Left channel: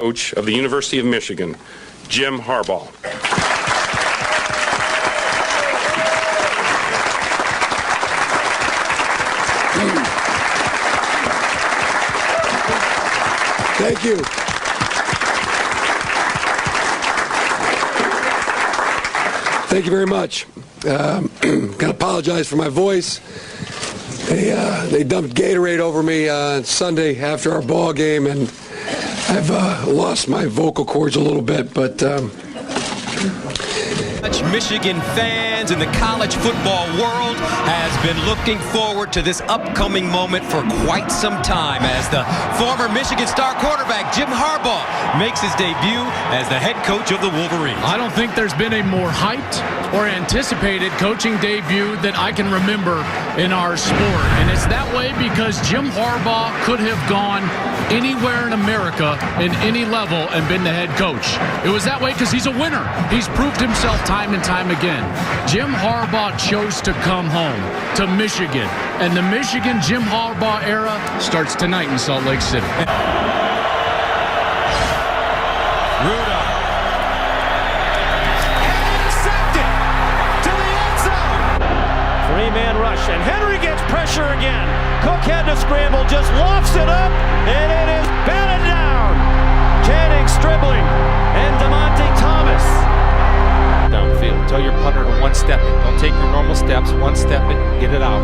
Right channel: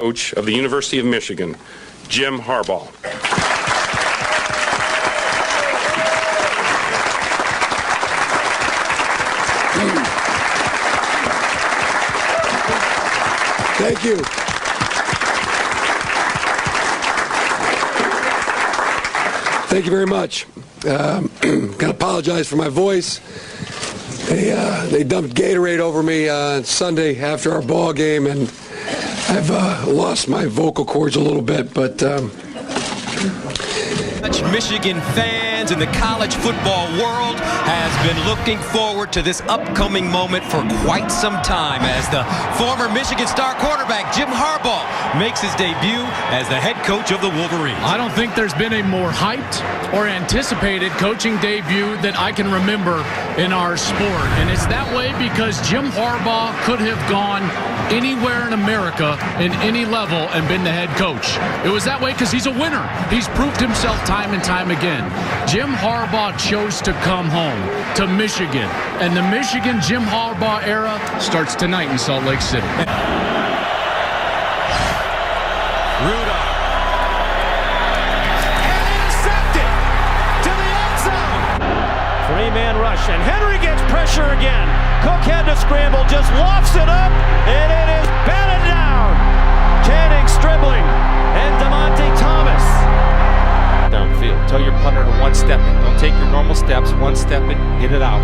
Coach of the University of Michigan, Jim Harbaugh. Thank you. Thank you very much. Gotta apologize for my voice. They dumped Gatorade over me on Sunday after our ball game, and I've lost my vocal cords a little bit, but Michigan fans in the college football world has been looking forward to this upcoming moment for quite some time as the former Michigan star quarterback Jim Harbaugh makes his debut as the head coach of the Wolverines. I don't think there's been a more hyped or anticipated coaching debut that I can remember in our sport. And it's that way because Jim Harbaugh could have gone anywhere in America in any level and been the head coach. It was that way because he's a winner. He's proved himself time and time again. Jim Harbaugh chose to come home to Michigan, and the Michigan Jim Harbaugh era starts tonight in Salt Lake City. Rudolph. And intercepted to the end zone. Three-man rush, and Henry gets pressure again. Cook had to scramble, just lofts it up, and it is batted down. Jennings dribbling, and DeMonte Thomas. Downfield. Tell your punter to one-step it. Don't take your normal steps. One-step it. Get it out.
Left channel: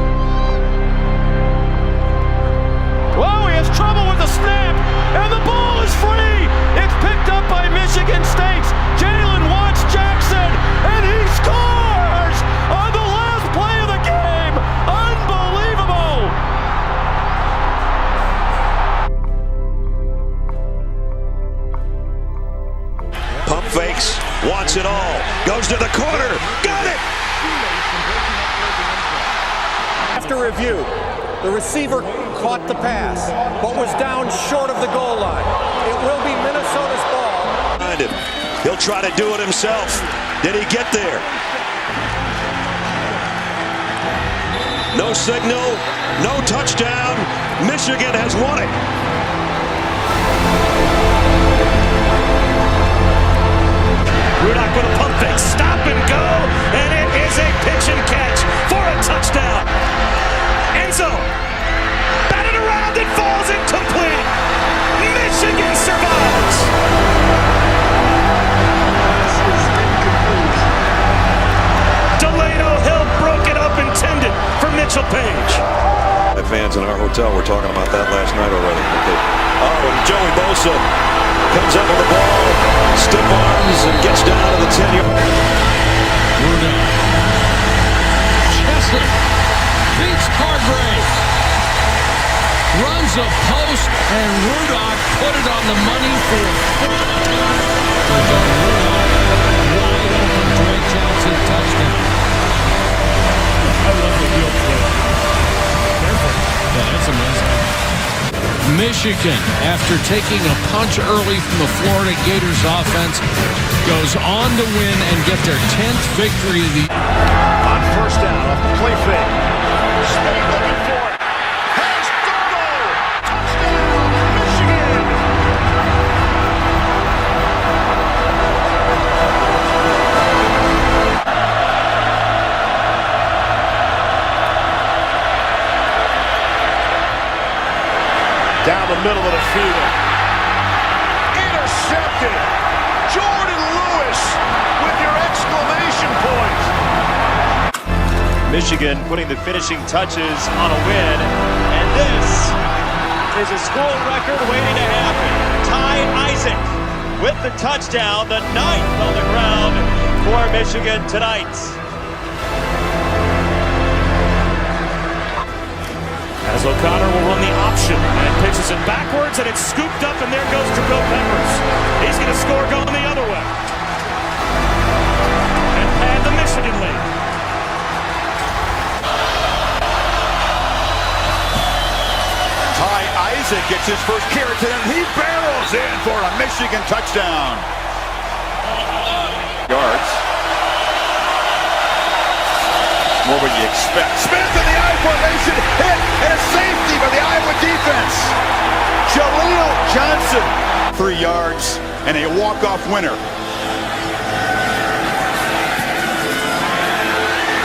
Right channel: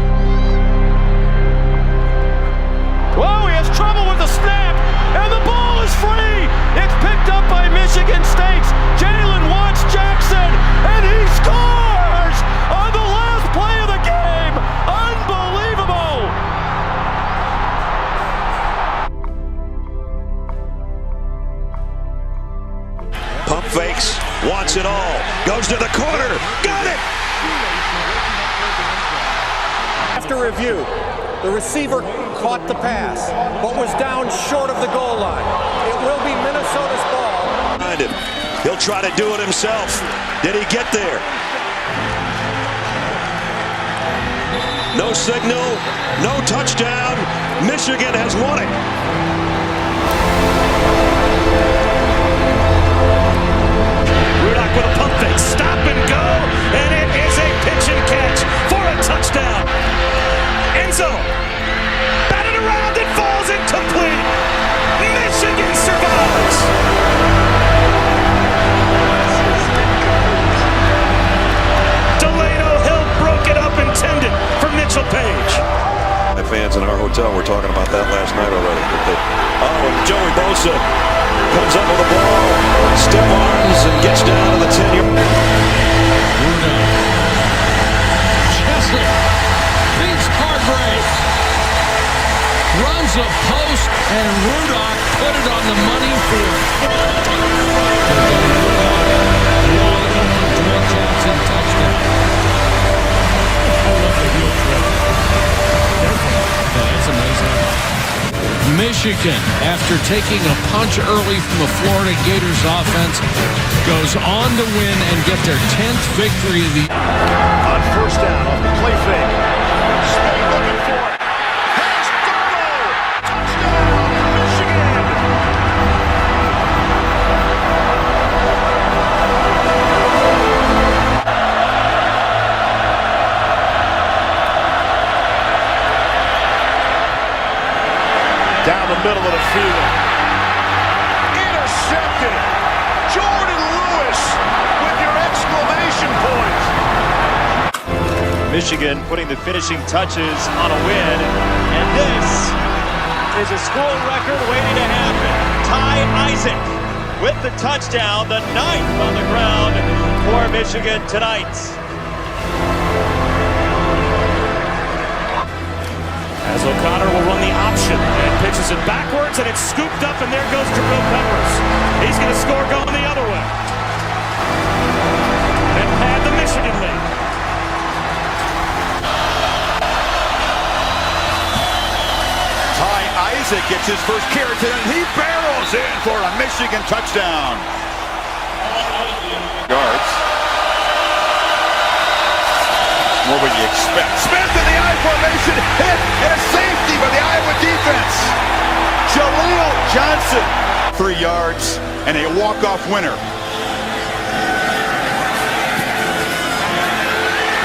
Whoa, he has trouble with the snap, and the ball is free. It's picked up by Michigan State's Jalen Watts Jackson, and he scores on the last play of the game. Unbelievable. Pump fakes, wants it all, goes to the corner, got it! After review, the receiver caught the pass, but was down short of the goal line. It will be Minnesota's ball. Behind him. He'll try to do it himself. Did he get there? No signal, no touchdown. Michigan has won it. Rudock with a pump fake, stop and go, and it is a pitch and catch for a touchdown. Enzo, batted around, it falls incomplete. Michigan survives. Delano Hill broke it up, intended for Mitchell Page. Fans in our hotel were talking about that last night already. And Joey Bosa comes up with the ball, stiff arms, and gets down to the 10-yard. Rudolph. Chesler beats Hargrave. Runs a post, and Rudolph put it on the money for Rudolph. Wide open, Drake Johnson touchdown. I love the heel flip. Careful. Yeah, that's amazing. Michigan, after taking a punch early from the Florida Gators offense, goes on to win and get their 10th victory of the year. On first down, off the play fake. Spade looking for it. Has Darnold. Touchdown, Michigan. Down the middle of the field. Intercepted. Jordan Lewis with your exclamation point. Michigan putting the finishing touches on a win, and this is a school record waiting to happen. Ty Isaac with the touchdown, the 9th on the ground for Michigan tonight. As O'Connor will run the option and pitches it backwards, and it's scooped up, and there goes Jabril Peppers. He's going to score going the other way and pad the Michigan lead. Ty Isaac gets his first carry today, and he barrels in for a Michigan touchdown. Yards. More what you expect. Smith in the I formation, hit, and a safety by the Iowa defense. Jaleel Johnson 3 yards and a walk-off winner.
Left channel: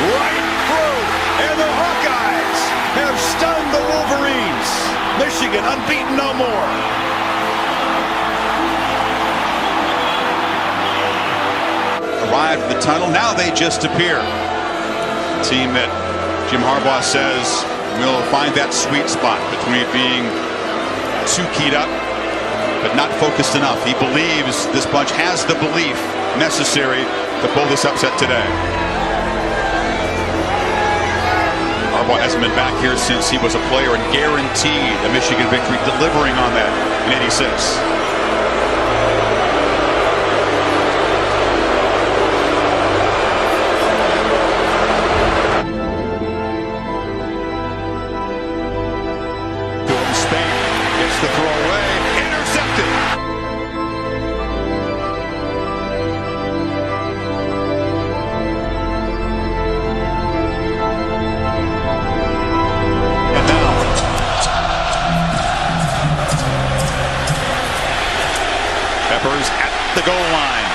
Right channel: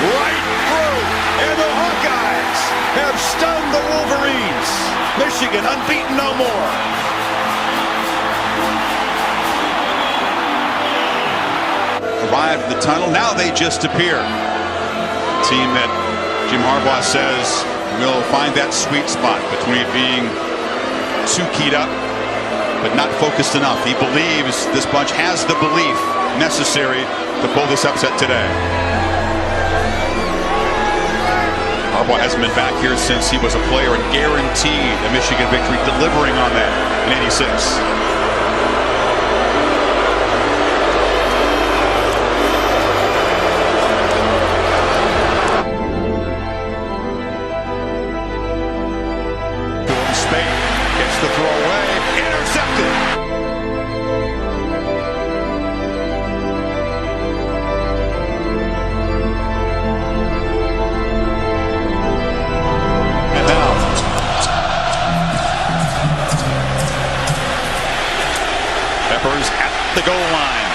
Right through, and the Hawkeyes have stunned the Wolverines. Michigan unbeaten no more. Arrived at the tunnel, now they just appear. A team that Jim Harbaugh says will find that sweet spot between being too keyed up but not focused enough. He believes this bunch has the belief necessary to pull this upset today. Harbaugh hasn't been back here since he was a player and guaranteed a Michigan victory, delivering on that in '86. Spade gets the throw away, intercepted. And now Peppers at the goal line.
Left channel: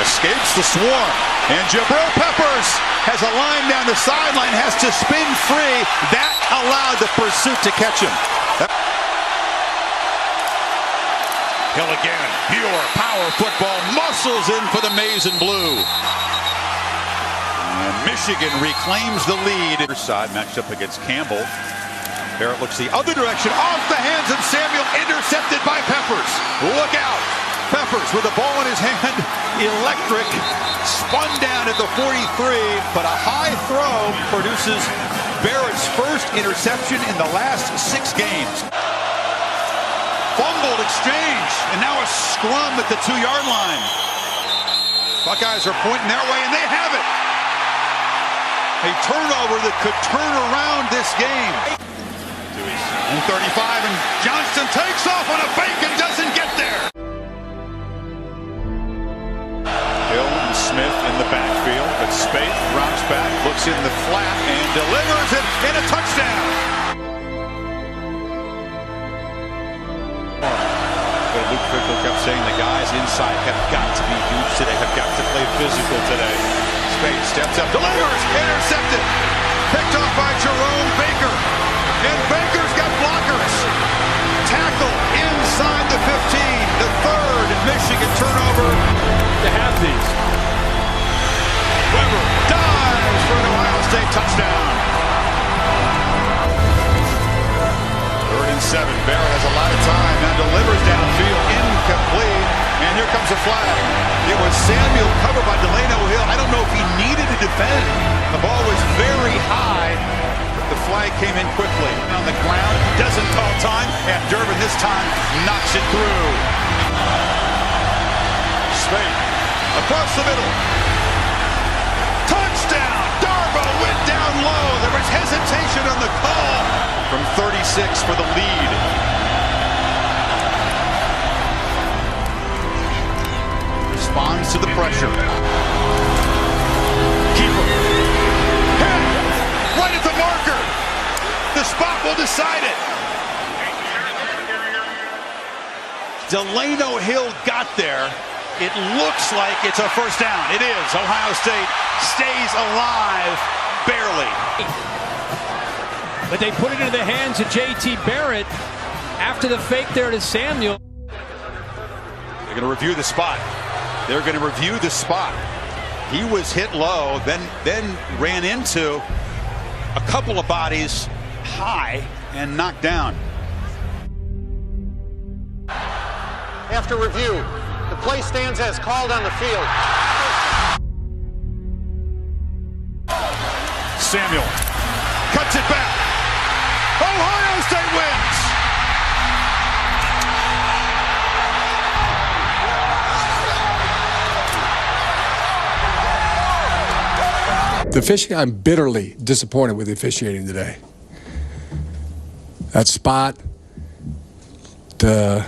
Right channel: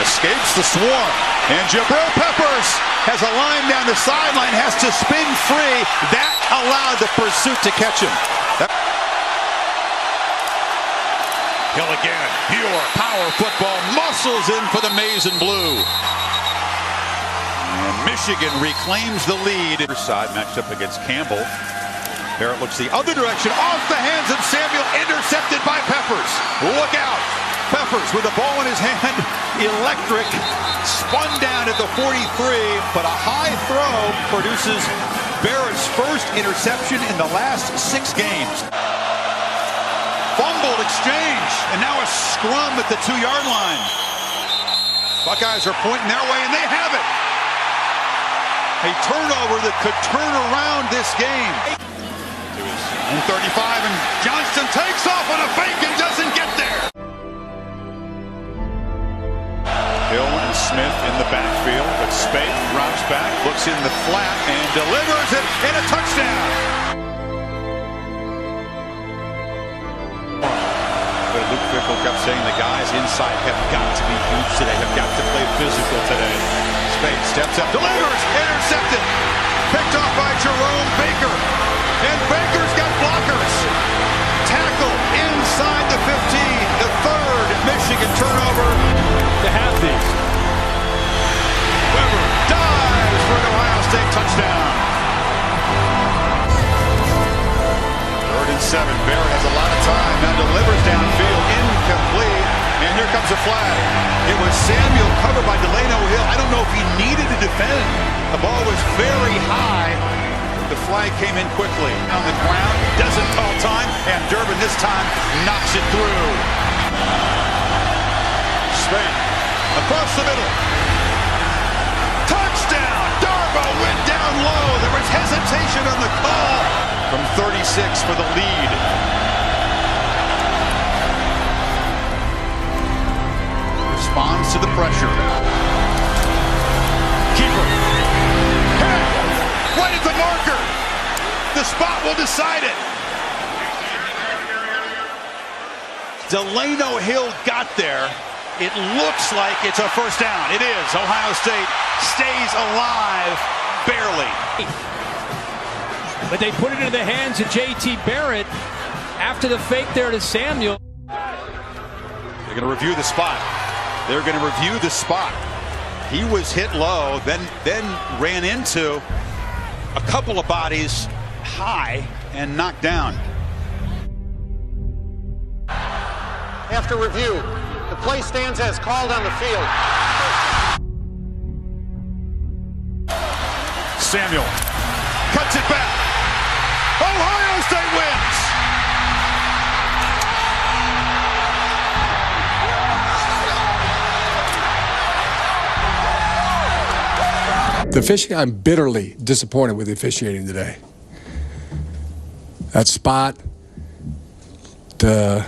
Escapes the swarm, and Jabril Peppers has a line down the sideline, has to spin free. That allowed the pursuit to catch him. Hill again, pure power football, muscles in for the maize and blue. And Michigan reclaims the lead. Side matched up against Campbell. Barrett looks the other direction, off the hands of Samuel, intercepted by Peppers. Look out. Peppers with the ball in his hand, electric, spun down at the 43, but a high throw produces Barrett's first interception in the last 6 games. Fumbled exchange, and now a scrum at the 2-yard line. Buckeyes are pointing their way, and they have it. A turnover that could turn around this game. To his own 35, and Johnston takes off on a fake and doesn't get there. Hill and Smith in the backfield, but Spate drops back, looks in the flat, and delivers it in a touchdown. But Luke Fickell kept saying the guys inside have got to be huge today, have got to play physical today. Spate steps up, delivers, intercepted, picked off by Jerome Baker, and Baker's got blockers. Tackle inside the 15, the third Michigan turnover to have these. Weber dives for an Ohio State touchdown. 3rd and 7. Barrett has a lot of time, now delivers downfield, incomplete, and here comes a flag. It was Samuel covered by Delano Hill. I don't know if he needed to defend. The ball was very high. The flag came in quickly. On the ground, doesn't call time, and Durbin this time knocks it through. Spade across the middle. Touchdown! Darboh went down low. There was hesitation on the call from 36 for the lead. Responds to the pressure. Keeper. Hit! Right at the marker. The spot will decide it. Delano Hill got there. It looks like it's a first down. It is. Ohio State stays alive, barely. But they put it into the hands of J.T. Barrett after the fake there to Samuel. They're going to review the spot. They're going to review the spot. He was hit low, then ran into a couple of bodies high and knocked down. After review, the play stands as called on the field. Samuel cuts it back. Ohio State wins. I'm bitterly disappointed with the officiating today. That spot, the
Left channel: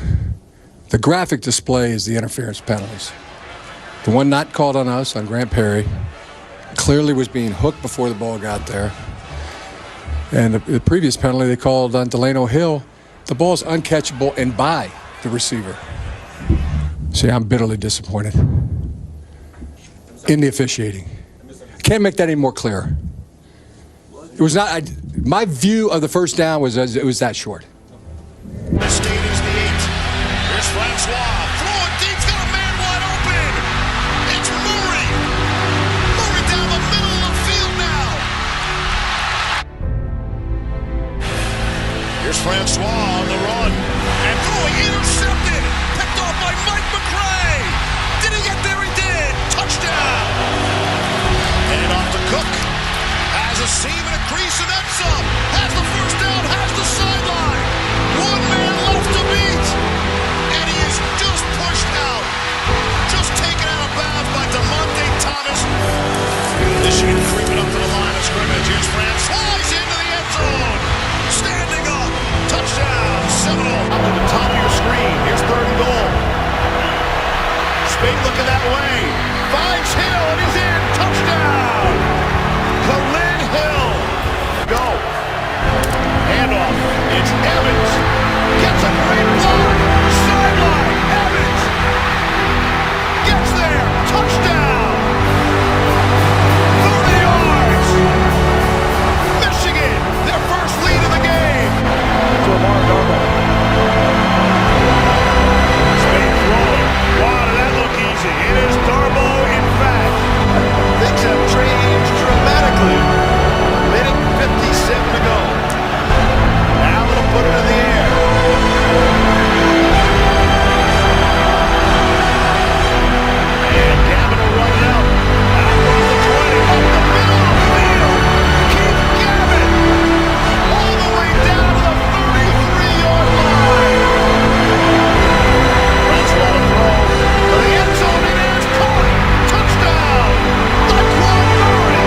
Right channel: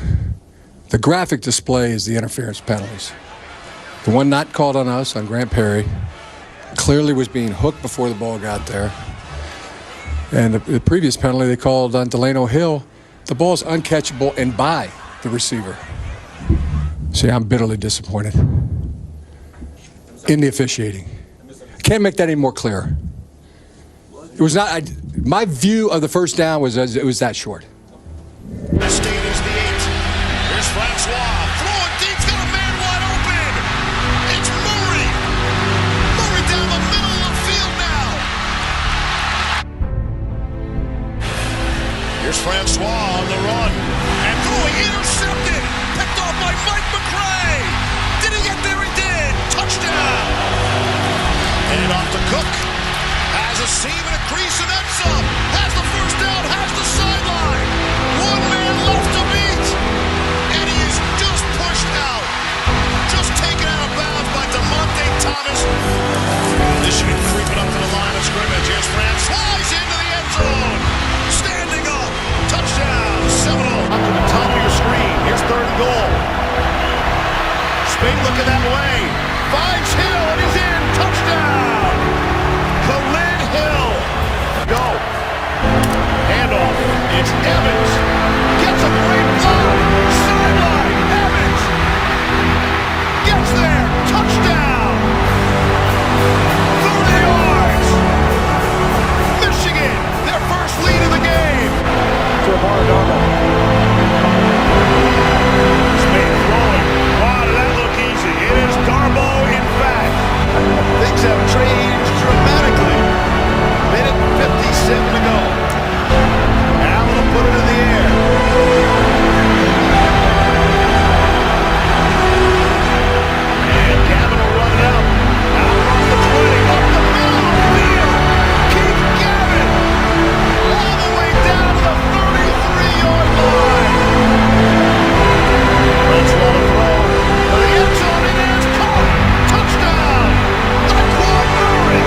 graphic display is the interference penalties. The one not called on us, on Grant Perry, clearly was being hooked before the ball got there. And the previous penalty they called on Delano Hill, the ball's uncatchable and by the receiver. See, I'm bitterly disappointed in the officiating. Can't make that any more clear. It was not. My view of the first down was it was that short. The state is the 8. Here's Francois. Throwing deep. Got a man wide open. It's Murray. Murray down the middle of the field now. Here's Francois on the run. And throwing intercepted. Picked off by Mike McRae. Did he get there? He did. Touchdown. And off to Cook. Has a seam and a crease and then some. Has the first down. Has the sideline. One man left to beat. And he is just pushed out. Just taken out of bounds by DeMonte Thomas. Michigan creeping up to the line of scrimmage. Here's France. Flies into the end zone. Standing up. Touchdown. Seminole. Up to the top of your screen. Here's 3rd and goal. Spade looking that way. Finds Hill and he's in. Touchdown. Khalid Hill. Go. Handoff. It's Evans. Gets a great block. Sideline. Evans. Gets there. Touchdown. 30 yards. Michigan. Their first lead of the game. To Darboh. Spade throwing. Wow, did that look easy? It is Darboh, in fact. Things have changed dramatically. Minute 57 to go. Allen will put it in the air. And Gavin will run it out. Out across the 20. Up the middle of the field. Keith Gavin. All the way down to the 33-yard line. Francois to throw. To the end zone. It is caught. Touchdown. Daquan Murray.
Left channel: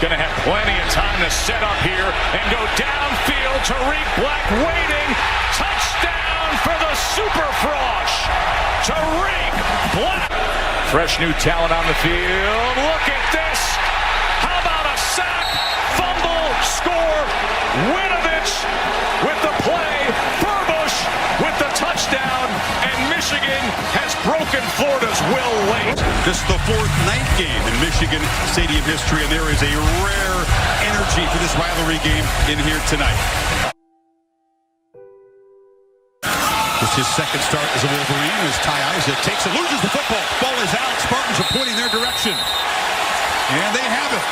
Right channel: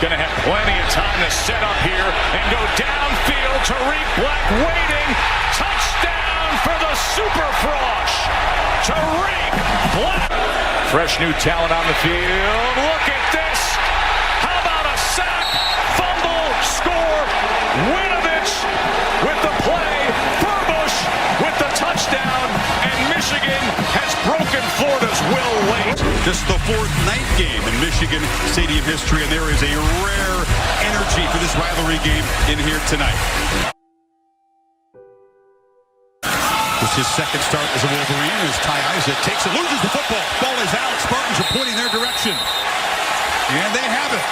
Going to have plenty of time to set up here and go downfield. Tariq Black waiting. Touchdown for the Super Frosh. Tariq Black. Fresh new talent on the field. Look at this. How about a sack? Fumble. Score. Winovich with the play. Burbush with the touchdown. And Michigan has broken Florida's will late. This is the 4th night game in Michigan Stadium history, and there is a rare energy for this rivalry game in here tonight. It's his second start as a Wolverine as Ty Isaac takes it, loses the football. Ball is out. Spartans are pointing their direction. And they have it.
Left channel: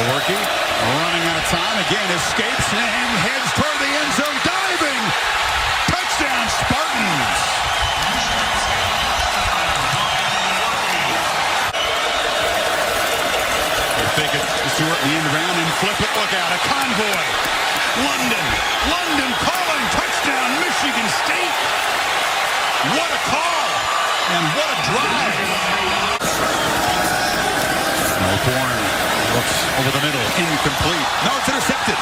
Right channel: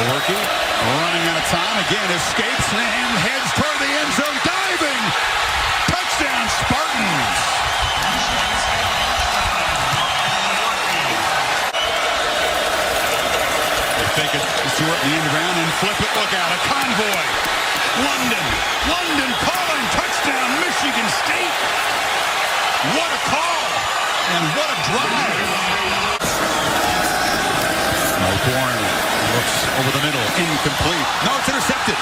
Lewerke running out of time. Again, escapes and heads toward the end zone. Diving. Touchdown, Spartans. Fake it to Stewart in the end around and flip it. Look out, a convoy. London calling. Touchdown, Michigan State. What a call and what a drive. Bourne looks over the middle. Incomplete. No, it's intercepted.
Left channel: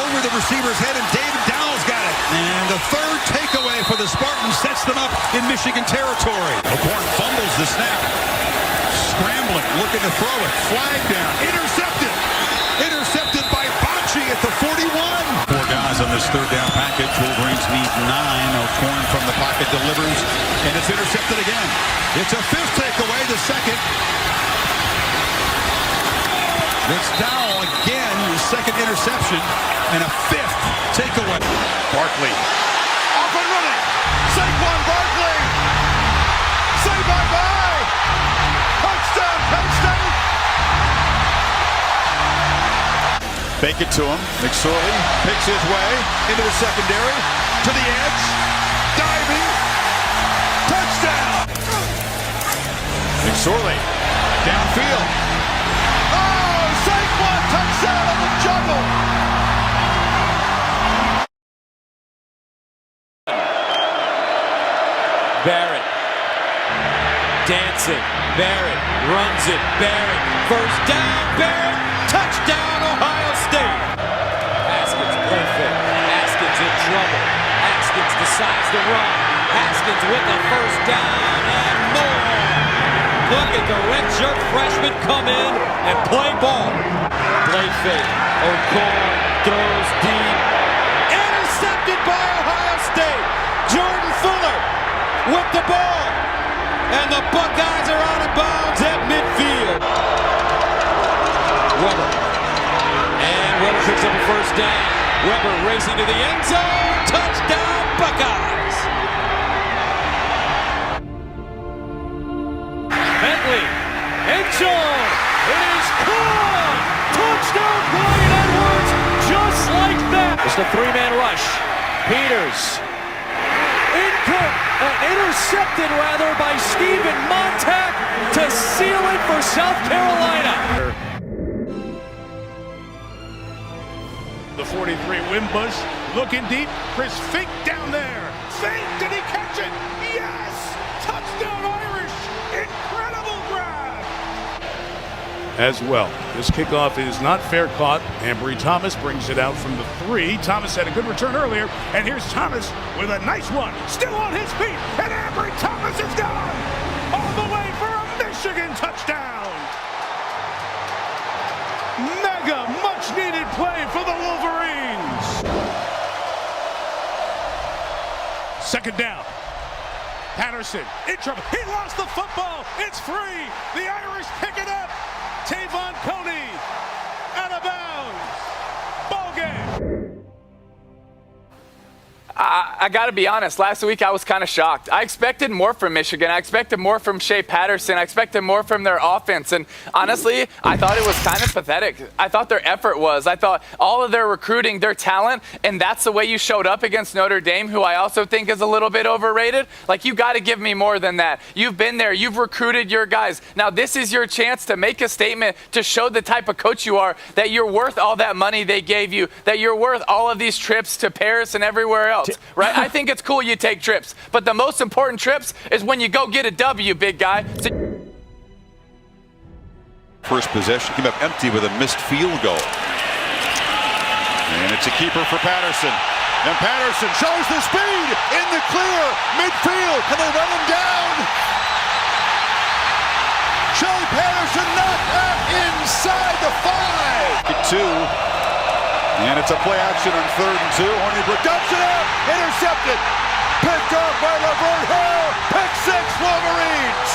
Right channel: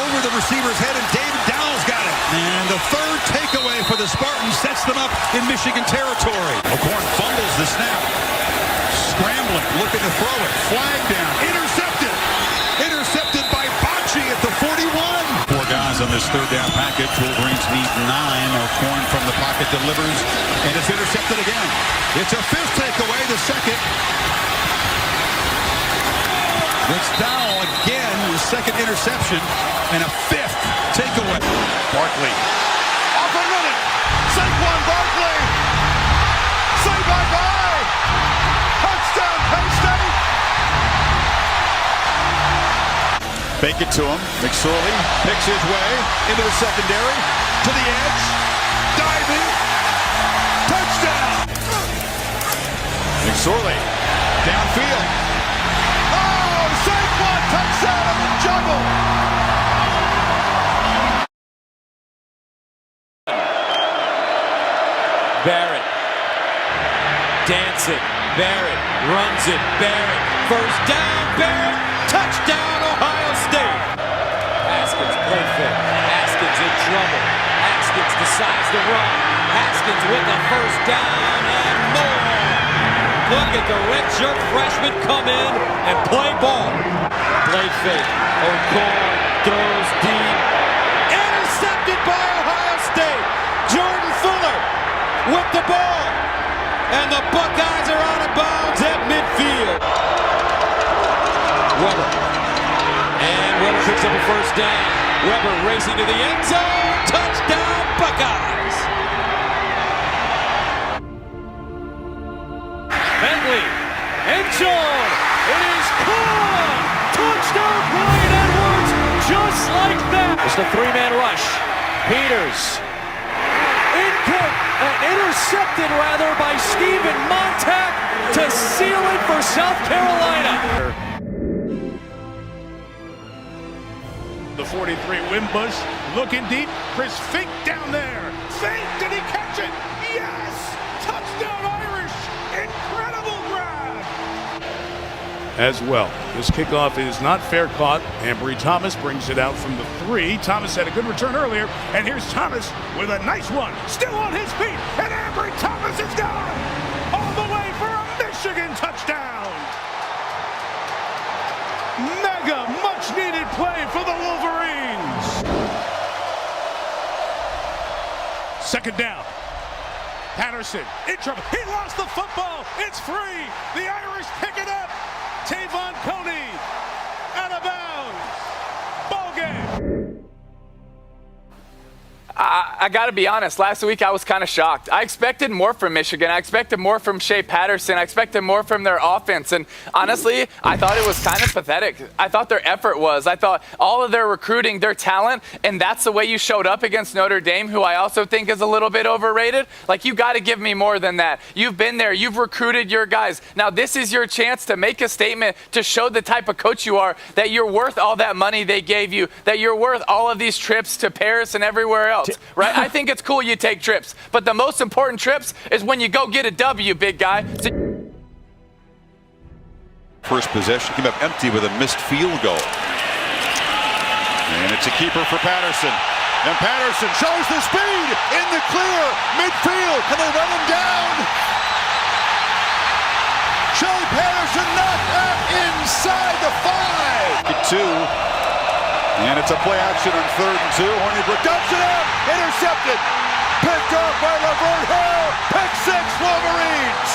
Over the receiver's head, and David Dowell's got it. And the 3rd takeaway for the Spartans sets them up in Michigan territory. McCorn fumbles the snap. Scrambling, looking to throw it. Flag down. Intercepted. Intercepted by Bocci at the 41. 4 guys on this 3rd down package. Wolverines need 9. O'Corn from the pocket delivers. And it's intercepted again. It's a 5th takeaway, the 2nd. It's Dowell again, the 2nd interception. And a 5th takeaway. Barkley. Off and running. Saquon Barkley. Say bye-bye. Touchdown, Penn State! Fake it to him. McSorley picks his way into the secondary. To the edge. Diving. Touchdown! McSorley downfield. Oh, Saquon touchdown on the juggle! Barrett. Dancing. Barrett runs it. Barrett. First down. Barrett. Touchdown, Ohio State. Haskins play fake. Haskins in trouble. Haskins decides to run. Haskins with the first down and more. Look at the redshirt freshman come in and play ball. late fake. O'Connor throws deep. Intercepted by Ohio State. Jordan Fuller with the ball. And the Buckeyes are out of bounds at midfield. Weber. And Weber picks up a first down. Weber racing to the end zone. Touchdown, Buckeyes. Bentley. End zone. It is caught. Touchdown, Brian Edwards. Just like that. It's the three-man rush. Peters. Intercepted rather by Stephen Montag to seal it for South Carolina. The 43, Wimbush looking deep. Chris Fink down there. Fink, did he catch it? Yes! Touchdown Irish! Incredible grab! As well, this kickoff is not fair caught. Ambry Thomas brings it out from the 3. Thomas had a good return earlier, and here's Thomas with a nice one. Still on his feet, and Ambry Thomas is gone! All the way for a Michigan touchdown! Mega much-needed play for the Wolverines. Second down. Patterson in trouble. He lost the football. It's free. The Irish pick it up. Tavon Coney out of bounds. Ball game. I got to be honest, last week I was kind of shocked. I expected more from Michigan. I expected more from Shea Patterson. I expected more from their offense. And honestly, I thought it was kind of pathetic. I thought their effort was. I thought all of their recruiting, their talent, and that's the way you showed up against Notre Dame, who I also think is a little bit overrated. Like, you got to give me more than that. You've been there. You've recruited your guys. Now, this is your chance to make a statement, to show the type of coach you are, that you're worth all that money they gave you, that you're worth all of these trips to Paris and everywhere else. Right? I think it's cool you take trips, but the most important trips is when you go get a W, big guy. First possession came up empty with a missed field goal. And it's a keeper for Patterson. And Patterson shows the speed in the clear midfield. Can they run him down? Shea Patterson knocked out inside the 5. Get 2. And it's a play action on 3rd and 2. Hornibrook dumps it out. Intercepted. Picked up by Laverne Hill. Pick 6 Wolverines.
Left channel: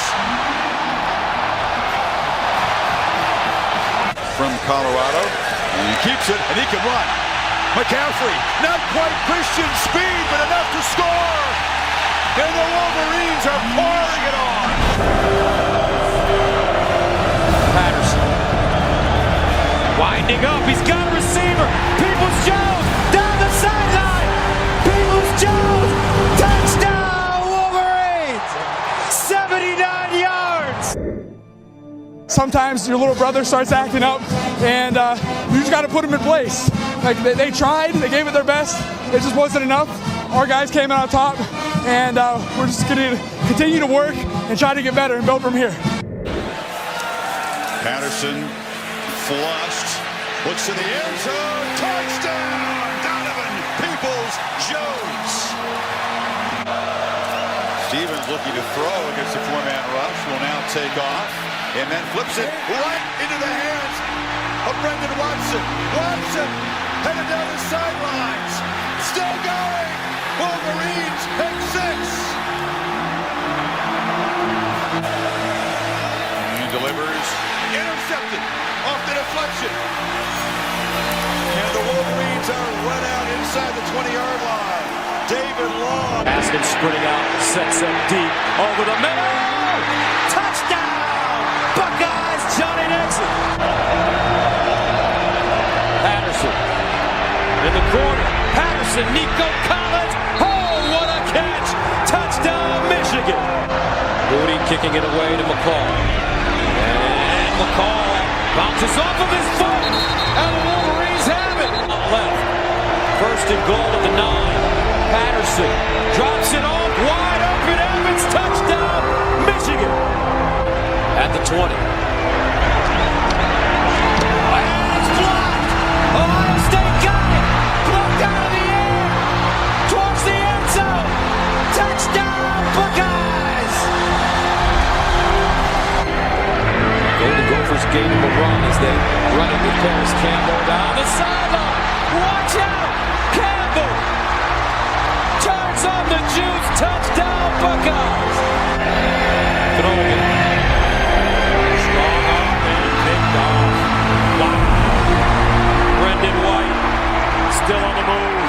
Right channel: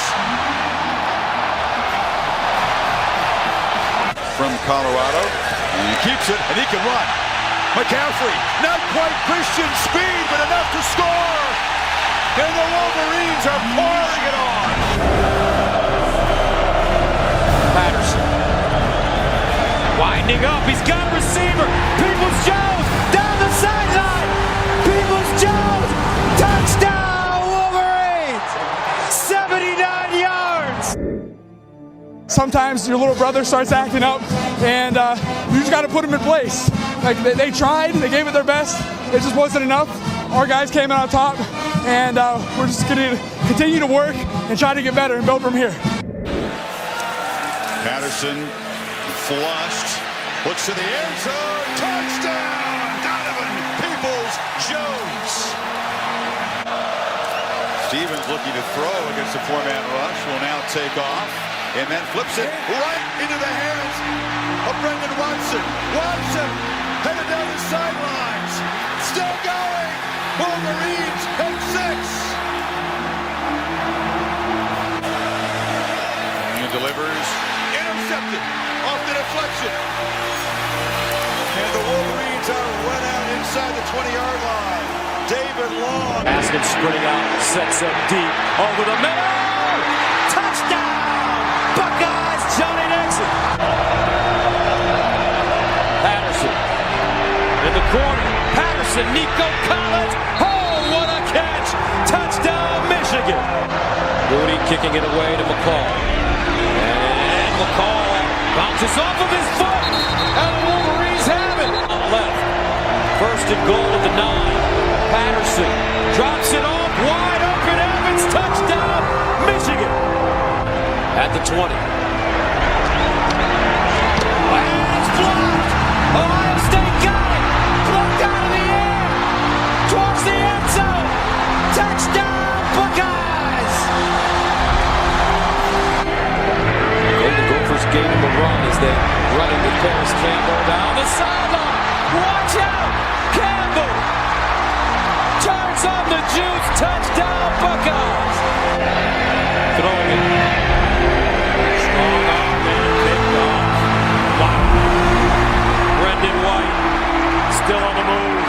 From Colorado. And he keeps it, and he can run. McCaffrey, not quite Christian speed, but enough to score. And the Wolverines are pouring it on. Patterson. Winding up, he's got a receiver. Peoples-Jones down the sideline. Peoples-Jones, touchdown Wolverines. 79 yards. Sometimes your little brother starts acting up, and you just got to put him in place. Like they tried, they gave it their best. It just wasn't enough. Our guys came out on top, and we're just going to continue to work and try to get better and build from here. Patterson flushed, looks to the end zone, touchdown! Donovan Peoples-Jones. Stevens looking to throw against the 4-man rush, will now take off, and then flips it right into the hands of Brendan Watson. Watson headed down the sidelines, still going. Wolverines pick 6. And delivers, intercepted. Off the deflection. And the Wolverines are run out inside the 20-yard line. David Long. Haskins sprinting out, sets up deep, over the middle. Touchdown! Buckeyes, Johnny Nixon. Patterson in the corner. Patterson, Nico Collins. Oh, what a catch! Touchdown, Michigan. Rudy kicking it away to McCall. And McCall bounces off of his foot, and the Wolverines have it. Left. First and goal at the 9. Patterson drops it off, wide open. Evans, touchdown, Michigan. At the 20. And it's blocked. Ohio State got it. Blocked out of the air. Towards the end zone. Touchdown, Buckeyes. Golden Gophers gave him a run as they running with Paris Campbell down the sideline. Watch out! Campbell turns on the juice. Touchdown, Buckeyes. Throwing it. Strong arm and picked off. Wow. Brendan White still on the move.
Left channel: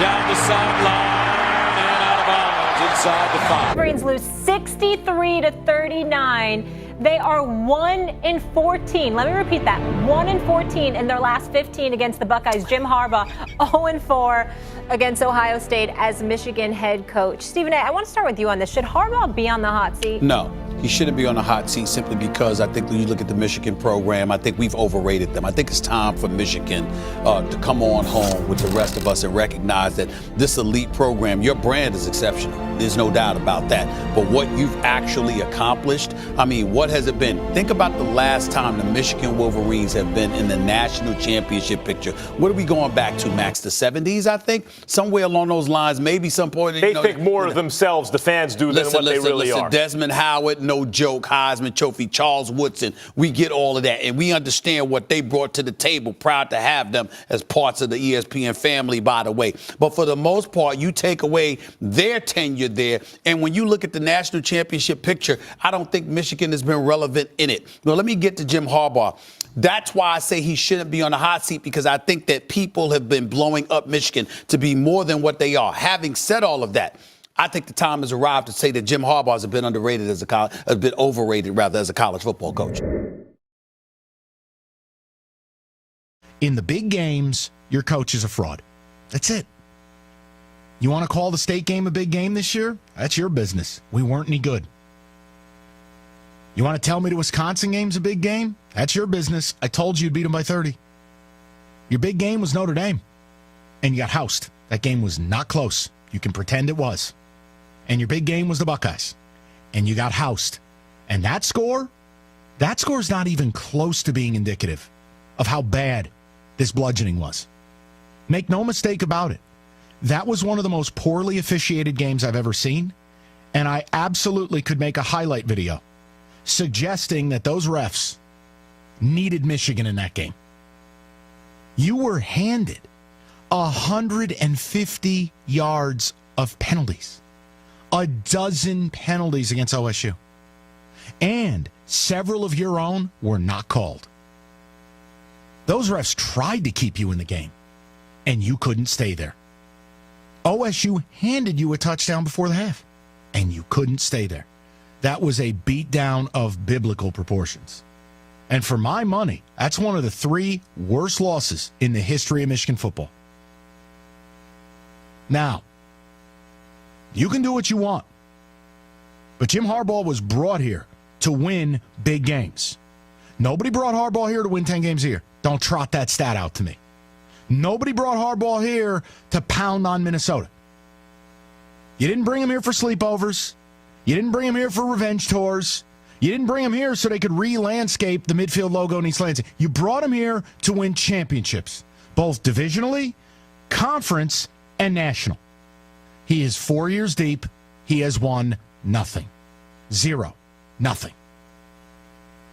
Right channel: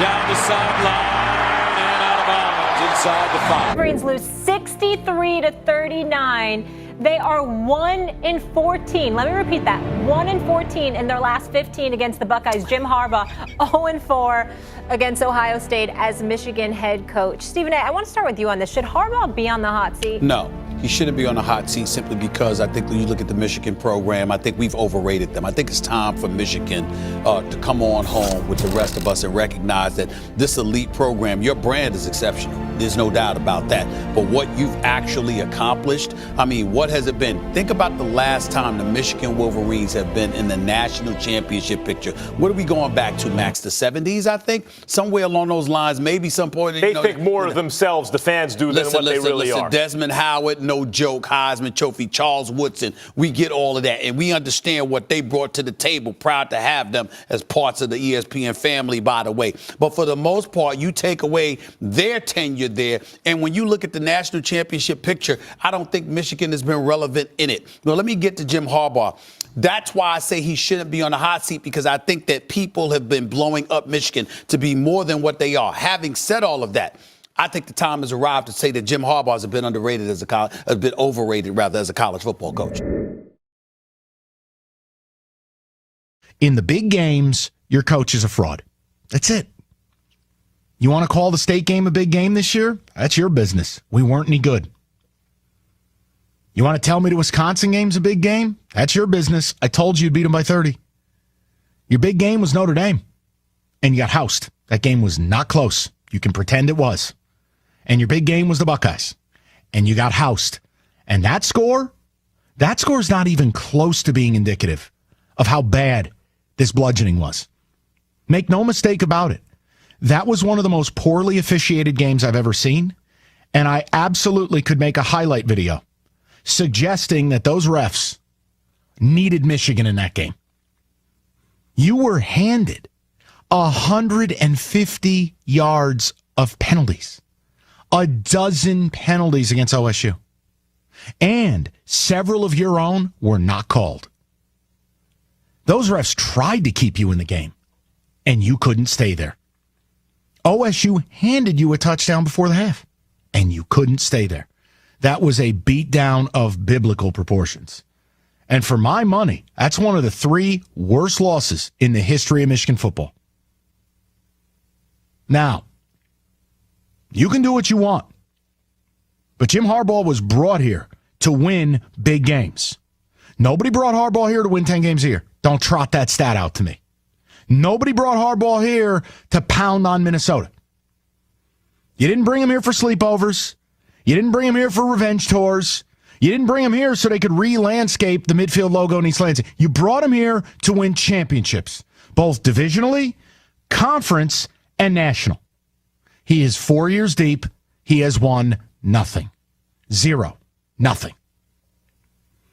Down the sideline and out of bounds inside the 5. Wolverines lose 63-39. They are 1-14. Let me repeat that. 1-14 in their last 15 against the Buckeyes. Jim Harbaugh 0-4 against Ohio State as Michigan head coach. Stephen A., I want to start with you on this. Should Harbaugh be on the hot seat? No. He shouldn't be on the hot seat simply because I think when you look at the Michigan program, I think we've overrated them. I think it's time for Michigan to come on home with the rest of us and recognize that this elite program, your brand is exceptional. There's no doubt about that. But what you've actually accomplished, I mean, what has it been? Think about the last time the Michigan Wolverines have been in the national championship picture. What are we going back to, Max? The 70s, I think? Somewhere along those lines, maybe some point. They think more of themselves, the fans do, than what they really are. Desmond Howard, no joke, Heisman Trophy, Charles Woodson, we get all of that. And we understand what they brought to the table, proud to have them as parts of the ESPN family, by the way. But for the most part, you take away their tenure there. And when you look at the national championship picture, I don't think Michigan has been relevant in it. Now, let me get to Jim Harbaugh. That's why I say he shouldn't be on the hot seat, because I think that people have been blowing up Michigan to be more than what they are. Having said all of that, I think the time has arrived to say that Jim Harbaugh has been underrated as a bit overrated, rather, as a college football coach. In the big games, your coach is a fraud. That's it. You want to call the state game a big game this year? That's your business. We weren't any good. You want to tell me the Wisconsin game's a big game? That's your business. I told you you'd beat them by 30. Your big game was Notre Dame, and you got housed. That game was not close. You can pretend it was. And your big game was the Buckeyes, and you got housed. And that score is not even close to being indicative of how bad this bludgeoning was. Make no mistake about it. That was one of the most poorly officiated games I've ever seen, and I absolutely could make a highlight video suggesting that those refs needed Michigan in that game. You were handed 150 yards of penalties, a dozen penalties against OSU, and several of your own were not called. Those refs tried to keep you in the game, and you couldn't stay there. OSU handed you a touchdown before the half, and you couldn't stay there. That was a beatdown of biblical proportions. And for my money, that's one of the 3 worst losses in the history of Michigan football. Now, you can do what you want, but Jim Harbaugh was brought here to win big games. Nobody brought Harbaugh here to win 10 games a year. Don't trot that stat out to me. Nobody brought Harbaugh here to pound on Minnesota. You didn't bring him here for sleepovers. You didn't bring him here for revenge tours. You didn't bring him here so they could re-landscape the midfield logo in East Lansing. You brought him here to win championships, both divisionally, conference, and national. He is 4 years deep. He has won nothing. 0. Nothing.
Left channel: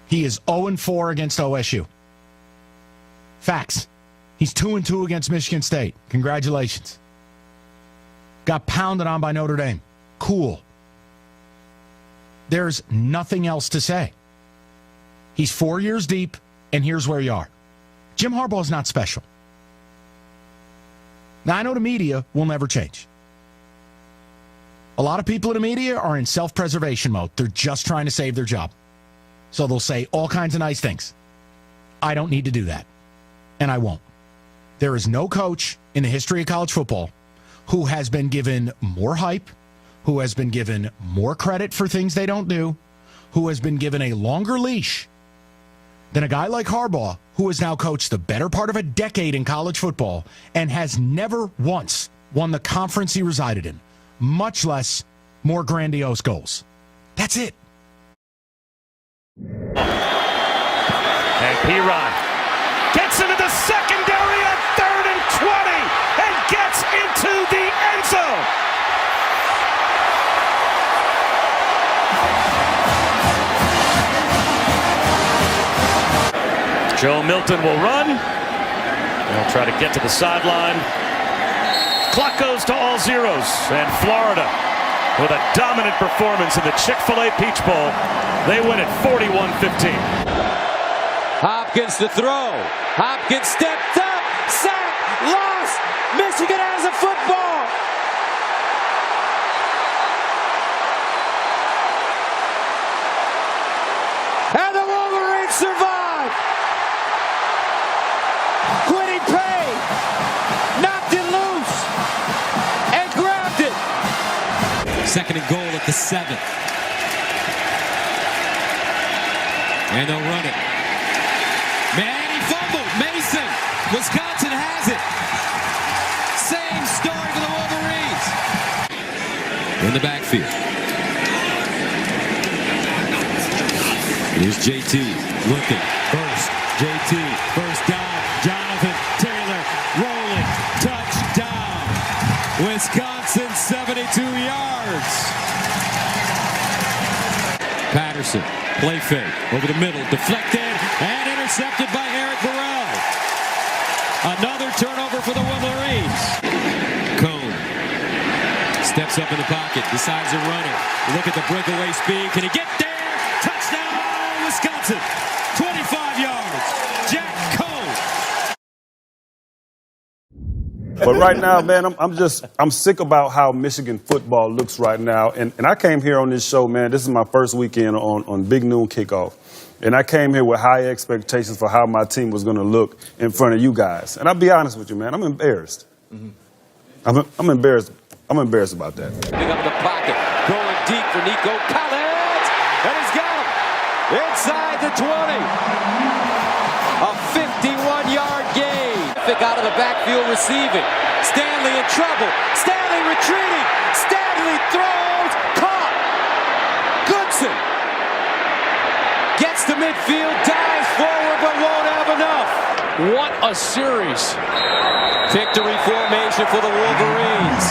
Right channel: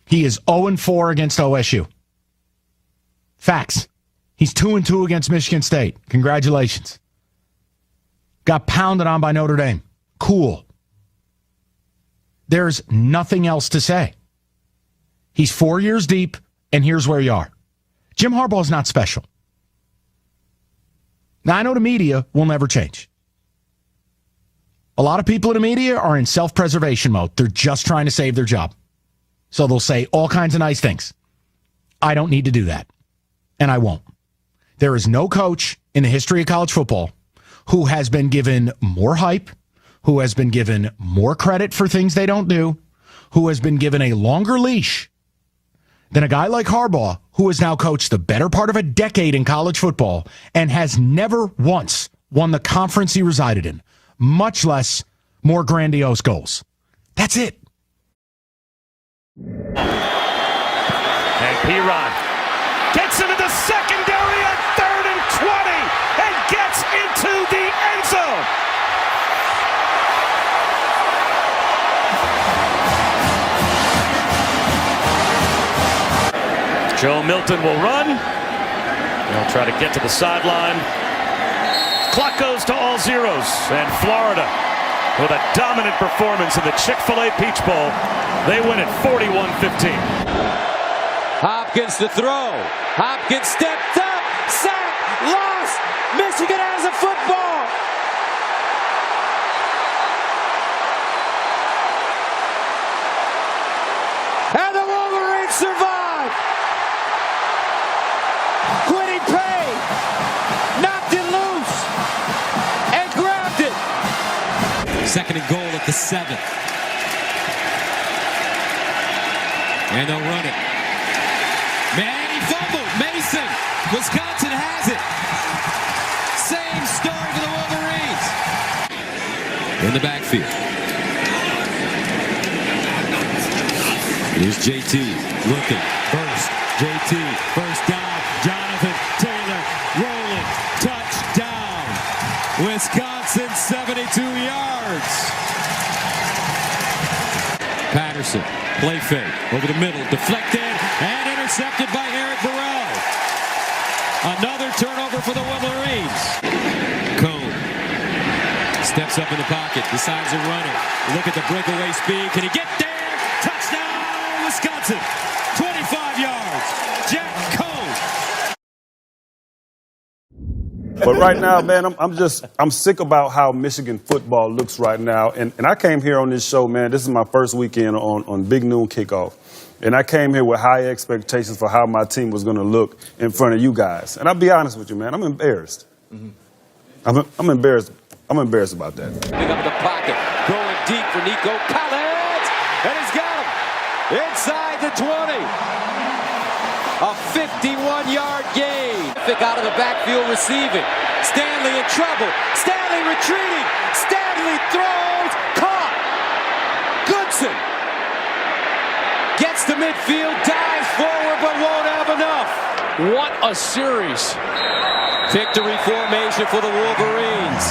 He is 0-4 against OSU. Facts. He's 2-2 against Michigan State. Congratulations. Got pounded on by Notre Dame. Cool. There's nothing else to say. He's 4 years deep, and here's where you are. Jim Harbaugh is not special. Now, I know the media will never change. A lot of people in the media are in self-preservation mode. They're just trying to save their job. So they'll say all kinds of nice things. I don't need to do that, and I won't. There is no coach in the history of college football who has been given more hype, who has been given more credit for things they don't do, who has been given a longer leash than a guy like Harbaugh, who has now coached the better part of a decade in college football and has never once won the conference he resided in, much less more grandiose goals. That's it. And P-Rod gets into the secondary on 3rd and 20 and gets into the end zone. Joe Milton will run. They'll try to get to the sideline. Clock goes to all zeros, and Florida, with a dominant performance in the Chick-fil-A Peach Bowl, they win it 41-15. Hopkins to throw. Hopkins stepped up. Sack. Lost. Michigan has a football. And the Wolverines survive. Quiddy Pay knocked it loose and grabbed it. 2nd and goal at the 7. And they'll run it. Man, he fumbled. Mason. Wisconsin has it. Same story for the Wolverines. In the backfield. Here's JT looking. Burst. JT. First down. Jonathan Taylor rolling. Touchdown. Wisconsin 72 yards. Patterson. Play fake. Over the middle. Deflected. And intercepted by Eric Burrell. Another turnover for the Wolverines. Cone. Steps up in the pocket. Decides to run it. Look at the breakaway speed. Can he get there? Touchdown, Wisconsin. 25 yards. Jack Cone. But right now, man, I'm sick about how Michigan football looks right now. And I came here on this show, man. This is my first weekend on Big Noon Kickoff. And I came here with high expectations for how my team was going to look in front of you guys. And I'll be honest with you, man, I'm embarrassed. I'm embarrassed. I'm embarrassed about that. Picking up the pocket, going deep for Nico Collins, and he's got him inside the 20. A 51-yard gain. Out of the backfield receiving. Stanley in trouble. Stanley retreating. Stanley throws. Caught. Goodson gets to midfield, dives forward, but won't have enough. What a series. Victory formation for the Wolverines.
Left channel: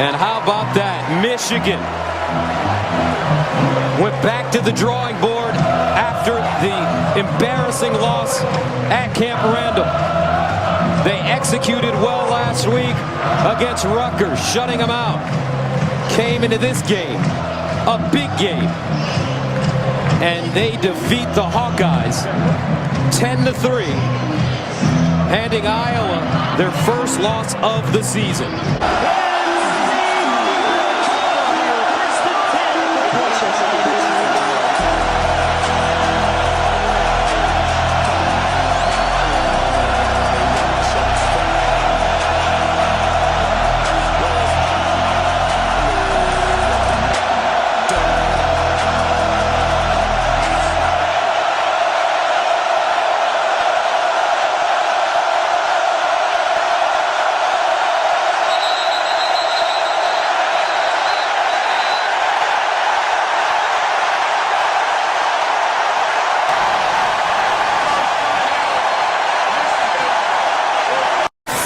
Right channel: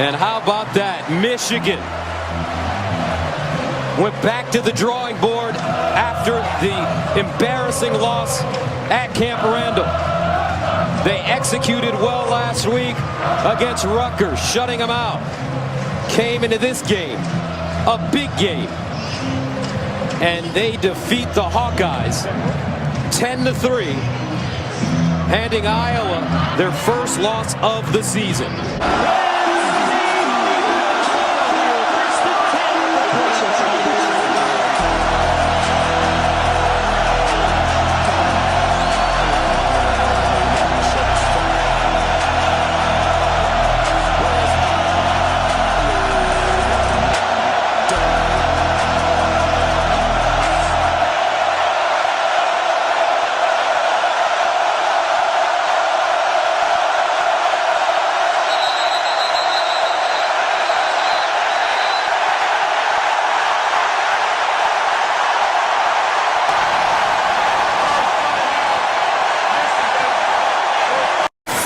And how about that? Michigan went back to the drawing board after the embarrassing loss at Camp Randall. They executed well last week against Rutgers, shutting them out. Came into this game, a big game, and they defeat the Hawkeyes 10-3, handing Iowa their first loss of the season.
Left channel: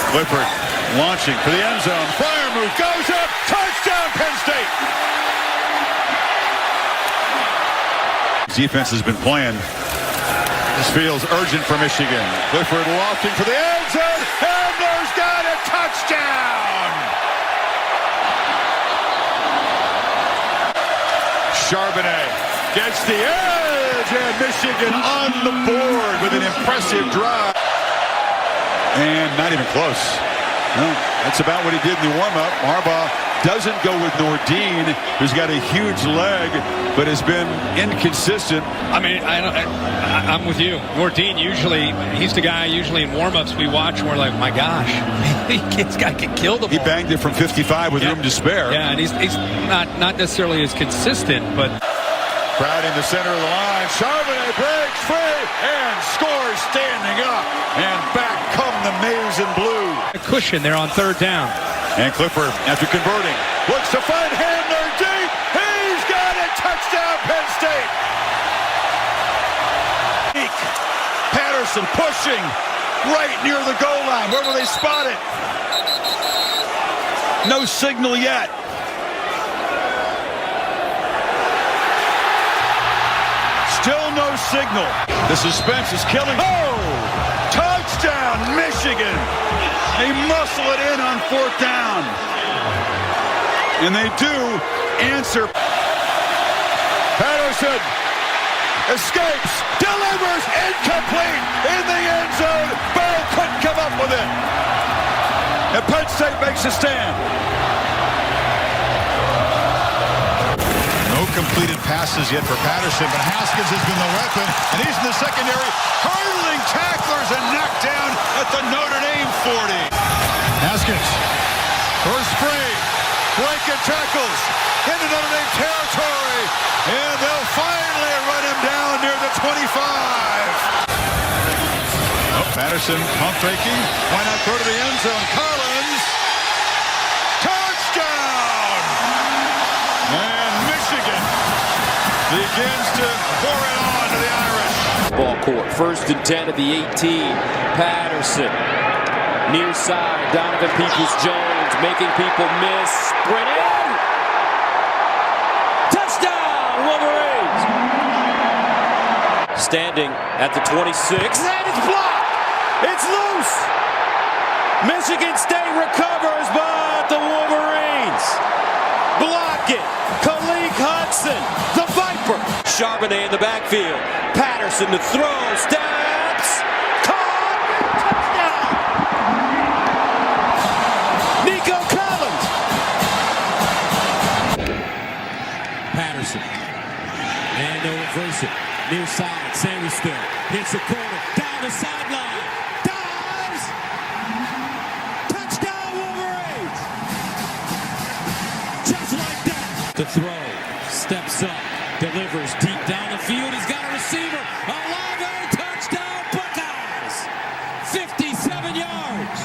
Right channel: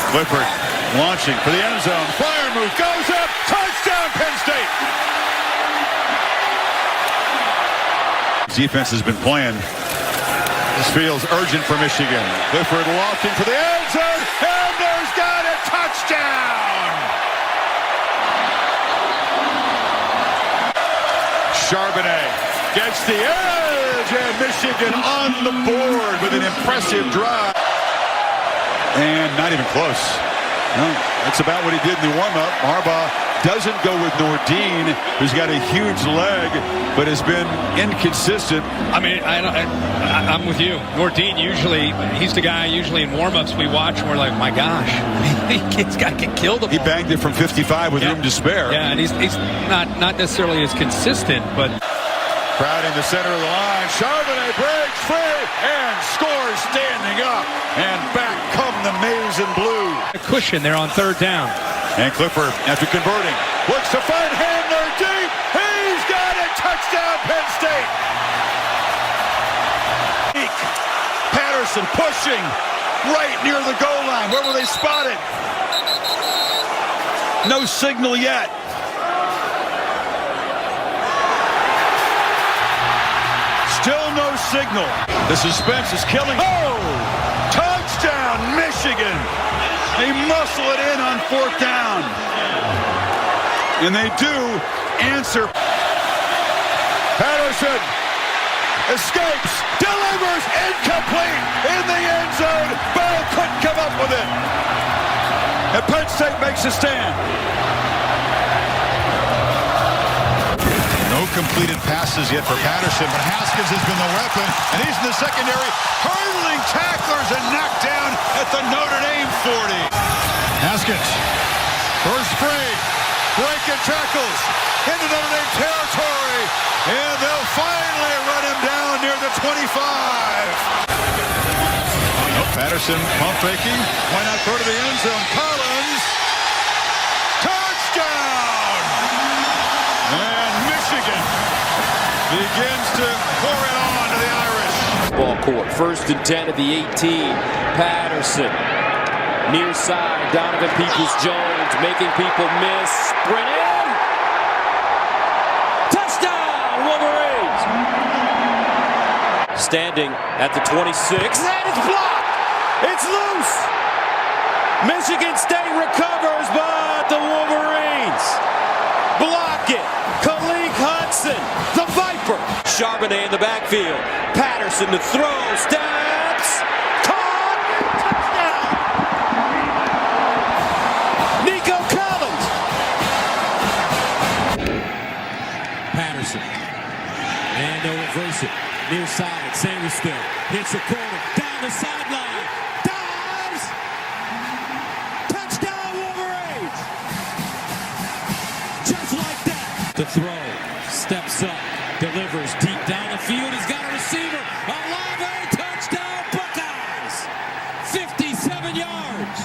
Clifford launching for the end zone. Fryer move goes up. Touchdown, Penn State. Defense has been playing. This feels urgent for Michigan. Clifford launching for the end zone. And there's got a touchdown. Charbonnet gets the edge, and Michigan on the board with an impressive drive. And not even close. No, that's about what he did in the warm-up. Harbaugh doesn't go with Nordine, who's got a huge leg, but has been inconsistent. I mean, I'm with you. Nordine usually, he's the guy usually in warm-ups we watch and we're like, my gosh, this guy can kill the ball. He banged it from 55 with room to spare. Yeah, and he's not necessarily as consistent, but... Crowd in the center of the line. Charbonnet breaks free and scores standing up. And back come the maize and blue. A cushion there on 3rd down. And Clifford, after converting, looks to find Handler deep. He's got it. Touchdown, Penn State. Patterson pushing right near the goal line. Where will they spot it? No signal yet. Still no signal. The suspense is killing. Oh! Touchdown, Michigan! They muscle it in on 4th down. And they do answer. Patterson escapes, delivers, incomplete in the end zone. Bell couldn't come up with it. And Penn State makes a stand. No completed passes yet for Patterson, but Haskins has been the weapon, and he's in the secondary, hurdling tacklers and knocked down at the Notre Dame 40. Haskins, first free, breaking tackles into Notre Dame territory, and they'll finally run him down near the 25. Oh, Patterson pump faking. Why not throw to the end zone? Collins, touchdown! And Michigan begins to pour it on to the Irish. Ball court, 1st and 10 at the 18. Patterson, near side, Donovan Peoples-Jones making people miss. Sprint in! Touchdown, Wolverines! Standing at the 26. And it's blocked! It's loose! Michigan State recovers, but the Wolverines block it. Aiden Hutchinson, the Viper. Charbonnet in the backfield. Patterson to throw. Steps. Caught. Touchdown. Nico Collins. Patterson. And they'll reverse it. Near side. Sanders still. Hits the corner. Down the sideline. Dives. Touchdown Wolverines. Just like that. To throw. Steps up. Delivers deep down the field. He's got a receiver. Olave. Touchdown Buckeyes. 57 yards.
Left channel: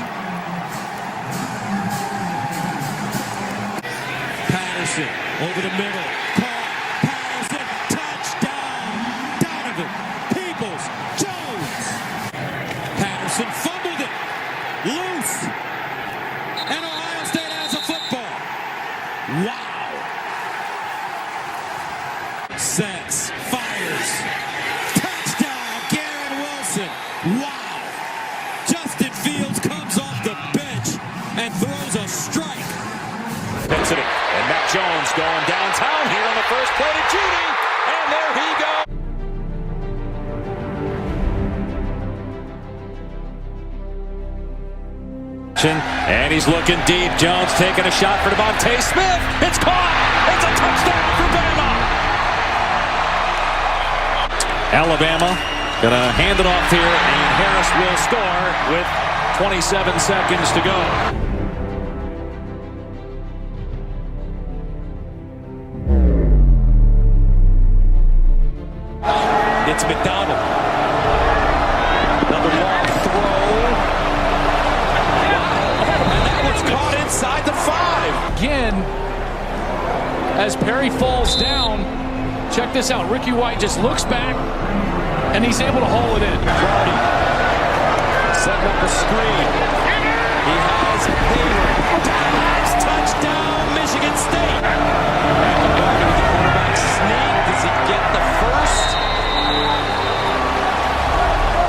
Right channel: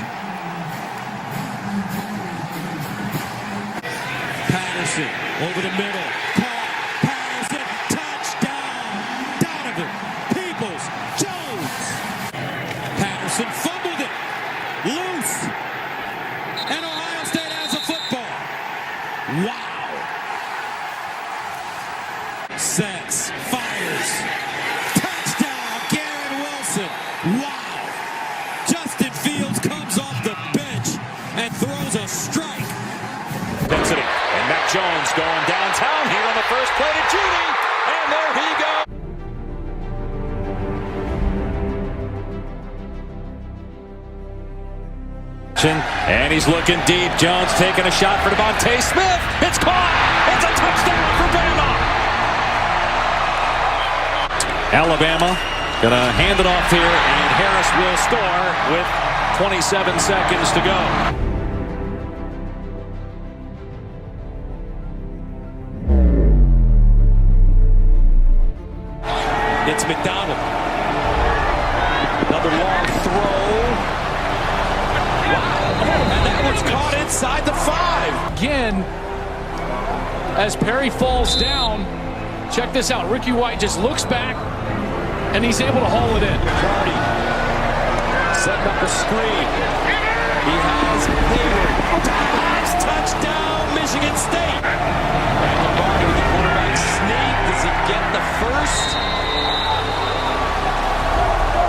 Patterson over the middle. Caught. Patterson. Touchdown. Donovan Peoples-Jones. Patterson fumbled it. Loose. And Ohio State has a football. Wow. Sets, fires, touchdown, Garrett Wilson. Wow. Justin Fields comes off the bench and throws a strike. Density, and Mac Jones going downtown here on the first play to Judy, and there he goes. And he's looking deep. Jones taking a shot for Devontae Smith. It's caught. It's a touchdown for Bama. Alabama gonna hand it off here, and Harris will score with 27 seconds to go. It's McDonald. Another long throw. Wow. And that one's caught inside the 5. Again, as Perry falls down, check this out. Ricky White just looks back, and he's able to haul it in. Barty setting up a screen. He has Hayward. Dives. Touchdown, Michigan State. And Lombardi with the quarterback sneak. Does he get the first?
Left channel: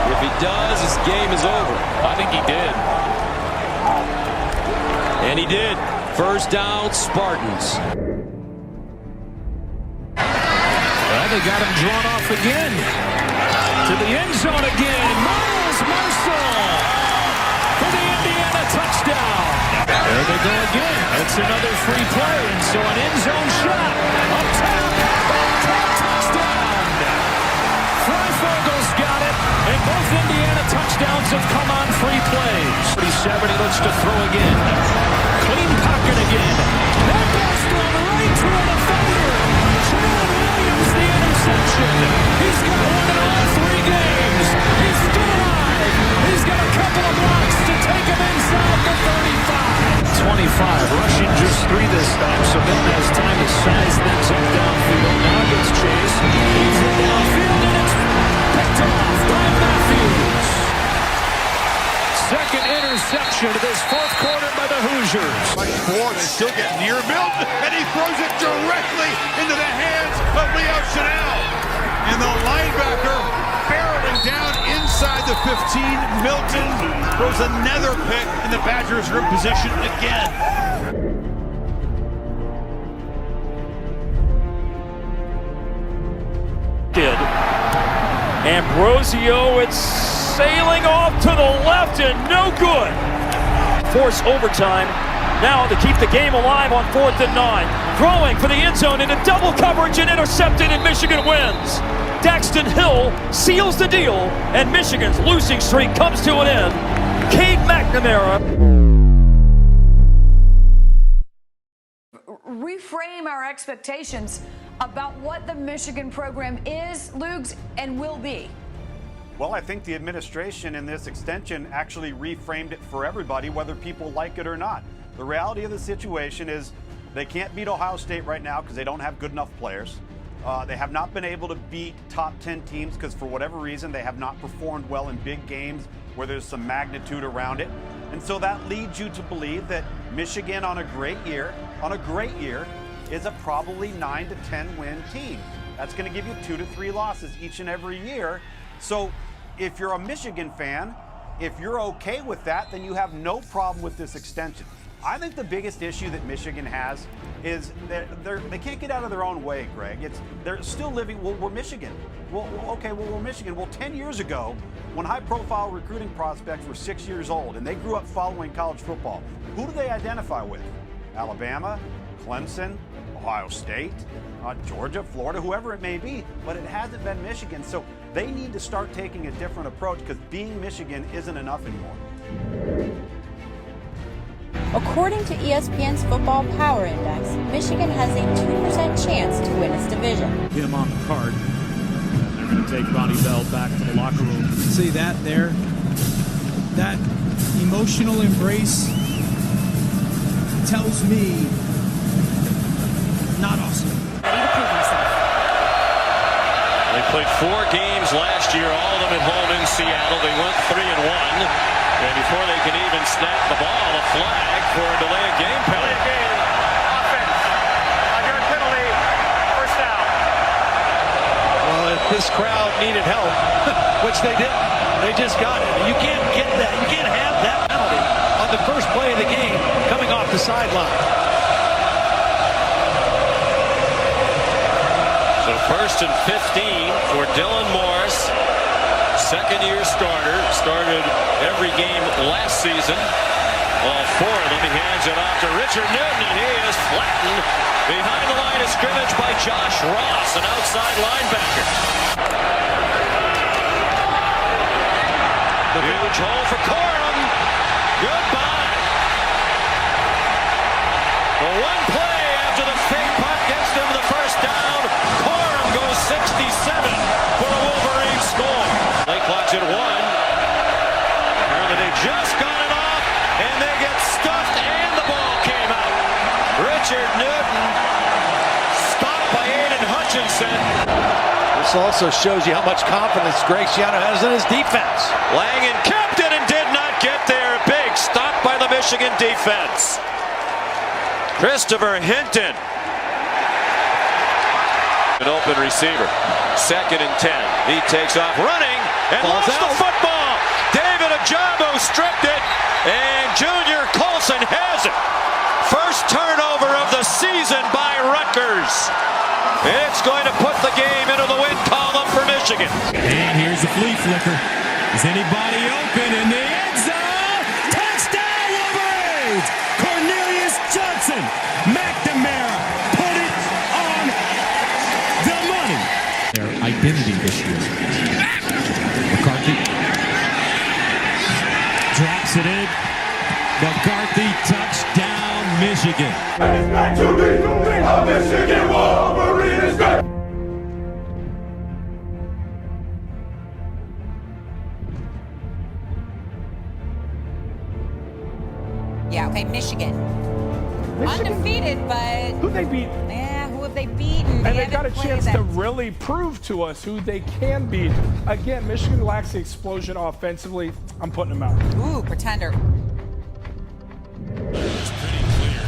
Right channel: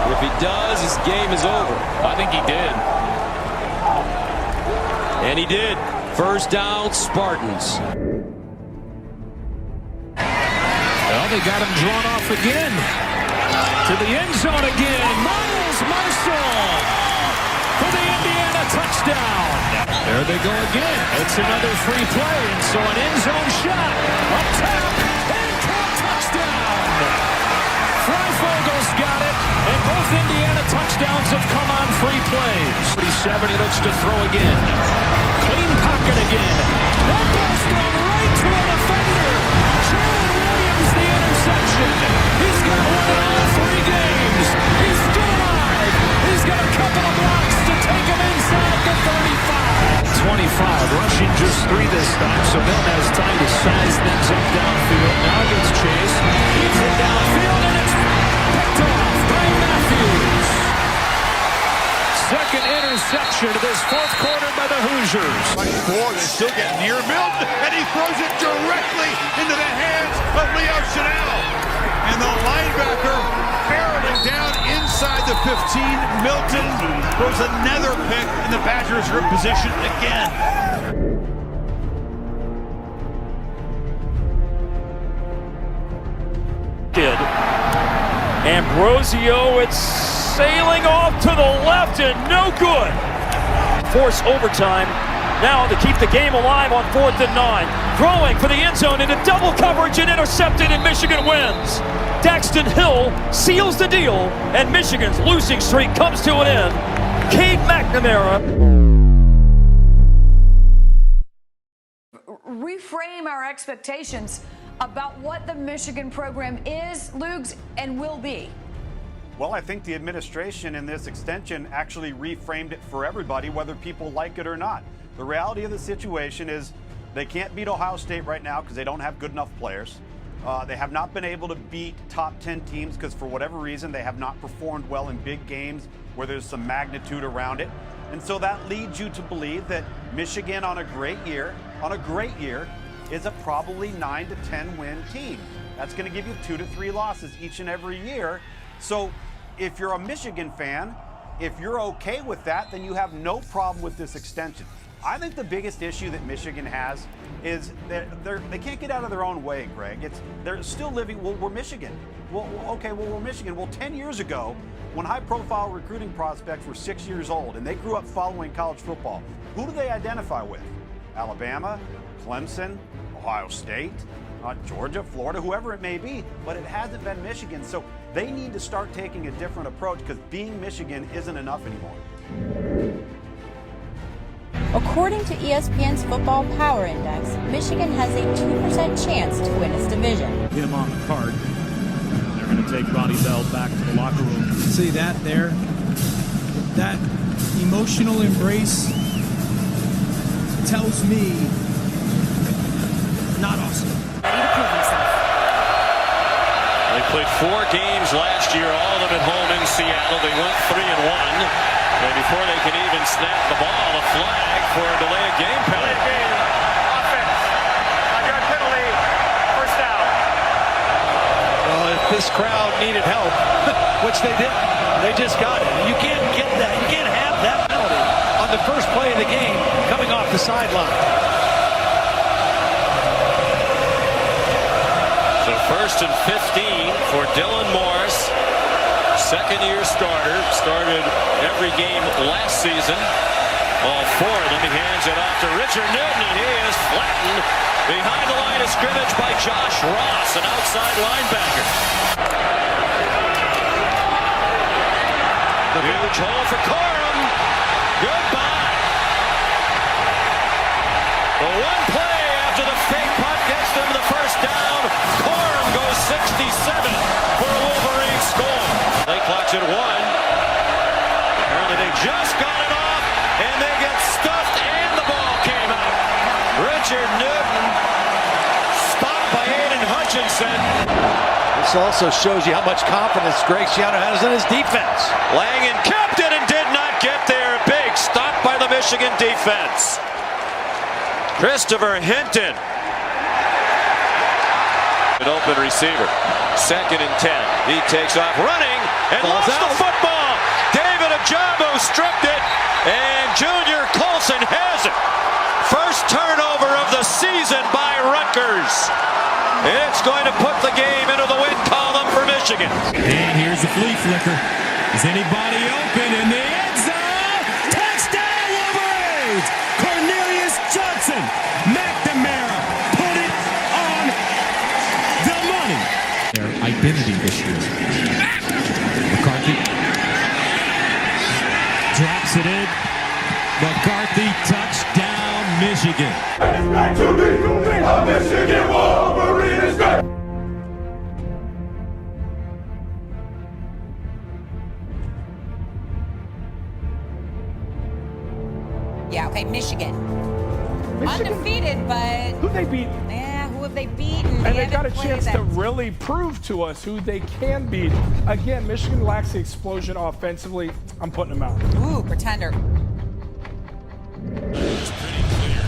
If he does, his game is over. I think he did. And he did. First down, Spartans. Well, they got him drawn off again. To the end zone again. Miles Marshall for the Indiana touchdown. There they go again. It's another free play, and so an end zone shot. Up top. Touchdown. Freifogel's got it, and both Indiana touchdowns have come on free plays. 37, he looks to throw again. Clean pocket again. That ball's thrown right to a defender. Jalen Williams, the interception. He's got one in all 3 games. He's still alive. He's got a couple of blocks to take him inside the 35. 25, rushing just 3 this time, so Ben has time to size things up downfield. Now gets chased. He's in downfield, and it's picked off by Matthews. Second interception of this 4th quarter by the Hoosiers. Much more, they still get near Milton, and he throws it directly into the hands of Leo Chanel. And the linebacker barreling down inside the 15. Milton throws another pick, and the Badgers are in position again. Ambrosio, it's sailing off to the left and no good. Force overtime now to keep the game alive on 4th and 9. Throwing for the end zone into double coverage and intercepted, and Michigan wins. Daxton Hill seals the deal, and Michigan's losing streak comes to an end. Cade Mcnamera. Reframe our expectations about what the Michigan program is, Lugs, and will be. Well, I think the administration in this extension actually reframed it for everybody, whether people like it or not. The reality of the situation is they can't beat Ohio State right now because they don't have good enough players. They have not been able to beat top 10 teams because for whatever reason they have not performed well in big games where there's some magnitude around it. And so that leads you to believe that Michigan on a great year, is a probably 9 to 10 win team. That's going to give you 2 to 3 losses each and every year. So if you're a Michigan fan, if you're okay with that, then you have no problem with this extension. I think the biggest issue that Michigan has is they can't get out of their own way, Greg. They're still living, well, we're Michigan. We're Michigan. Well, 10 years ago, when high-profile recruiting prospects were 6 years old and they grew up following college football, who do they identify with? Alabama, Clemson, Ohio State, Georgia, Florida, whoever it may be, but it hasn't been Michigan. So they need to start taking a different approach because being Michigan isn't enough anymore. According to ESPN's Football Power Index, Michigan has a 2% chance to win its division. Him on the card. And they're going to take Ronnie Bell back to the locker room. See that there? That emotional embrace tells me not awesome. Ready to prove himself. They played 4 games last year, all of them at home in Seattle. They went 3-1. And before they can even snap the ball, a flag for a delay of game penalty. Offense. Yard penalty. First down. Well, if this crowd needed help, which they didn't, they just got it. You can't get that. You can't have that penalty on the first play of the game coming off the sideline. So 1st and 15 for Dylan Morris. Second-year starter, started every game last season. All 4 of them. He hands it off to Richard Newton, and he is flattened behind the line of scrimmage by Josh Ross, an outside linebacker. The huge hole for Corum. Goodbye. The one play after the fake punt gets them the first down. Corum goes 67 for a Wolverine score. Play clock's at 1. Apparently they just got it off, and they get stuffed, and the ball came out. Richard Newton stopped by Aiden Hutchinson. This also shows you how much confidence Greg Schiano has in his defense. Langen kept it and did not get there. Big stop by the Michigan defense. Christopher Hinton. An open receiver. 2nd and 10. He takes off running and lost the football. David Ajabo stripped it, and Junior Colson has it. First turnover of the season by Rutgers. It's going to put the game into the win column for Michigan. And here's the flea flicker. Is anybody open in the end zone? Touchdown Wolverines! Cornelius Johnson. McNamara put it on the money. Their identity this year. McCarthy drops it in. McCarthy, touchdown, Michigan. It's great to be a Michigan Wolverine. It's great. Yeah, okay, Michigan. Undefeated, but Who they beat? yeah, who have they beaten? And they got a chance to really prove to us who they can beat. Again, Michigan lacks the explosion offensively. I'm putting them out. Ooh, pretender. It's pretty clear. The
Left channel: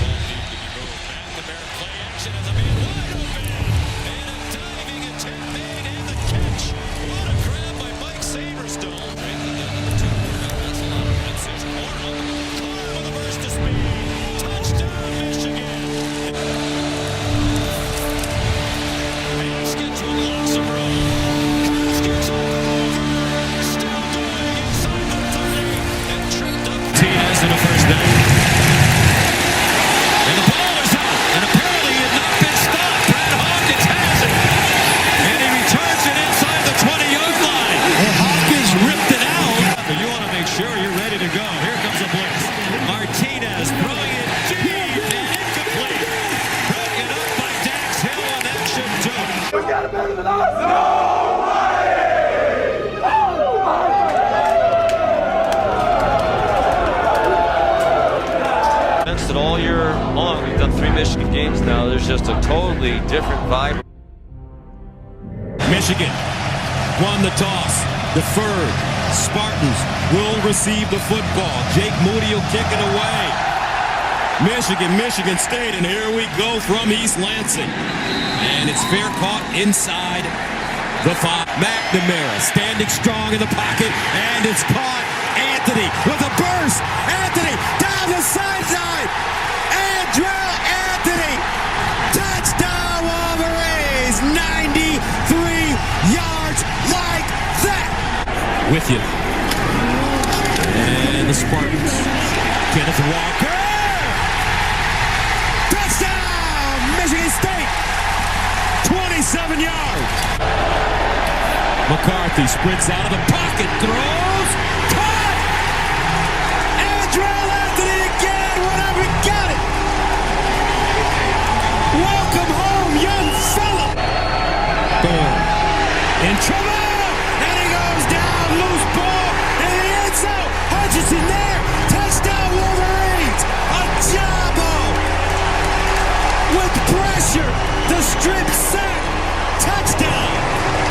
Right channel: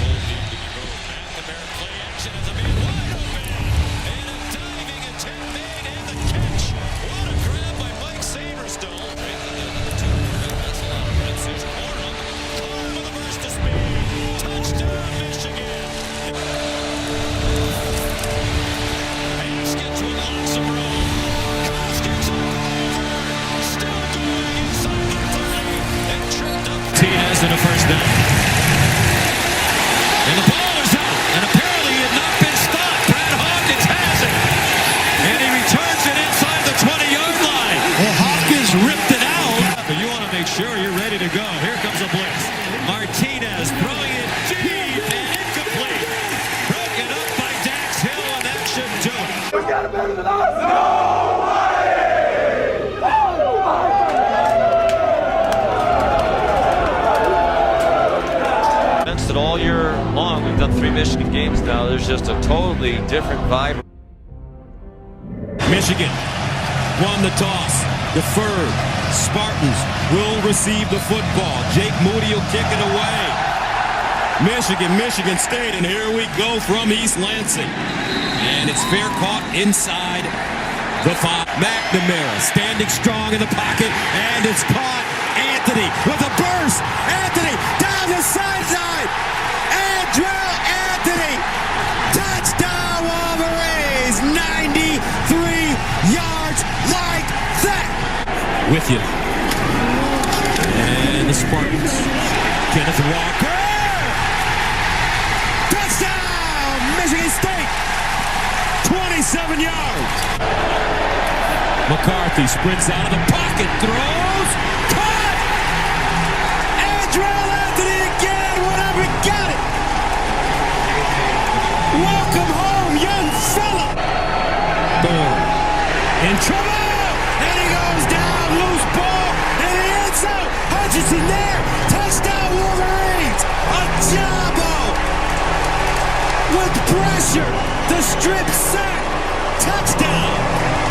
ball needs to be moved. McNamara play action as a man wide open. And a diving attempt. want to make sure you're ready to go. Here comes a blitz. Martinez throwing it deep and incomplete. Broken up by Dax Hill, and that should do it. We got it better than us. No way! That all year long, we've done 3 Michigan games now. There's just a totally different vibe. Michigan won the toss, deferred. Spartans will receive the football. Jake Moody will kick it away. Michigan State, and here we go from East Lansing. And it's fair caught inside the 5. McNamara standing strong in the pocket, and it's caught. Anthony with a burst. Anthony down the sideline. Andrell Anthony. Touchdown Wolverines. 93 yards like that. With you. And the Spartans. Kenneth Walker. Touchdown Michigan State. 27 yards. McCarthy sprints out of the pocket. Throws. Caught. Andrell Anthony again. Whatever, got it. Welcome home, young fella. Thorne in trouble, and he goes down. Loose ball in the end zone. Hutchinson there. Touchdown Wolverines. A jumbo with pressure. The strip sack. Touchdown.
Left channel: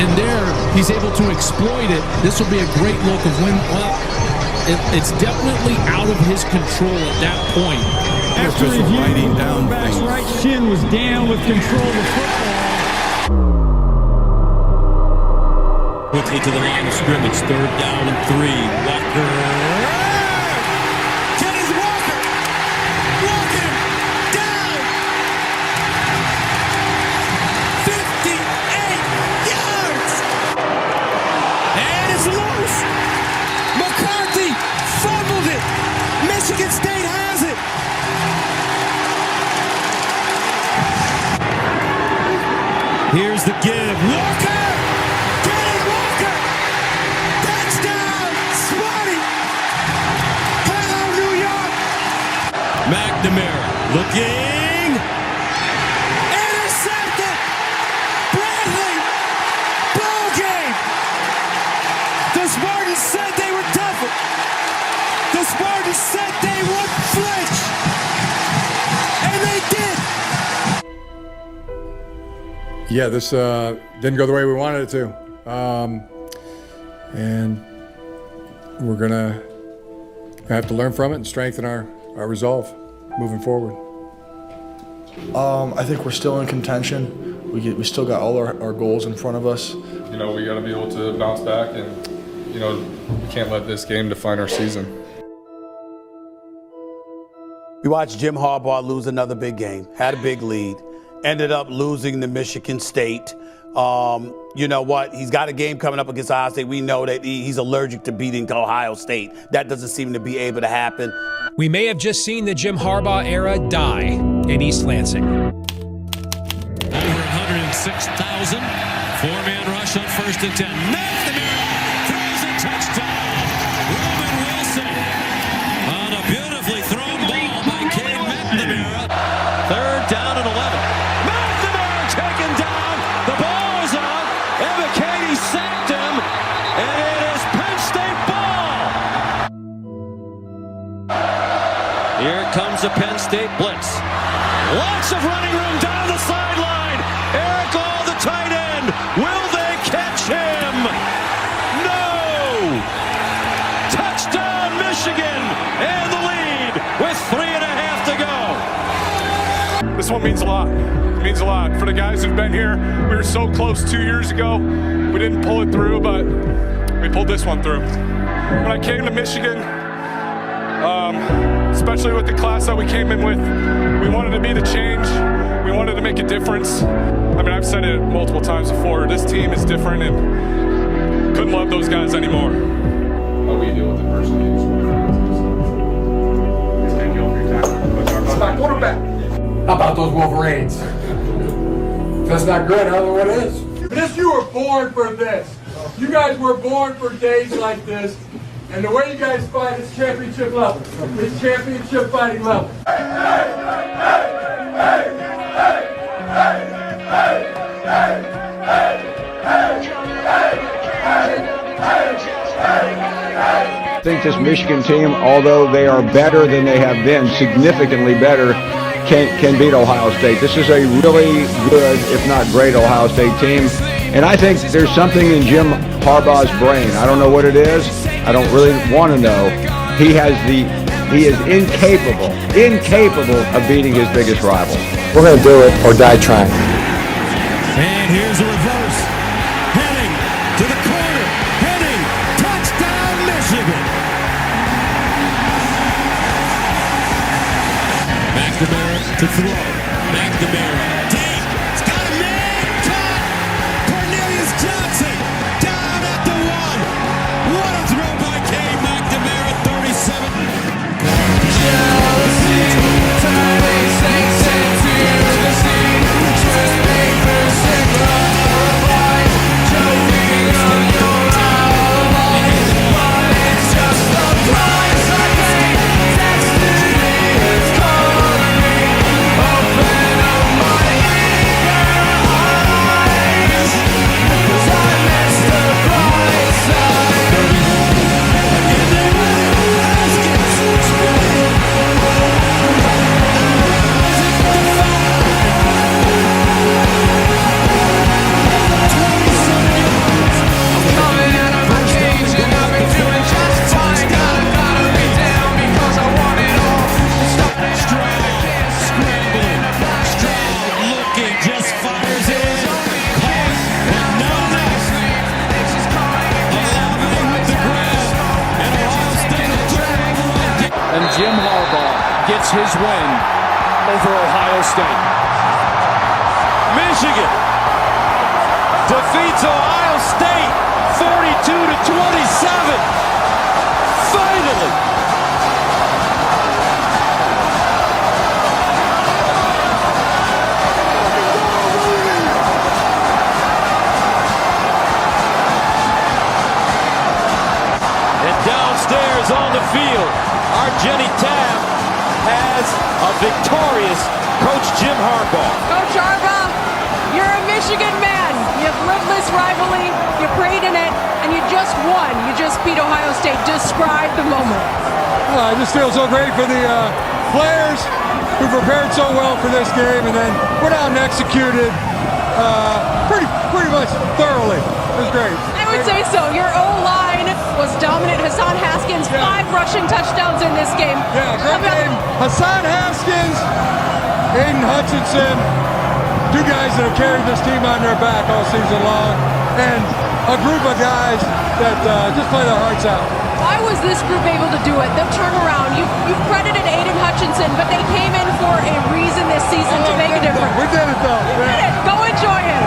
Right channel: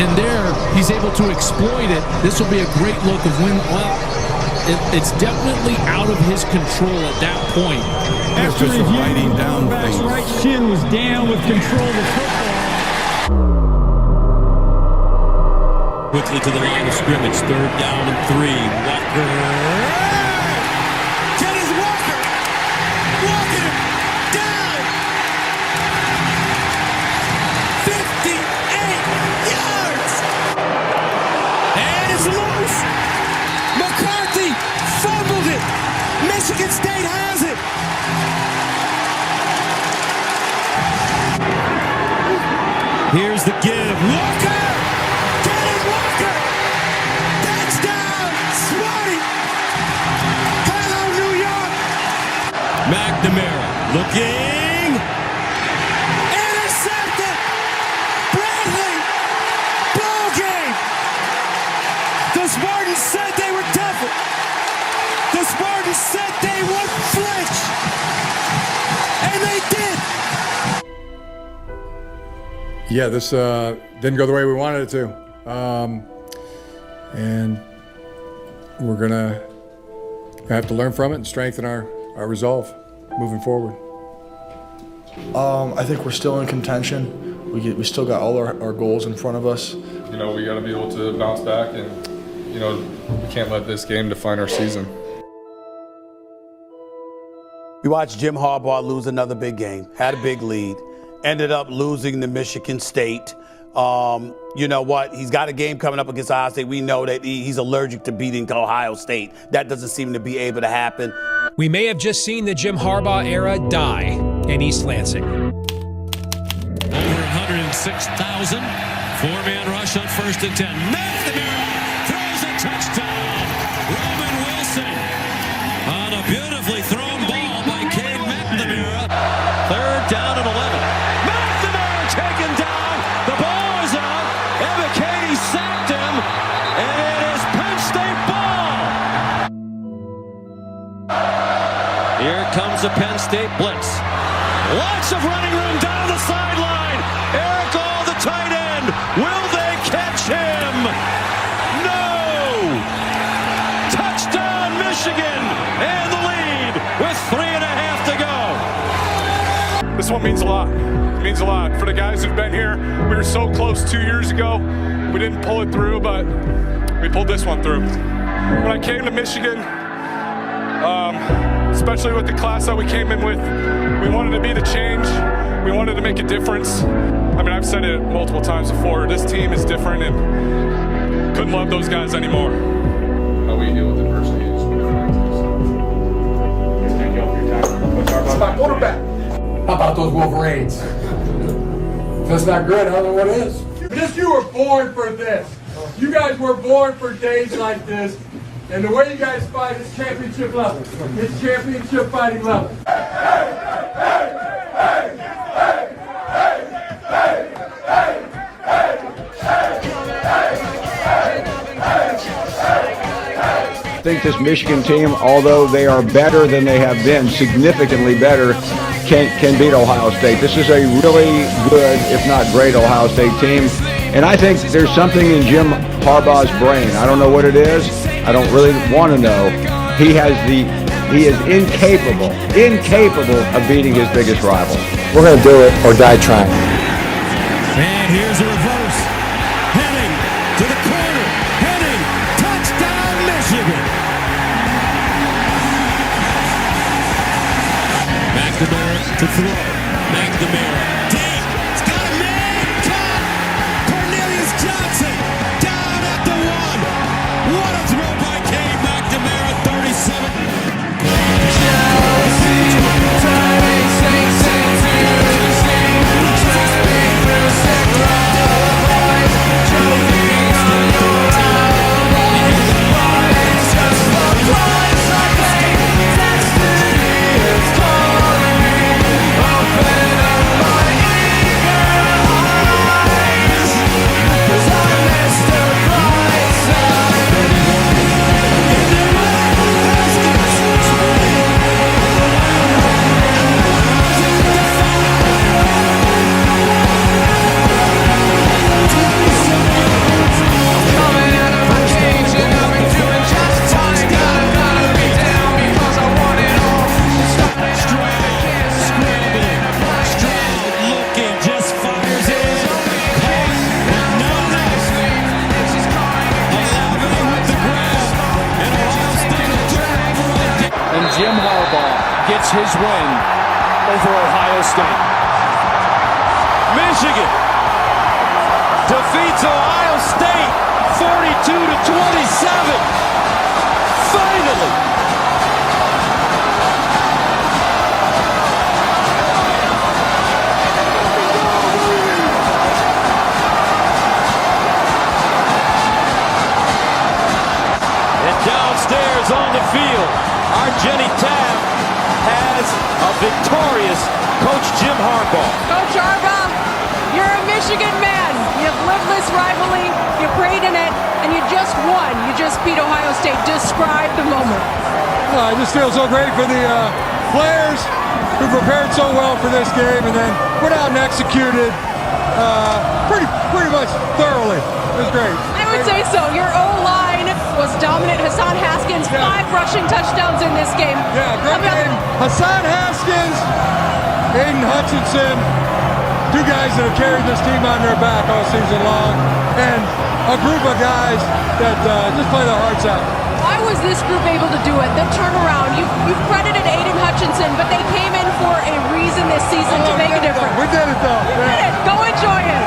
And there, he's able to exploit it. This will be a great look of when, well, it's definitely out of his control at that point. After writing down things. Right shin was down with control of the football. Quickly to the line of scrimmage. 3rd down and 3. Walker. Kenneth Walker. Walking him down. 58 yards. And it's loose. McCarthy fumbled it. Michigan State has it. Here's the give. Walker! Kenneth Walker! Touchdown! Smarty! Hello, New York! McNamara looking. Intercepted! Bradley! Ball game! The Spartans said they were tougher. The Spartans said they would flinch. And they did. Yeah, this didn't go the way we wanted it to. And we're going to have to learn from it and strengthen our resolve moving forward. I think we're still in contention. We still got all our goals in front of us. You know, we got to be able to bounce back, and, you know, we can't let this game define our season. We watched Jim Harbaugh lose another big game, had a big lead, ended up losing to Michigan State. You know what? He's got a game coming up against Ohio State. We know that he's allergic to beating Ohio State. That doesn't seem to be able to happen. We may have just seen the Jim Harbaugh era die in East Lansing. Over 106,000. 4-man rush on 1st and 10. McNamara throws a touchdown. Roman Wilson on a beautifully thrown ball by Cade Mcnamara. 3rd down and 11. McNamara taken down. The ball is out. Evan Cade sacked him. And it is Penn State ball. Here comes the Penn State blitz. Lots of running room down the sideline. Eric All, the tight end. Will they catch him? No! Touchdown Michigan and the lead with 3.5 to go. This one means a lot. It means a lot. For the guys who've been here, we were so close 2 years ago. We didn't pull it through, but we pulled this one through. When I came to Michigan, especially with the class that we came in with, we wanted to be the change. We wanted to make a difference. I mean, I've said it multiple times before. This team is different, and couldn't love those guys anymore. How we deal with adversity. It's my quarterback. How about those Wolverines? That's not good. I don't know what is. You were born for this. You guys were born for days like this. And the way you guys fight is championship level. It's championship fighting level. I think this Michigan team, although they are better than they have been, significantly better, can beat Ohio State. This is a really good, if not great, Ohio State team. And I think there's something in Jim Harbaugh's brain. I don't know what it is. I don't really want to know. He is incapable of beating his biggest rival. We're going to do it or die trying. And here's a reverse. Heading to the corner. Heading. Touchdown, Michigan. McNamara to throw. McNamara. Deep. It's got a man. Caught. Cornelius Johnson. Down at the 1. What a throw by Cade Mcnamara. 37. Jealousy. Turning saints into the sea. Swimming through sick lullabies. Choking on your alibis. But it's just the price I pay. Destiny is calling me. Open up my eager eyes. 'Cause I missed the bright side. 31. And they win it. Haskins. Coming out of my cage and I've been doing just fine. Gotta be down because I want it all. Stroud scrambling. Stroud looking, just fires it. Caught, but no. 11 with the grab. And Ohio State will turn over. And Jim Harbaugh gets his win over Ohio State. Michigan defeats Ohio State 42-27. Finally. And downstairs on the field, our Jenny Tabb has a victorious Coach Jim Harbaugh. Coach Harbaugh, you're a Michigan man. You've lived this rivalry, you prayed in it, and you just won. You just beat Ohio State. Describe the moment. I just feel so great for the players who prepared so well for this game and then went out and executed pretty much thoroughly. It was great. I would say so. Your O-line was dominant. Hassan Haskins, 5 rushing touchdowns in this game. Yeah, great game. Hassan Haskins, Aiden Hutchinson, 2 guys that have carried this team on their back all season long, and a group of guys that just play their hearts out. Why was this group able to do it? The turnaround. You've credited Aiden Hutchinson, but they came in for a reason this season to make a difference. We did it, though. You did it. Go enjoy it.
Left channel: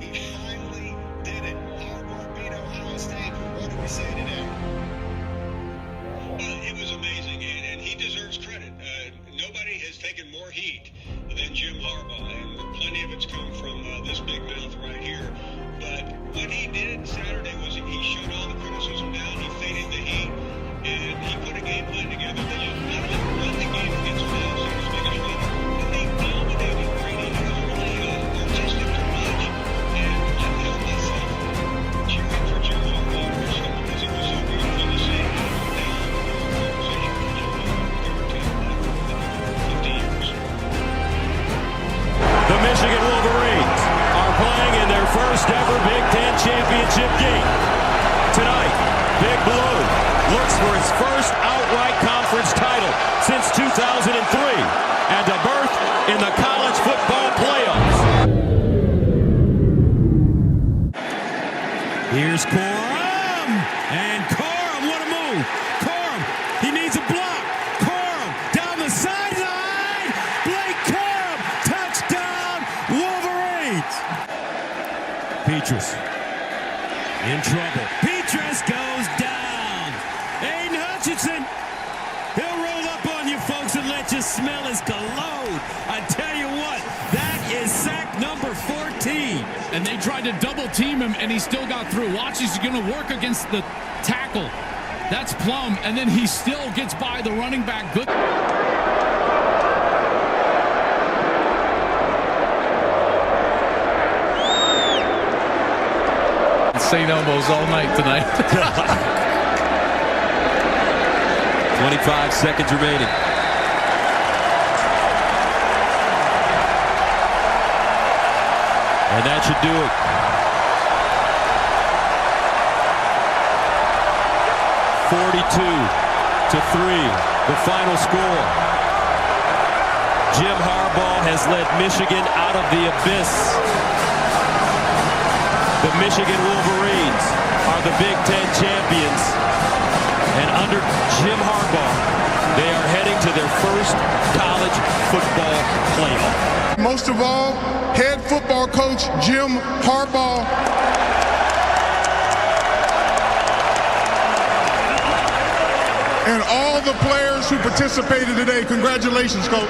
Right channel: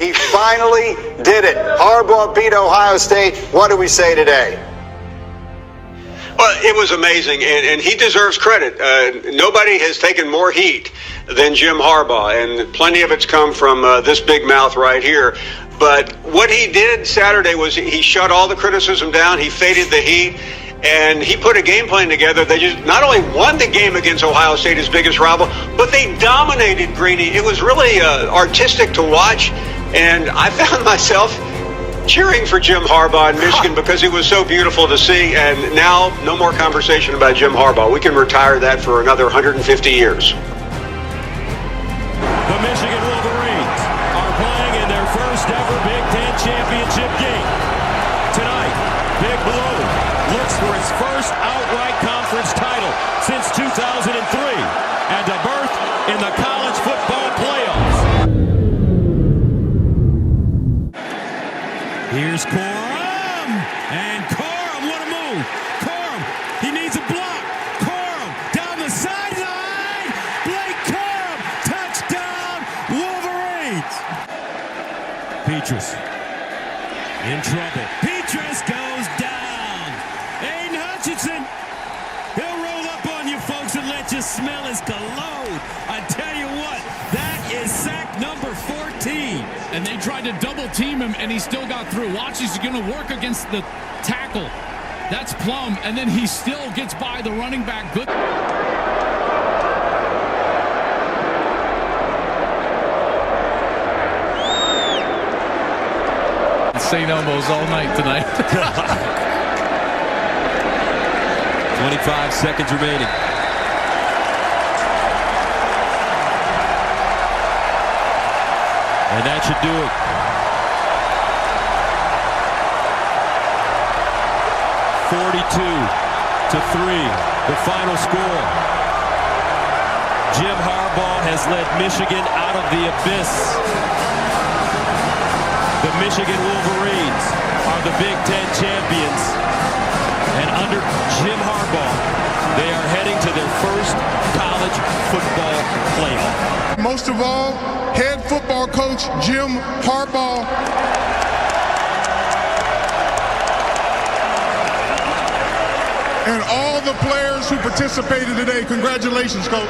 He finally did it. Harbaugh beat Ohio State. What do we say today? Well, it was amazing, and he deserves credit. Nobody has taken more heat than Jim Harbaugh, and plenty of it's come from this big mouth right here. But what he did Saturday was he shut all the criticism down. He faded the heat, and he put a game plan together. They just not only won the game against Ohio State, his biggest rival, but they dominated Greeny. It was really artistic to watch, and I found myself cheering for Jim Harbaugh in Michigan because it was so beautiful to see. And now, no more conversation about Jim Harbaugh. We can retire that for another 150 years. The Michigan Wolverines are playing in their first ever Big Ten championship game. Tonight, Big Blue looks for its first outright conference title since 2003 and a berth in the college football playoffs. Here's Corum, and Corum, what a move. Corum, he needs a block. Corum, down the sideline. Blake Corum, touchdown. Petrus. In trouble. Petrus goes down. Aiden Hutchinson. He'll roll up on you folks and let you smell his cologne. I tell you what, that is sack number 14. And they tried to double team him, and he still got through. Watch, he's going to work against the tackle. That's Plum, and then he still gets by the running back. Good. St. Elmo's all night tonight. 25 seconds remaining. And that should do it. (42-3), the final score. Jim Harbaugh has led Michigan out of the abyss. The Michigan Wolverines are the Big Ten champions. And under Jim Harbaugh, they are heading to their first college football playoff. Most of all, head football coach Jim Harbaugh. And all the players who participated today, congratulations, coach.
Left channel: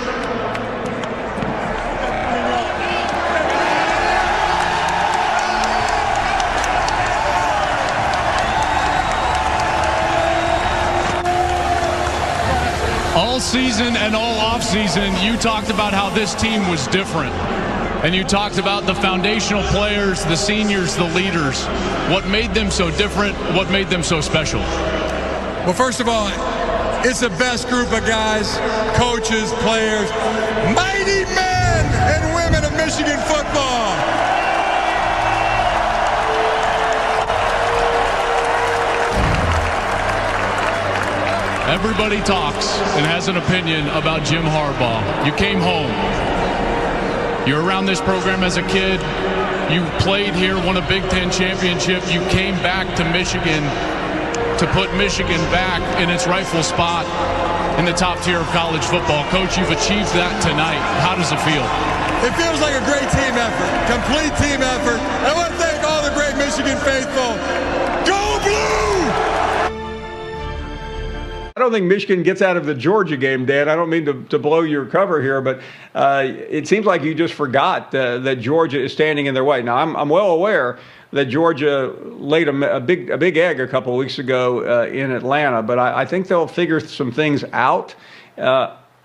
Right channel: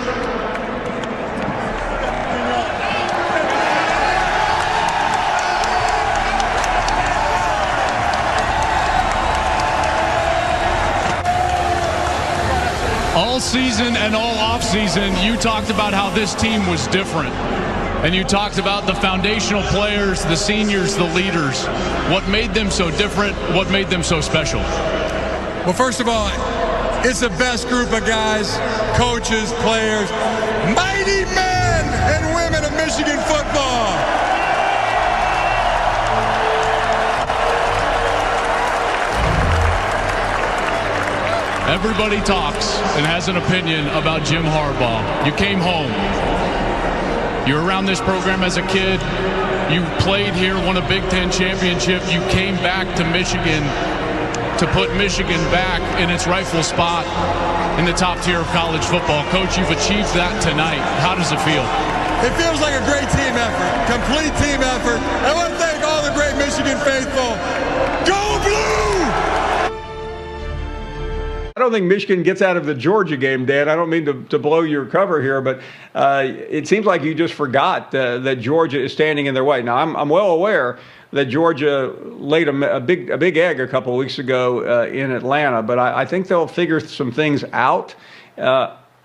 All season and all offseason, you talked about how this team was different. And you talked about the foundational players, the seniors, the leaders. What made them so different? What made them so special? Well, first of all, it's the best group of guys, coaches, players, mighty men and women of Michigan football. Everybody talks and has an opinion about Jim Harbaugh. You came home. You were around this program as a kid. You played here, won a Big Ten championship. You came back to Michigan to put Michigan back in its rightful spot in the top tier of college football. Coach, you've achieved that tonight. How does it feel? It feels like a great team effort, complete team effort. I want to thank all the great Michigan faithful. Go Blue! I don't think Michigan gets out of the Georgia game, Dan. I don't mean to blow your cover here, but it seems like you just forgot that Georgia is standing in their way. Now, I'm well aware that Georgia laid a big egg a couple of weeks ago in Atlanta, but I think they'll figure some things out.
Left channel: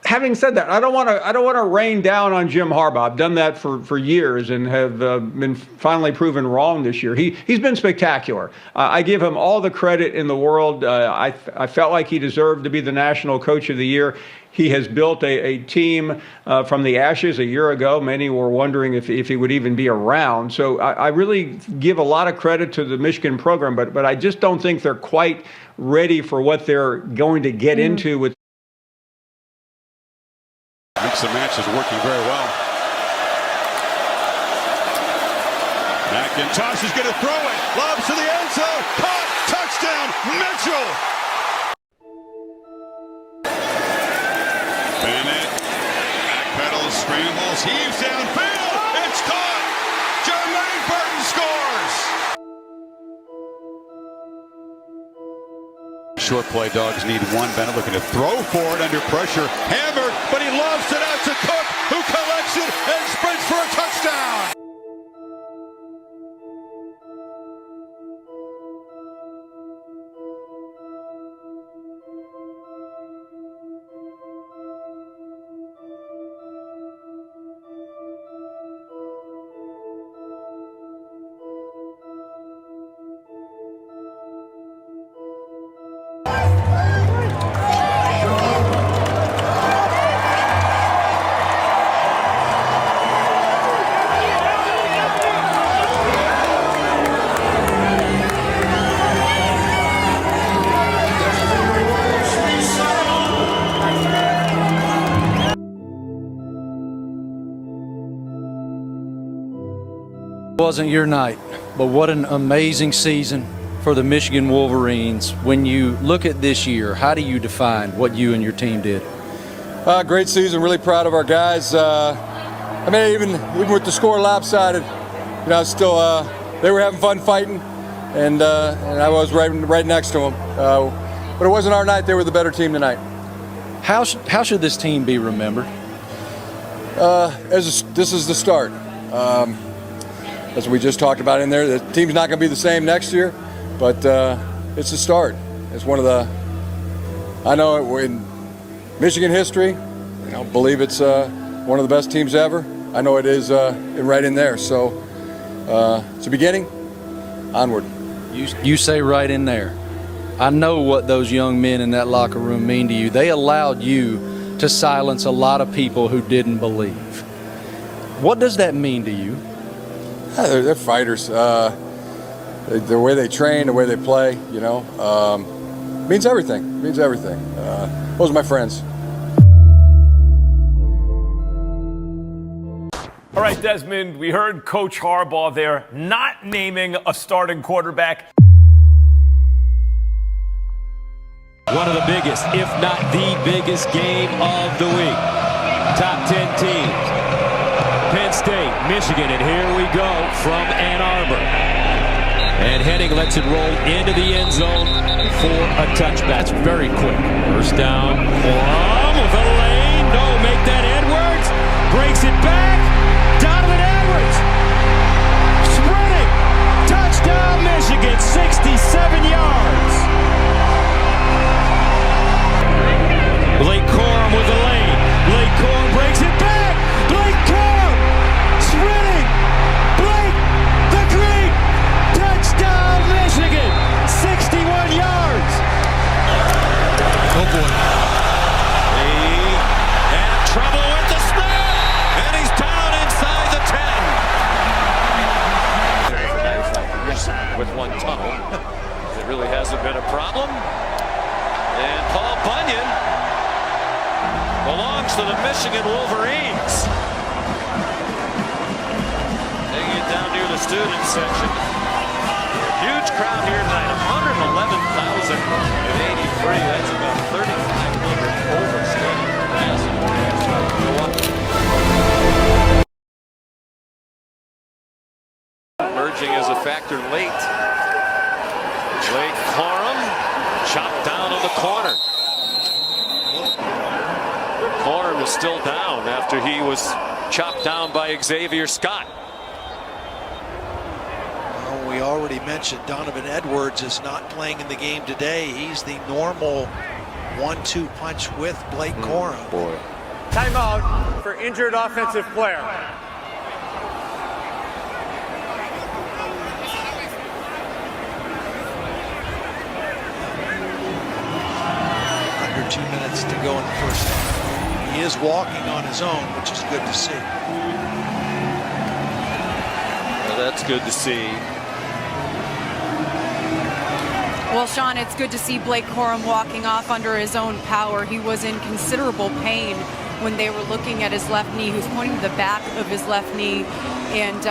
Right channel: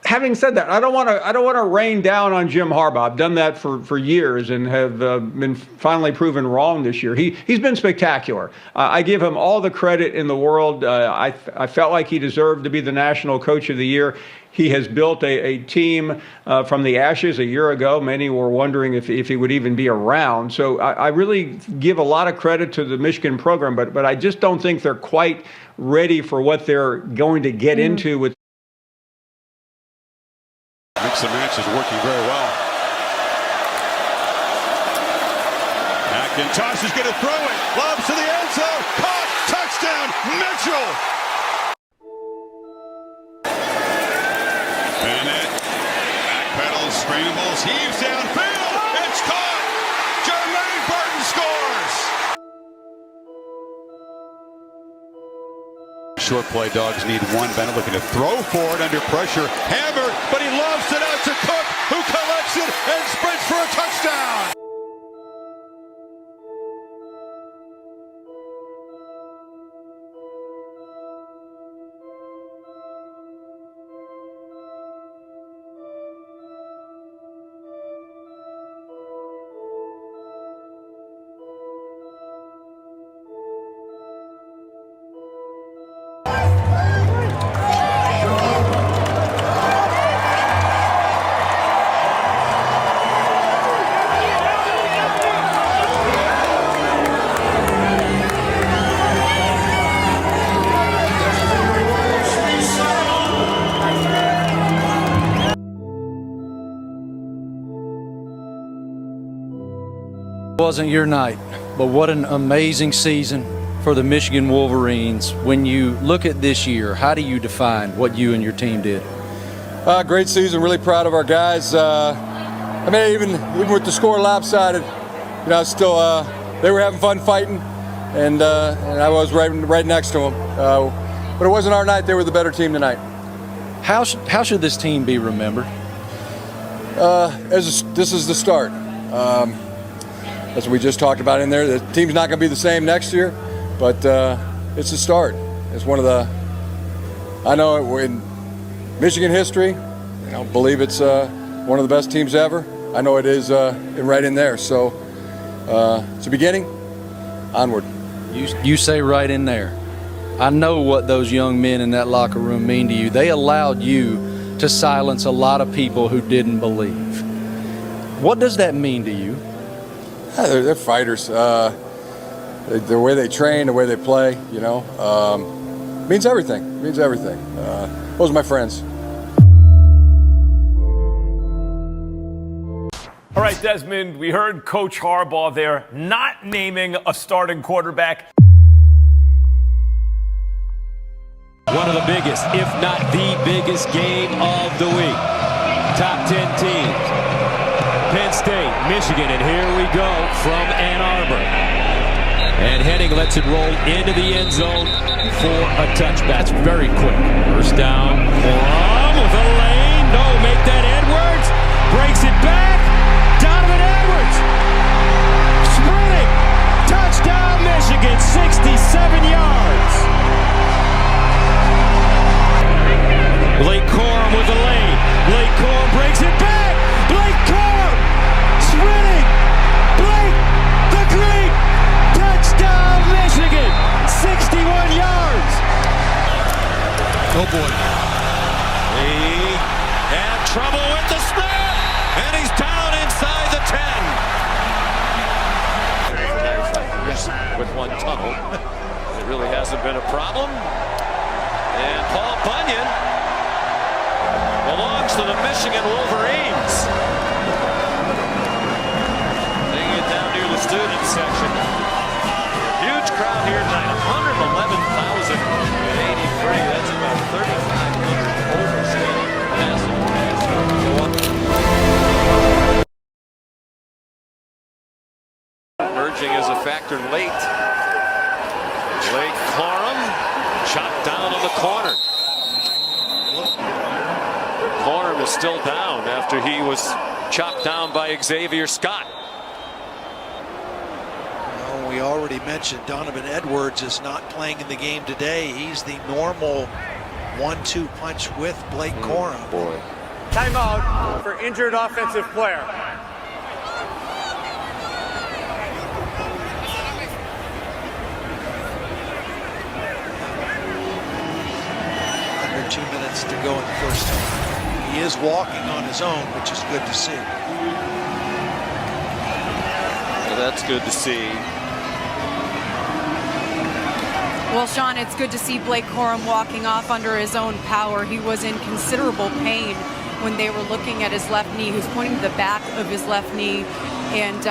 Having said that, I don't want to rain down on Jim Harbaugh. I've done that for years and have been finally proven wrong this year. He's been spectacular. I give him all the credit in the world. I felt like he deserved to be the National Coach of the Year. He has built a team from the ashes a year ago. Many were wondering if he would even be around. So I really give a lot of credit to the Michigan program, but I just don't think they're quite ready for what they're going to get into with. Mix and match is working very well. McIntosh is going to throw it. Lobs to the end zone. Caught. Touchdown. Mitchell. Bennett. Backpedals. Scrambles. Heaves downfield. It's caught. Jermaine Burton scores. Short play, Dogs need one. Bennett looking to throw for it under pressure. Hammered, but he lofts it out to Cook, who collects it and sprints for a touchdown. It wasn't your night, but what an amazing season for the Michigan Wolverines. When you look at this year, how do you define what you and your team did? Great season, really proud of our guys. I mean, even with the score lopsided, still they were having fun fighting, and I was right next to them. But it wasn't our night. They were the better team tonight. How should this team be remembered? This is the start. As we just talked about in there, the team's not going to be the same next year, but it's a start. It's one of the, I know in Michigan history, believe it's one of the best teams ever. I know it is right in there. So it's a beginning. Onward. You say right in there. I know what those young men in that locker room mean to you. They allowed you to silence a lot of people who didn't believe. What does that mean to you? Yeah, they're fighters. The way they train, the way they play, means everything. Means everything. Those are my friends. All right, Desmond, we heard Coach Harbaugh there not naming a starting quarterback. One of the biggest, if not the biggest game of the week. Top 10 teams. Penn State, Michigan, and here we go from Ann Arbor. And Henning lets it roll into the end zone for a touchback. That's very quick. First down, Corum with a lane. No, make that Edwards. Breaks it back. Donovan Edwards. Sprinting. Touchdown, Michigan, 67 yards. Blake Corum with the lane. Blake Corum breaks it back. Blake Corum sprinting. Blake the Great. Touchdown Michigan. 61 yards. Oh boy. He had trouble with the snap. And he's down inside the 10. For 95 years with one tunnel. It really hasn't been a problem. And Paul Bunyan belongs to the Michigan Wolverines. Taking it down near the student section. Huge crowd here tonight, 111,083. That's about 3,500 over stadium capacity. Emerging as a factor late. Blake Corum chopped down on the corner. Corum is still down after he was chopped down by Xavier Scott. Well, we already mentioned Donovan Edwards is not playing in the game today. He's the normal 1-2 punch with Blake Corum. Boy. Timeout for injured offensive player. Under 2 minutes to go in the first half. He is walking on his own, which is good to see. Well, that's good to see. Well, Sean, it's good to see Blake Corum walking off under his own power. He was in considerable pain when they were looking at his left knee. He was pointing to the back of his left knee, and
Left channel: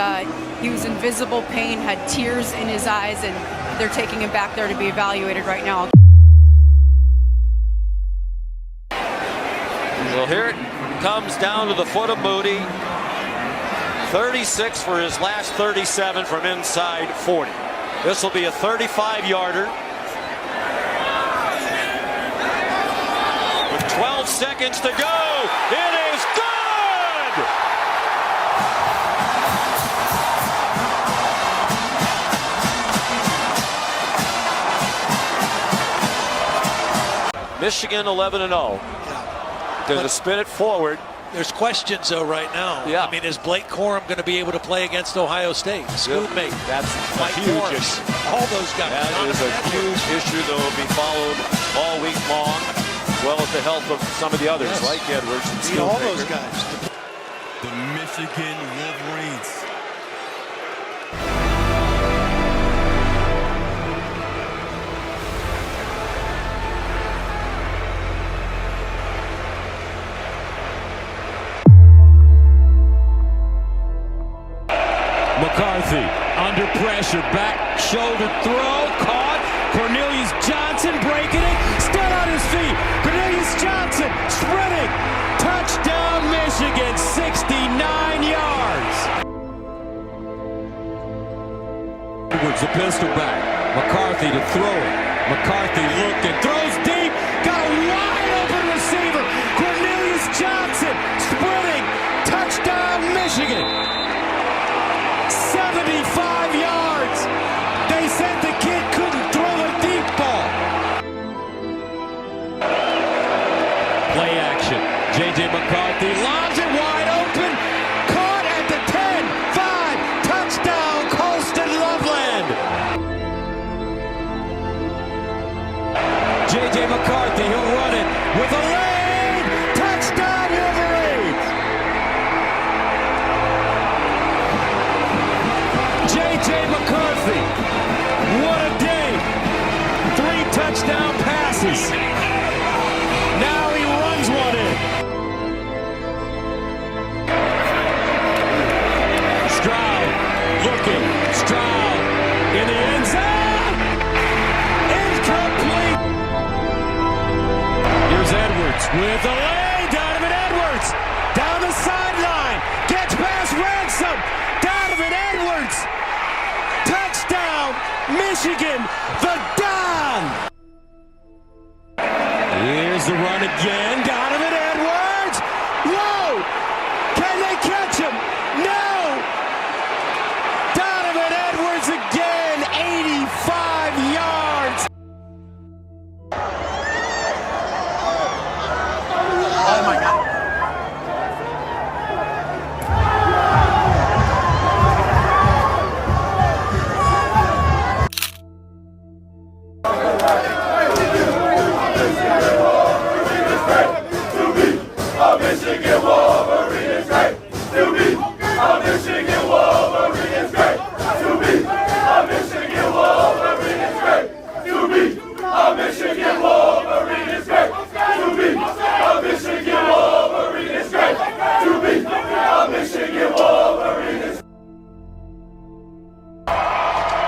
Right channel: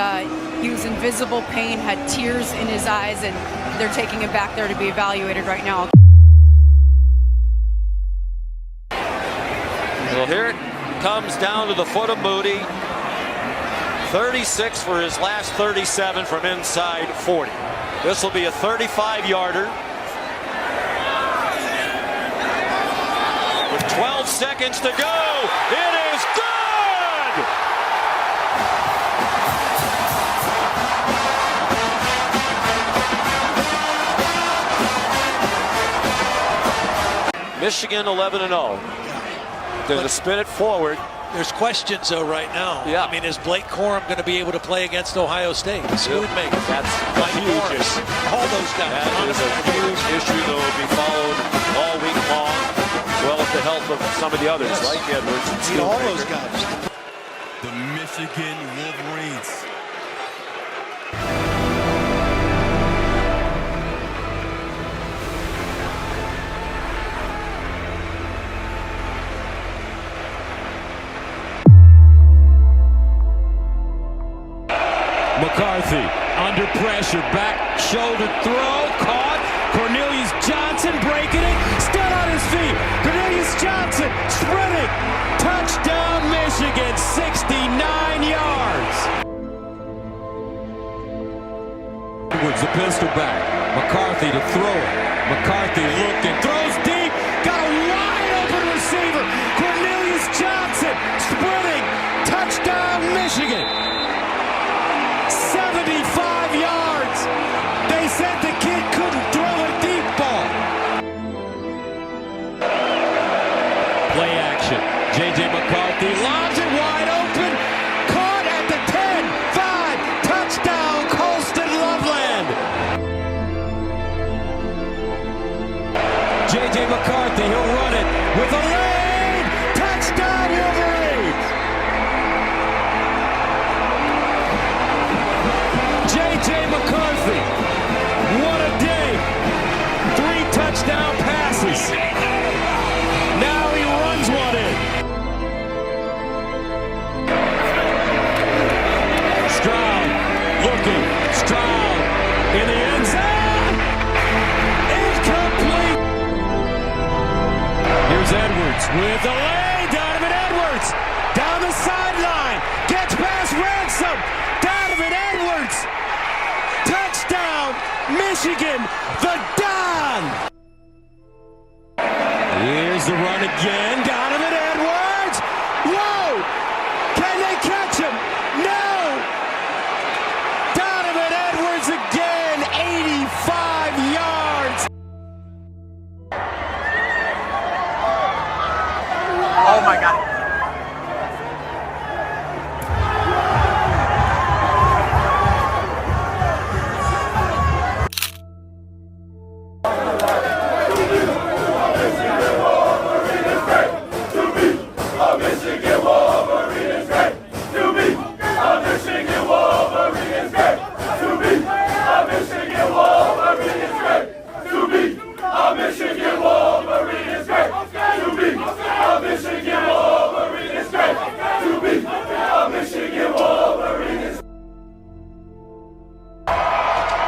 he was in visible pain, had tears in his eyes, and they're taking him back there to be evaluated right now. Well, here it comes down to the foot of Moody. 36 for his last 37 from inside 40. This will be a 35-yarder. With 12 seconds to go, it is good! Michigan 11-0. They're going to spin it forward. There's questions, though, right now. Yeah. I mean, is Blake Corum going to be able to play against Ohio State? Schoonmaker. That's a Mike huge Morris, issue. all those guys. That is a huge issue that will be followed all week long, as well as the health of some of the others, like Edwards and Need all Schoonmaker. those guys. The Michigan Wolverines. McCarthy under pressure, back shoulder throw, caught. Cornelius Johnson breaking it, still on his feet. Cornelius Johnson sprinting. Touchdown Michigan, 69 yards. Edwards, the pistol back. McCarthy to throw it. McCarthy looking, throws deep, got a wide open receiver. Cornelius Johnson sprinting, touchdown Michigan. 75 yards. They said the kid couldn't throw a deep ball. Play action. J.J. McCarthy lobs it wide open. Caught at the 10, 5, touchdown Colston Loveland. J.J. McCarthy, he'll run it with a lane. Touchdown Wolverines. J.J. McCarthy, what a day. 3 touchdown passes. Now he runs one in. Stroud looking. Stroud in the end zone. Incomplete. Here's Edwards with a lane. Donovan Edwards down the sideline. Gets past Ransom. Donovan Edwards. Touchdown, Michigan, the Don. Here's the run again. Donovan Edwards. Whoa! Can they catch him? No! Donovan Edwards again. 85 yards. Oh my God. Michigan Wolverines great to be a Michigan Wolverines great to be a Michigan Wolverines great to be a Michigan Wolverines great to be a Michigan Wolverines great to be a Michigan Wolverines.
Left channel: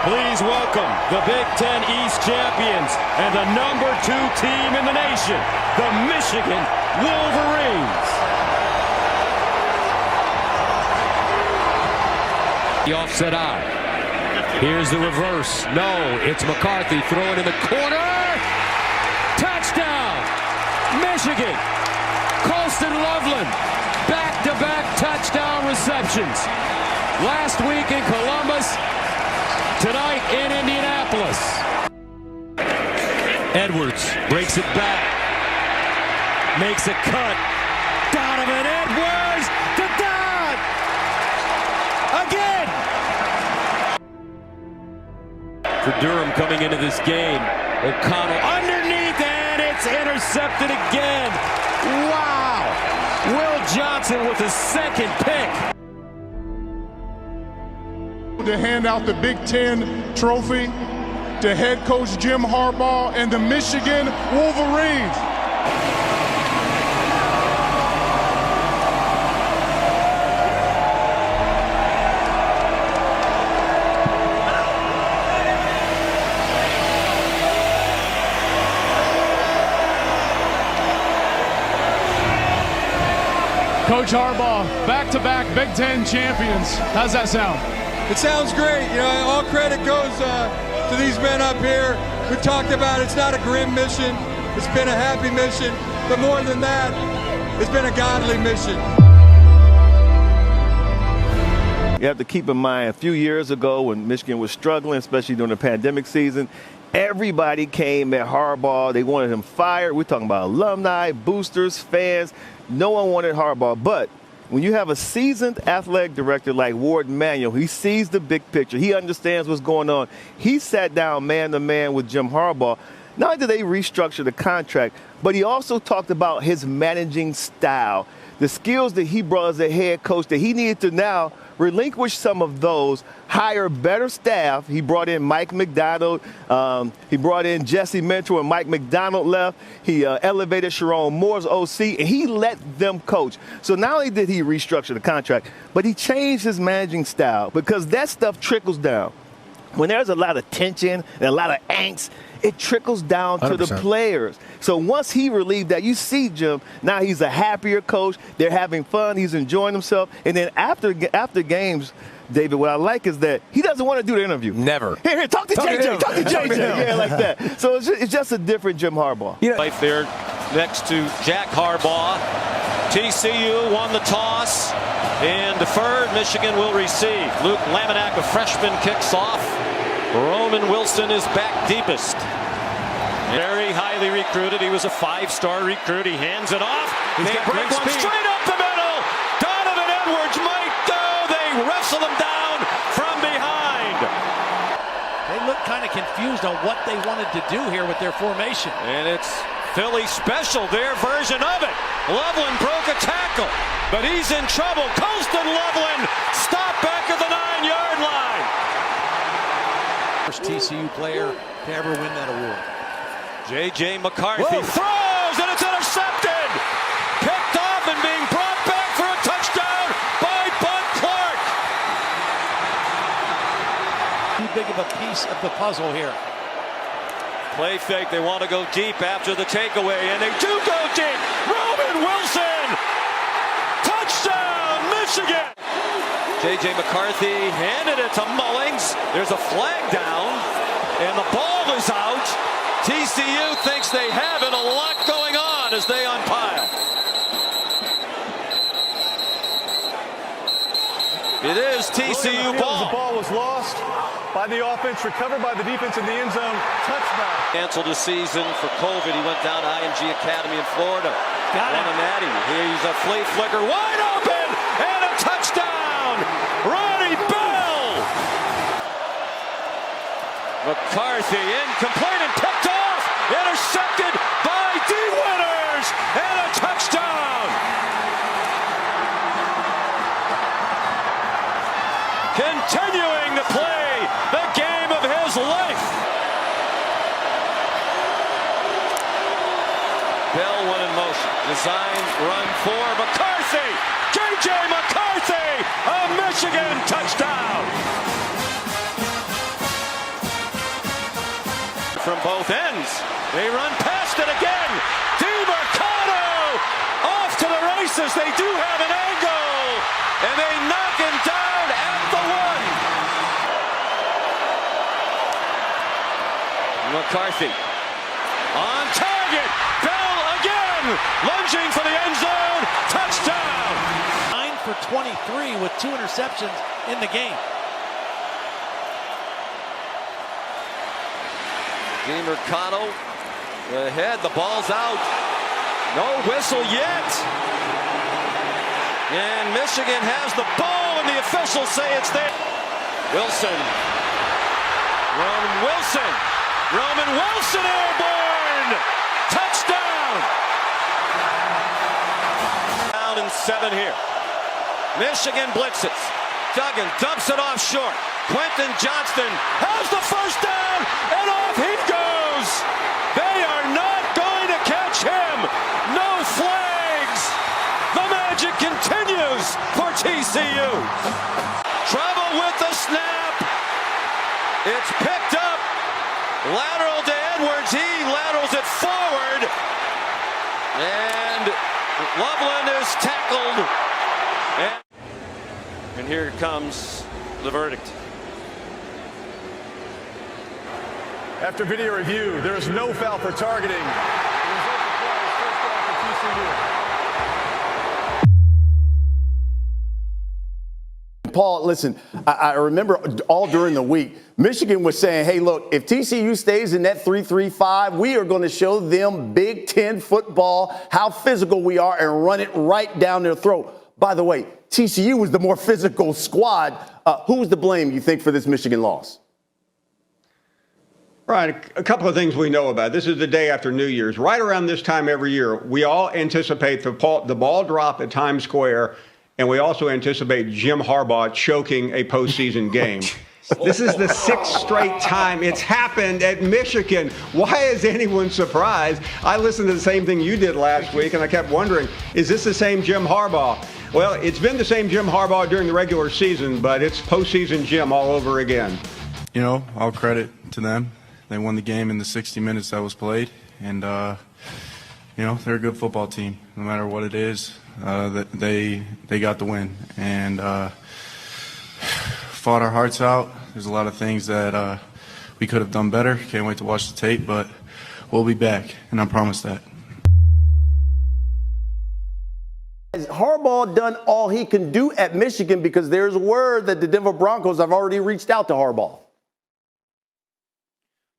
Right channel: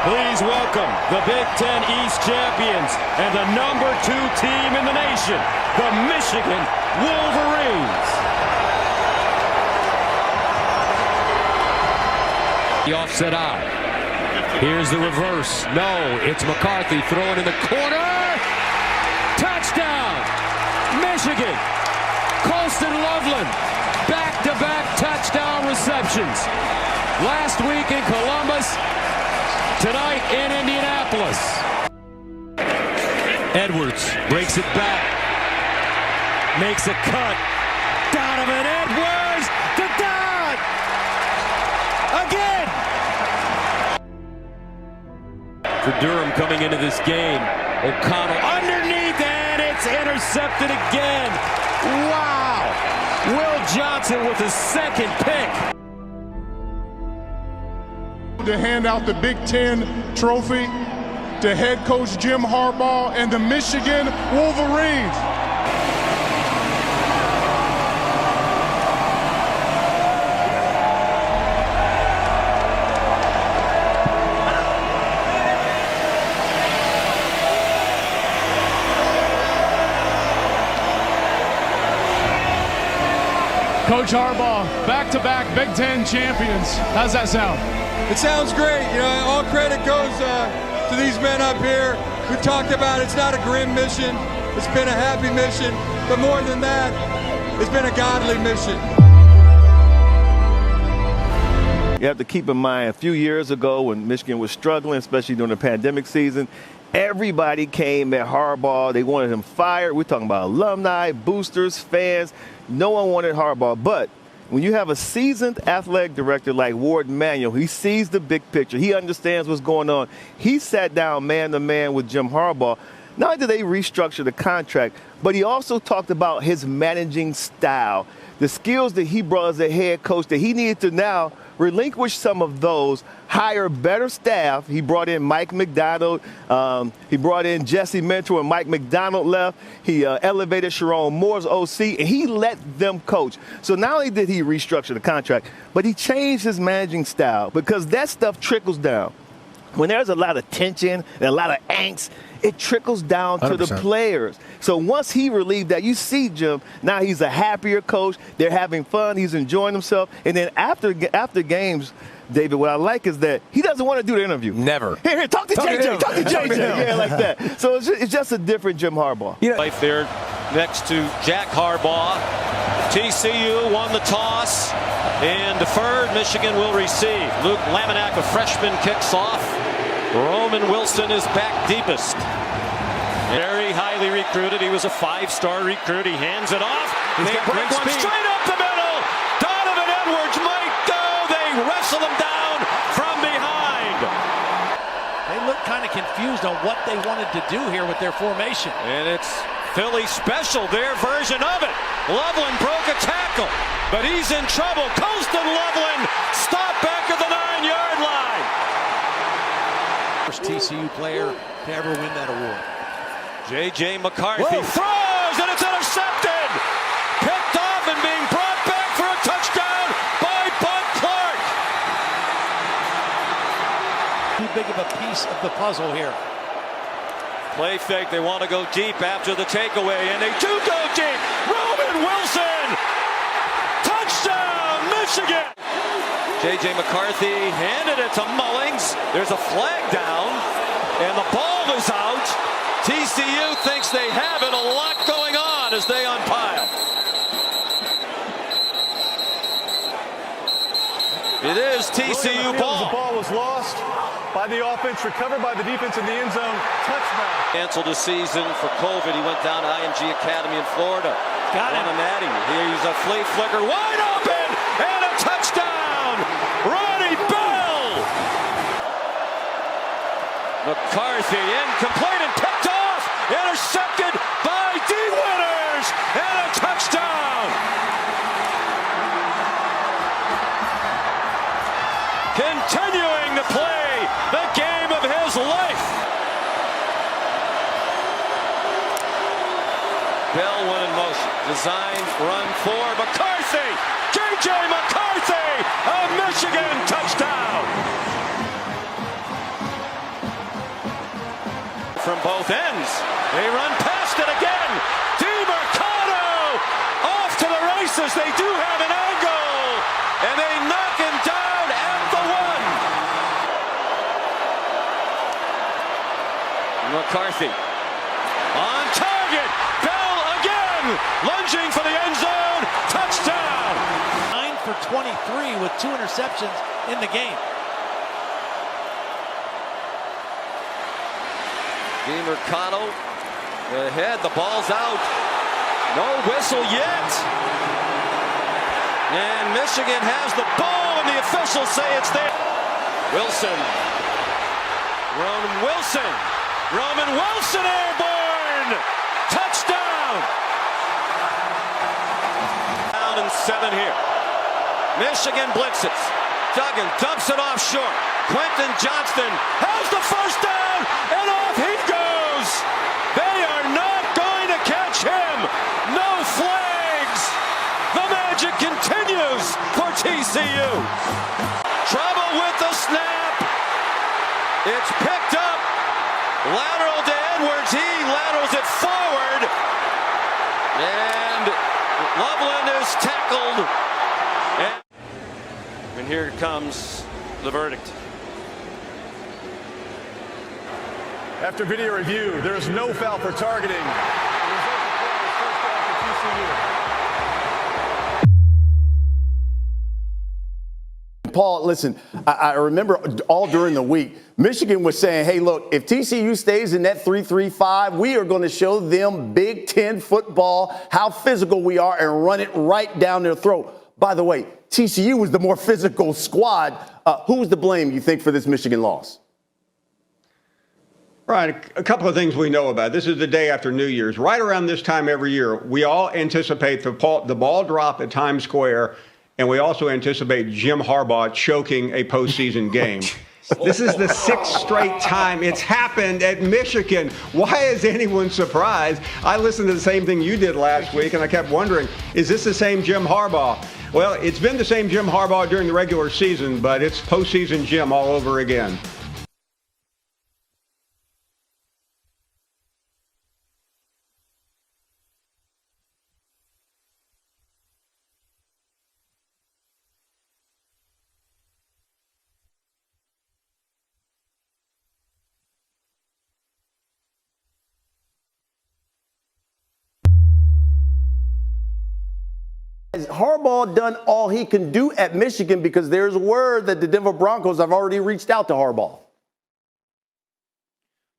Please welcome the Big Ten East champions and the #2 team in the nation, the Michigan Wolverines. The offset eye. Here's the reverse. No, it's McCarthy throwing in the corner. Touchdown, Michigan. Colston Loveland, back-to-back touchdown receptions. Last week in Columbus, tonight in Indianapolis. Edwards breaks it back. Makes a cut. Donovan Edwards to Don. Again. For Durham coming into this game. O'Connell underneath and it's intercepted again. Wow. Will Johnson with his second pick. To hand out the Big Ten trophy to head coach Jim Harbaugh and the Michigan Wolverines. Coach Harbaugh, back-to-back Big Ten champions. How's that sound? It sounds great. You know, all credit goes to these men up here. We talked about it's not a grim mission. It's been a happy mission. But more than that, it's been a godly mission. You have to keep in mind, a few years ago when Michigan was struggling, especially during the pandemic season, everybody came at Harbaugh. They wanted him fired. We're talking about alumni, boosters, fans. No one wanted Harbaugh. But when you have a seasoned athletic director like Ward Manuel, he sees the big picture. He understands what's going on. He sat down man-to-man with Jim Harbaugh. Not only did they restructure the contract, but he also talked about his managing style, the skills that he brought as a head coach that he needed to now relinquish some of those, hire better staff. He brought in Mike McDonald. He brought in Jesse Mentor when Mike McDonald left. He elevated Sharon Moore's OC, and he let them coach. So not only did he restructure the contract, but he changed his managing style because that stuff trickles down. When there's a lot of tension and a lot of angst, it trickles down 100%. To the players. So once he relieved that, you see, Jim, now he's a happier coach. They're having fun. He's enjoying himself. And then after games, David, what I like is that he doesn't want to do the interview. Never. Here, talk to JJ. Talk to JJ. Yeah, like that. So it's just a different Jim Harbaugh. Life there next to Jack Harbaugh. TCU won the toss and deferred. Michigan will receive. Luke Laminack, a freshman, kicks off. Roman Wilson is back deepest. Very highly recruited. He was a 5-star recruit. He hands it off. They break one straight up the middle. Donovan Edwards might go. They wrestle him down from behind. They look kind of confused on what they wanted to do here with their formation. And it's Philly special, their version of it. Loveland broke a tackle, but he's in trouble. Colston Loveland stopped back at the 9-yard line. First TCU player to ever win that award. J.J. McCarthy throws, and it's intercepted. Picked off and being brought back for a touchdown by Bud Clark. Too big of a piece of the puzzle here. Play fake. They want to go deep after the takeaway, and they do go deep. Roman Wilson. Touchdown, Michigan. J.J. McCarthy handed it to Mullings. There's a flag down, and the ball is out. TCU thinks they have it. A lot going on as they unpile. It is TCU ball. The ball was lost by the offense, recovered by the defense in the end zone. Touchdown. Canceled his season for COVID. He went down to IMG Academy in Florida. Got Won a natty. Here's a flea flicker. Wide open and a touchdown. Ronnie Bell. McCarthy incomplete and picked off. Intercepted by D. Winters. And a touchdown. Continuing to play the game of his life. Bell went in motion. Design run for McCarthy. J.J. McCarthy. A Michigan touchdown. From both ends. They run past it again. DiMercado off to the races. They do have an angle. And they knock him down at the 1. McCarthy on target. Bell again. Lunging for the end zone. Touchdown. 9 for 23 with 2 interceptions in the game. DiMercado ahead, the ball's out. No whistle yet. And Michigan has the ball, and the officials say it's there. Wilson. Roman Wilson. Roman Wilson airborne. Touchdown. Down and 7 here. Michigan blitzes. Duggan dumps it off short. Quentin Johnston has the first down, and off he goes. They are not going to catch him. No flags. The magic continues for TCU. Trouble with the snap. It's picked up. Lateral to Edwards. He laterals it forward. And Loveland is tackled. And here comes the verdict. After video review, there is no foul for targeting. Paul, listen, I remember all during the week, Michigan was saying, hey, look, if TCU stays in that 3-3-5, we are going to show them Big Ten football, how physical we are, and run it right down their throat. By the way, TCU was the more physical squad. Who was to blame, you think, for this Michigan loss? Right. A couple of things we know about. This is the day after New Year's. Right around this time every year, we all anticipate the ball drop at Times Square, and we also anticipate Jim Harbaugh choking a postseason game. This is the 6th straight time it's happened at Michigan. Why is anyone surprised? I listened to the same thing you did last week, and I kept wondering, is this the same Jim Harbaugh? Well, it's been the same Jim Harbaugh during the regular season, but it's postseason Jim all over again. You know, all credit to them. They won the game in the 60 minutes that was played, and you know, they're a good football team. No matter what it is, they got the win, and fought our hearts out. There's a lot of things that we could have done better. Can't wait to watch the tape, but we'll be back, and I promise that. Has Harbaugh done all he can do at Michigan? Because there's word that the Denver Broncos have already reached out to Harbaugh.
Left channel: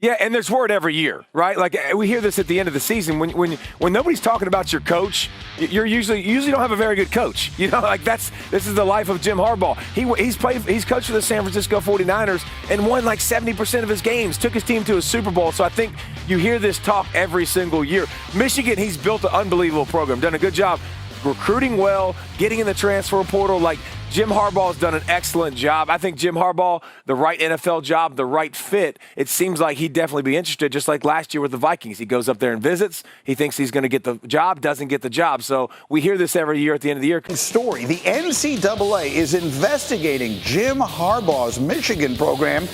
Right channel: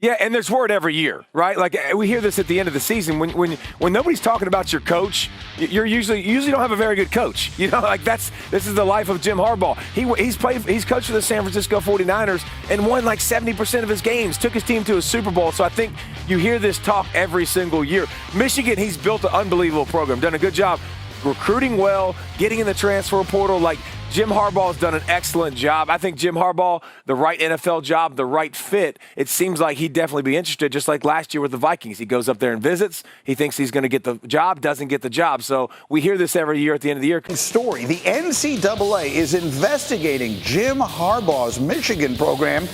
Yeah, and there's word every year, right? Like we hear this at the end of the season when nobody's talking about your coach. You usually don't have a very good coach. You know, like this is the life of Jim Harbaugh. He's coached for the San Francisco 49ers and won like 70% of his games. Took his team to a Super Bowl. So I think you hear this talk every single year. Michigan, he's built an unbelievable program, done a good job recruiting well, getting in the transfer portal. Like Jim Harbaugh's done an excellent job. I think Jim Harbaugh, the right NFL job, the right fit, it seems like he'd definitely be interested, just like last year with the Vikings. He goes up there and visits. He thinks he's going to get the job, doesn't get the job. So we hear this every year at the end of the year. Story. The NCAA is investigating Jim Harbaugh's Michigan program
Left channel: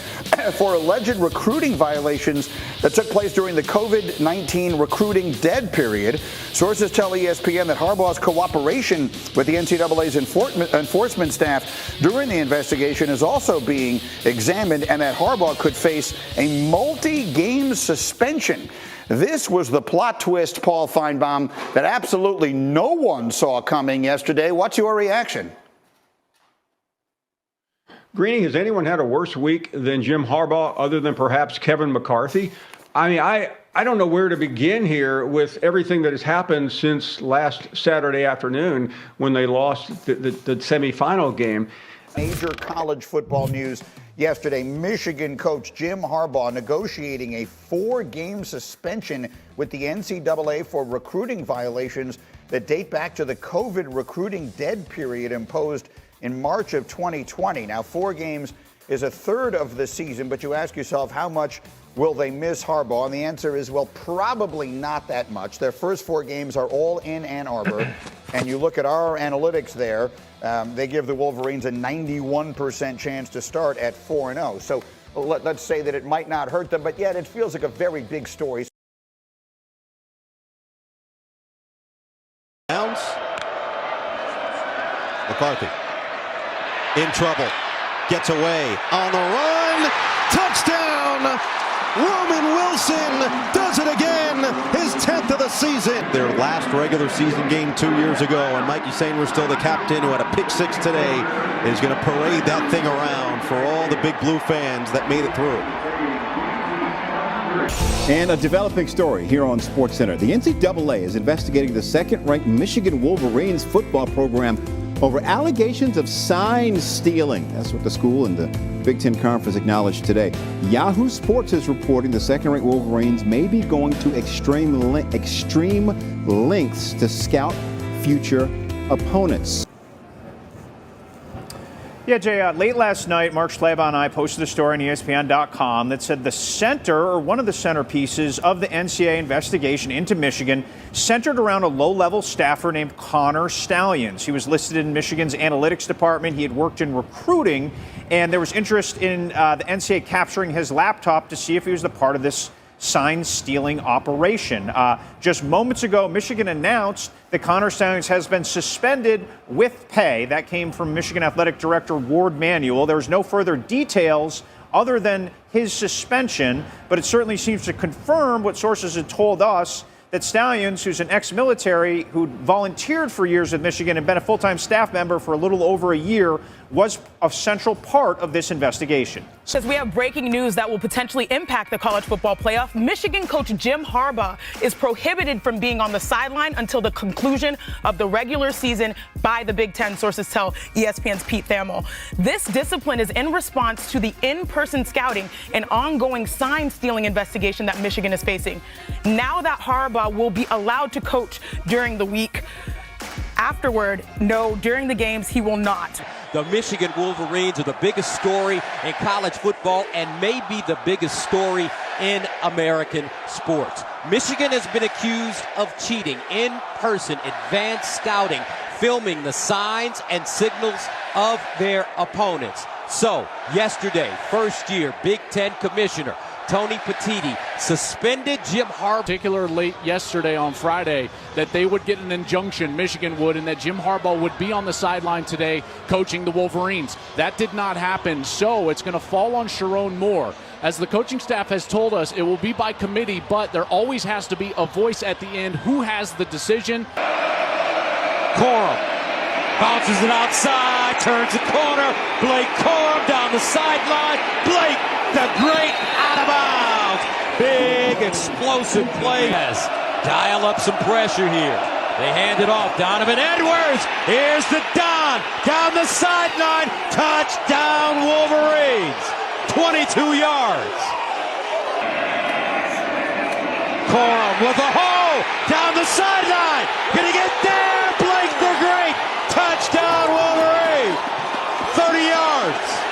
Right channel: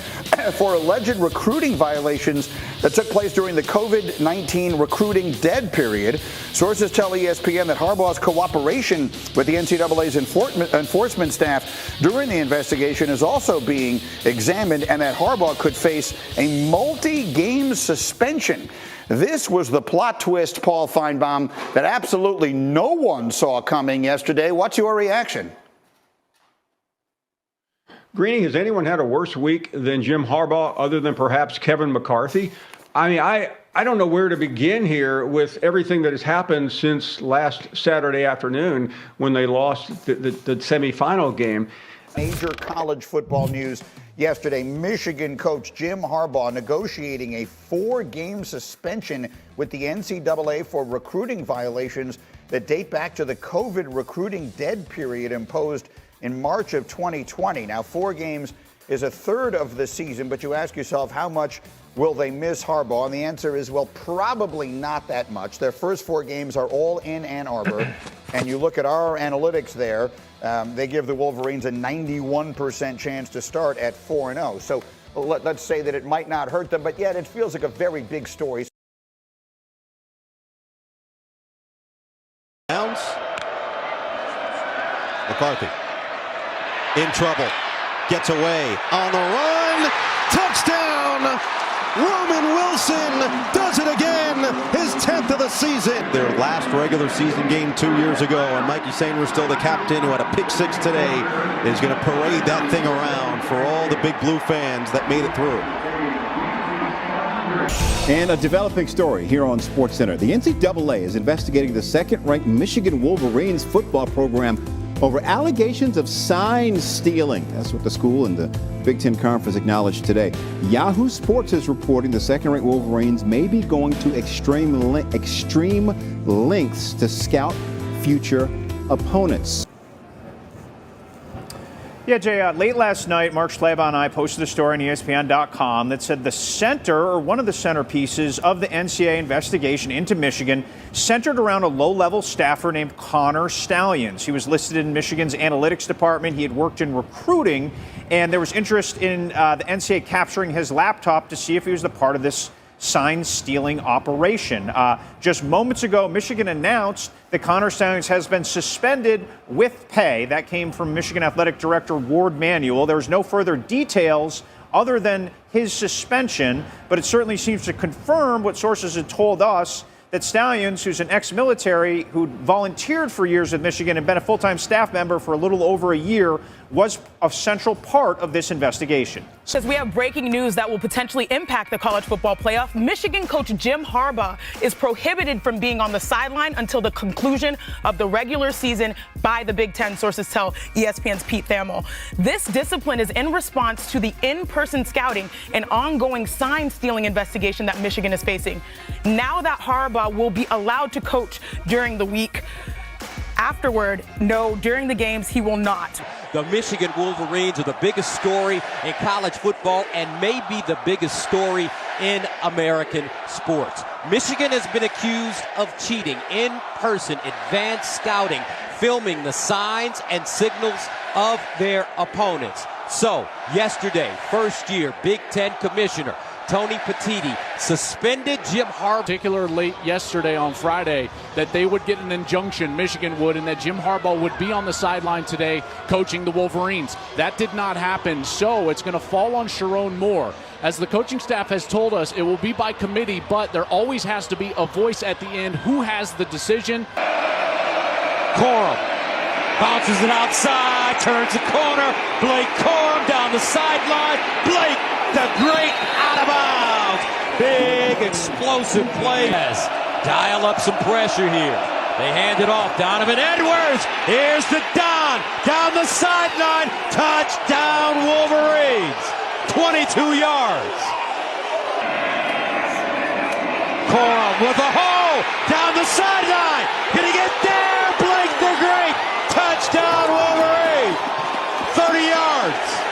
for alleged recruiting violations that took place during the COVID-19 recruiting dead period. Sources tell ESPN that Harbaugh's cooperation with the NCAA's enforcement staff during the investigation is also being examined, and that Harbaugh could face a multi-game suspension. This was the plot twist, Paul Feinbaum, that absolutely no one saw coming yesterday. What's your reaction? Greeny, has anyone had a worse week than Jim Harbaugh other than perhaps Kevin McCarthy? I mean, I don't know where to begin here with everything that has happened since last Saturday afternoon when they lost the semifinal game. Major college football news yesterday. Michigan coach Jim Harbaugh negotiating a 4-game suspension with the NCAA for recruiting violations that date back to the COVID recruiting dead period imposed in March of 2020. Now, 4 games is a third of the season, but you ask yourself, how much will they miss Harbaugh? And the answer is, well, probably not that much. Their first 4 games are all in Ann Arbor. And you look at our analytics there, they give the Wolverines a 91% chance to start at 4-0. So let's say that it might not hurt them, but yet it feels like a very big story. Downs. McCarthy in trouble. Gets away on the run. Touchdown! Roman Wilson does it again. His 10th of the season. Their last regular season game 2 years ago, and Mikey Sainer, still the captain, who had a pick 6 today, is going to parade that thing around for all the Big Blue fans that made it through. And a developing story here on SportsCenter. The NCAA is investigating the second-ranked Michigan Wolverines football program over allegations of sign stealing. That's what the school and the Big Ten Conference acknowledged today. Yahoo Sports is reporting the second-ranked Wolverines may be going to extreme lengths to scout future opponents. Yeah, Jay, late last night, Mark Schlabach and I posted a story on ESPN.com that said the center, or one of the centerpieces of the NCAA investigation into Michigan, centered around a low-level staffer named Connor Stalions. He was listed in Michigan's analytics department. He had worked in recruiting, and there was interest in the NCAA capturing his laptop to see if he was the part of this sign-stealing operation. Just moments ago, Michigan announced that Connor Stalions has been suspended with pay. That came from Michigan Athletic Director Ward Manuel. There's no further details other than his suspension, but it certainly seems to confirm what sources had told us, that Stalions, who's an ex-military who volunteered for years with Michigan and been a full-time staff member for a little over a year, was a central part of this investigation. As we have breaking news that will potentially impact the college football playoff, Michigan coach Jim Harbaugh is prohibited from being on the sideline until the conclusion of the regular season by the Big Ten, sources tell ESPN's Pete Thamel. This discipline is in response to the in-person scouting and ongoing sign-stealing investigation that Michigan is facing. Now that Harbaugh will be allowed to coach during the week, afterward, no, during the games, he will not. The Michigan Wolverines are the biggest story in college football and may be the biggest story in American sports. Michigan has been accused of cheating in-person advanced scouting, filming the signs and signals of their opponents. So, yesterday, first-year Big Ten commissioner Tony Petitti suspended Jim Harbaugh. Particular late yesterday on Friday that they would get an injunction, Michigan would, and that Jim Harbaugh would be on the sideline today coaching the Wolverines. That did not happen, so it's going to fall on Sharon Moore. As the coaching staff has told us, it will be by committee, but there always has to be a voice at the end. Who has the decision? Corum bounces it outside, turns the corner. Blake Corum down the sideline. Blake, the great, out of bounds. Big explosive play. Dial up some pressure here. They hand it off. Donovan Edwards. Here's the Don. Down the sideline. Touchdown Wolverines. 22 yards. Corum with a hole. Down the sideline. Gonna get there. Blake the Great. Touchdown Wolverines. 30 yards.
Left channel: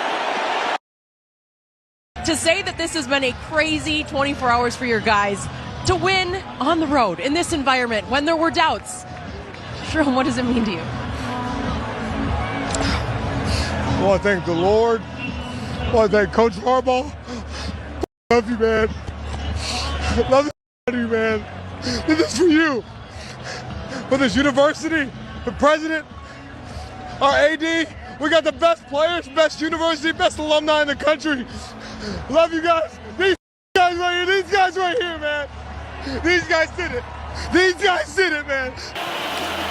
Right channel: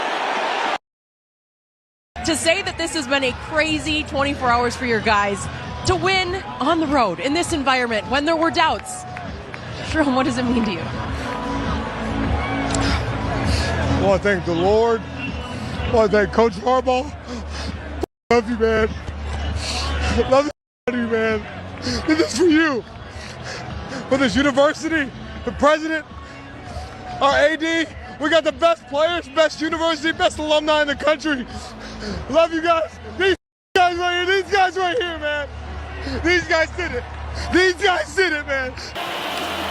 To say that this has been a crazy 24 hours for your guys to win on the road in this environment when there were doubts. Sharon, what does it mean to you? I want to thank the Lord. I want to thank Coach Harbaugh. Love you, man. Love you, man. This is for you. For this university, the president, our AD. We got the best players, best university, best alumni in the country. Love you guys. These guys right here, man. These guys did it. These guys did it, man.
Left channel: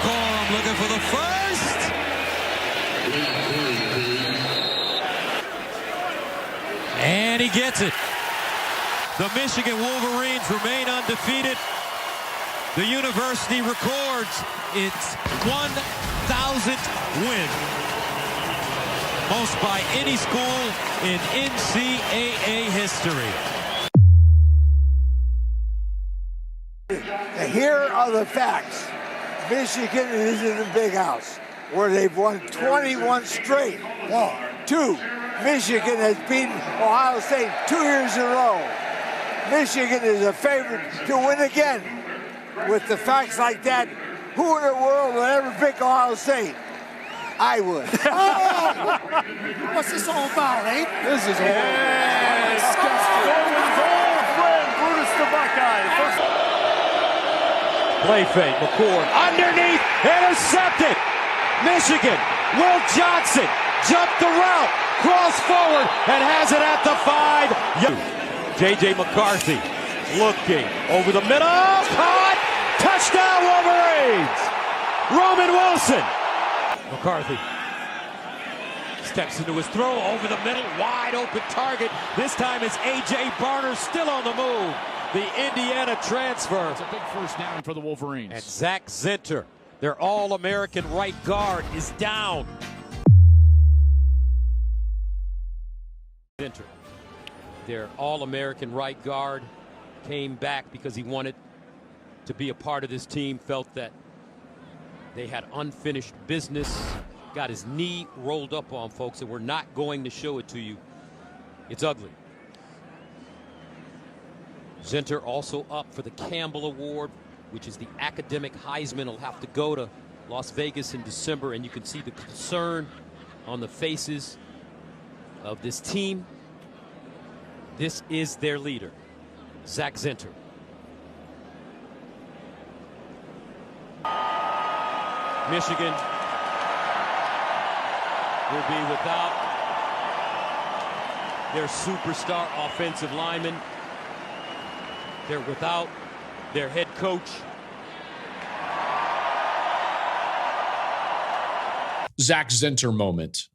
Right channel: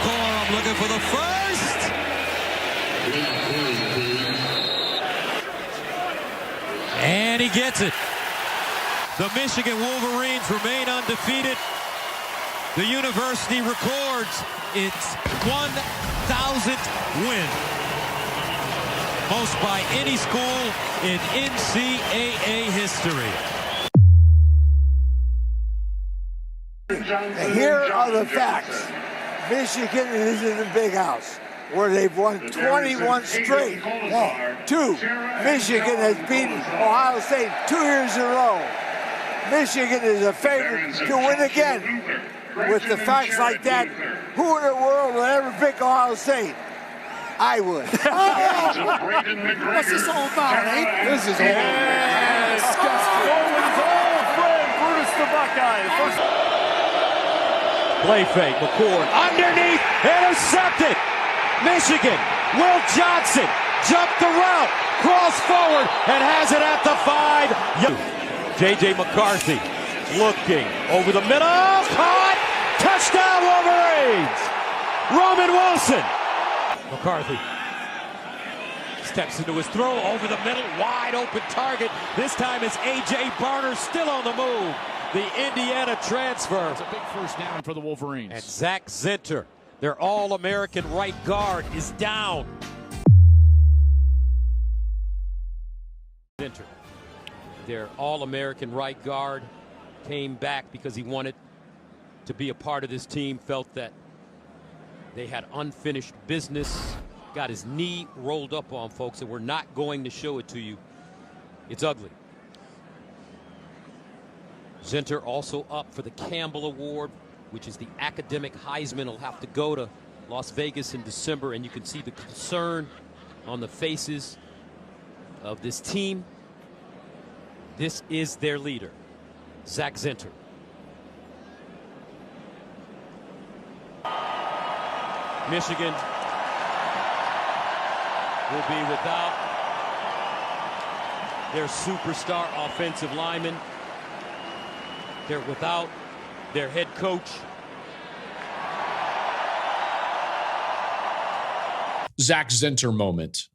Corum looking for the first. And he gets it. The Michigan Wolverines remain undefeated. The university records its 1,000th win. Most by any school in NCAA history. Here are the facts. Michigan is in the big house, where they've won 21 straight. 2, Michigan has beaten Ohio State 2 years in a row. Michigan is a favorite to win again. With the facts like that, who in the world will ever pick Ohio State? I would. What's this all about, eh? This is all disgusting. Going with his old friend, Brutus the Buckeye. Play fake, McCord underneath, intercepted. Michigan, Will Johnson jumped the route, cross forward, and has it at the 5. J.J. McCarthy looking over the middle, caught, touchdown Wolverines. Roman Wilson. McCarthy steps into his throw over the middle, wide open target. This time it's A.J. Barner still on the move. The Indiana transfer. It's a big first down for the Wolverines. And Zach Zinter, their All-American right guard, is down. Zinter, their All-American right guard, came back because he wanted to be a part of this team, felt that they had unfinished business, got his knee rolled up on, folks, and we're not going to show it to you. It's ugly. Zinter also up for the Campbell Award, which is the academic Heisman. Will have to go to Las Vegas in December, and you can see the concern on the faces of this team. This is their leader, Zach Zinter. Michigan will be without their superstar offensive lineman. They're without their head coach. Zach Zinter moment.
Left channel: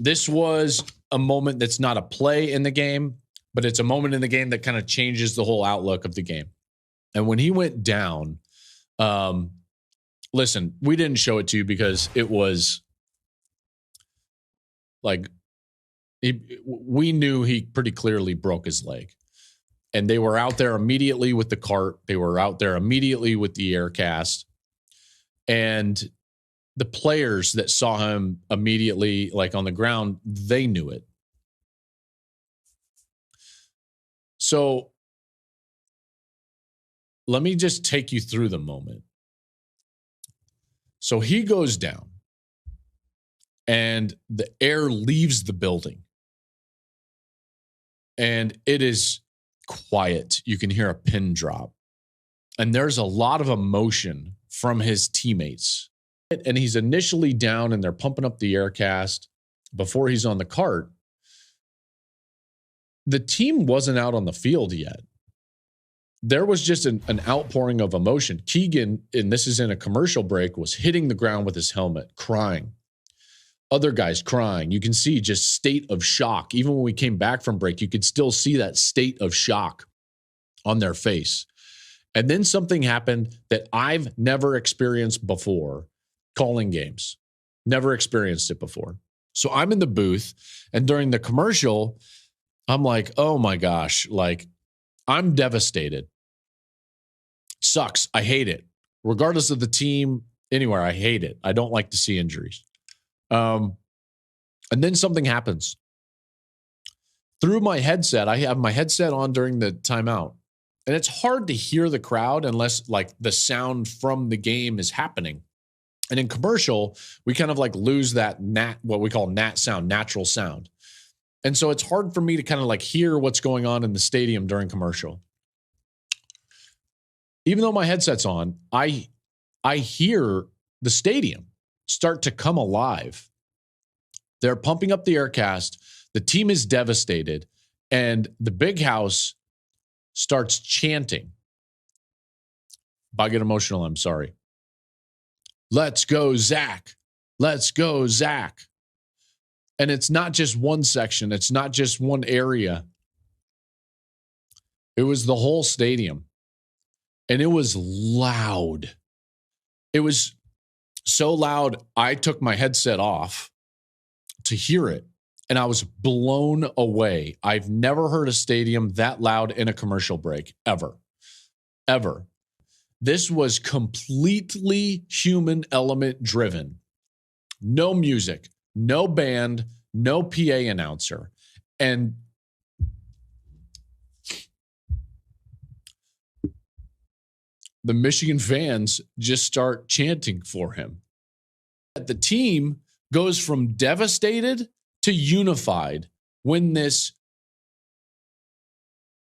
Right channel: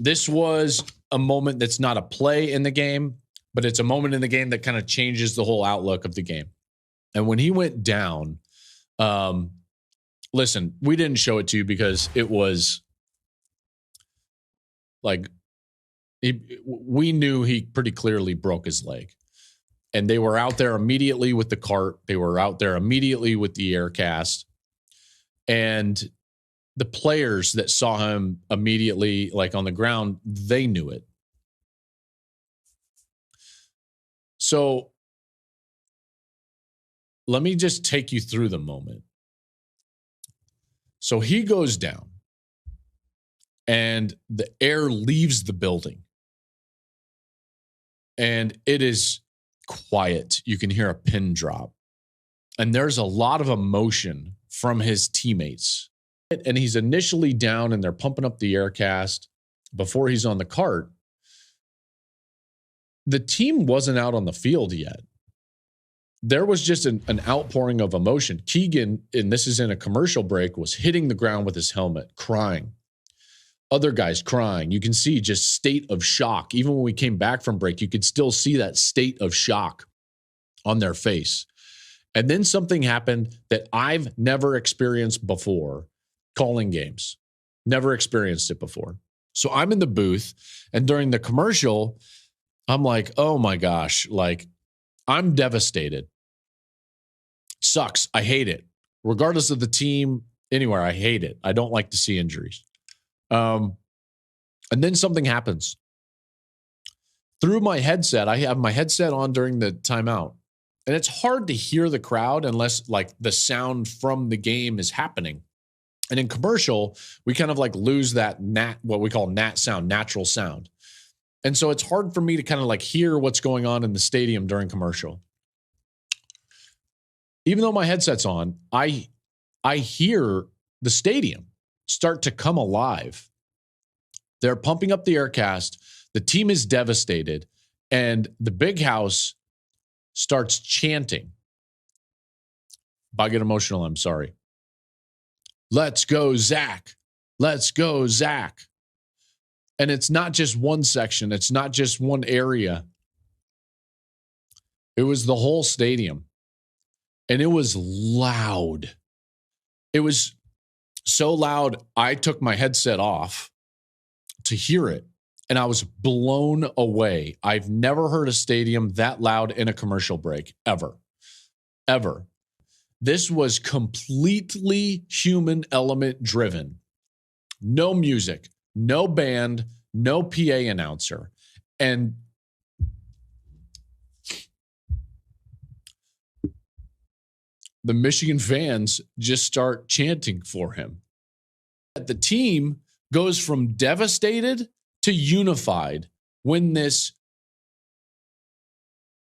This was a moment that's not a play in the game, but it's a moment in the game that kind of changes the whole outlook of the game. And when he went down, listen, we didn't show it to you because it was like we knew he pretty clearly broke his leg. And they were out there immediately with the cart. They were out there immediately with the air cast. And the players that saw him immediately, like on the ground, they knew it. So let me just take you through the moment. So he goes down and the air leaves the building. And it is quiet. You can hear a pin drop. And there's a lot of emotion from his teammates. And he's initially down and they're pumping up the air cast before he's on the cart. The team wasn't out on the field yet. There was just an outpouring of emotion. Keegan, and this is in a commercial break, was hitting the ground with his helmet, crying. Other guys crying. You can see just state of shock. Even when we came back from break, you could still see that state of shock on their face. And then something happened that I've never experienced before, calling games. Never experienced it before. So I'm in the booth, and during the commercial, I'm like, oh my gosh, like, I'm devastated. Sucks. I hate it. Regardless of the team, anywhere, I hate it. I don't like to see injuries. And then something happens. Through my headset, I have my headset on during the timeout. And it's hard to hear the crowd unless like the sound from the game is happening. And in commercial, we kind of like lose that what we call nat sound, natural sound. And so it's hard for me to kind of like hear what's going on in the stadium during commercial. Even though my headset's on, I hear the stadium start to come alive. They're pumping up the aircast. The team is devastated. And the big house starts chanting. If I get emotional, I'm sorry. Let's go, Zach. Let's go, Zach. And it's not just one section. It's not just one area. It was the whole stadium. And it was loud. It was so loud, I took my headset off to hear it. And I was blown away. I've never heard a stadium that loud in a commercial break, ever. Ever. This was completely human element driven. No music, no band, no PA announcer. And the Michigan fans just start chanting for him. The team goes from devastated to unified when this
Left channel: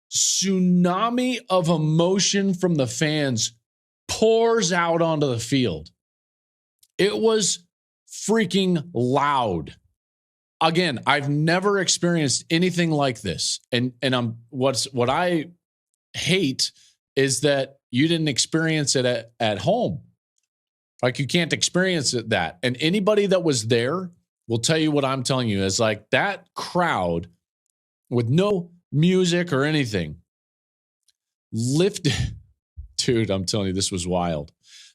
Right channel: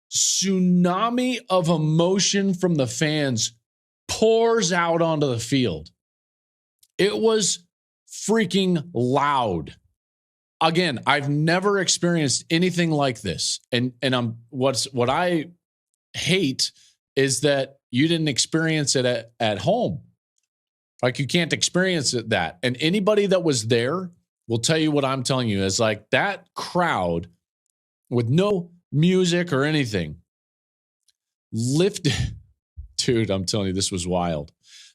tsunami of emotion from the fans pours out onto the field. It was freaking loud. Again, I've never experienced anything like this. And what I hate is that you didn't experience it at home. Like, you can't experience it that. And anybody that was there will tell you what I'm telling you is like that crowd with no music or anything lifted. Dude, I'm telling you, this was wild.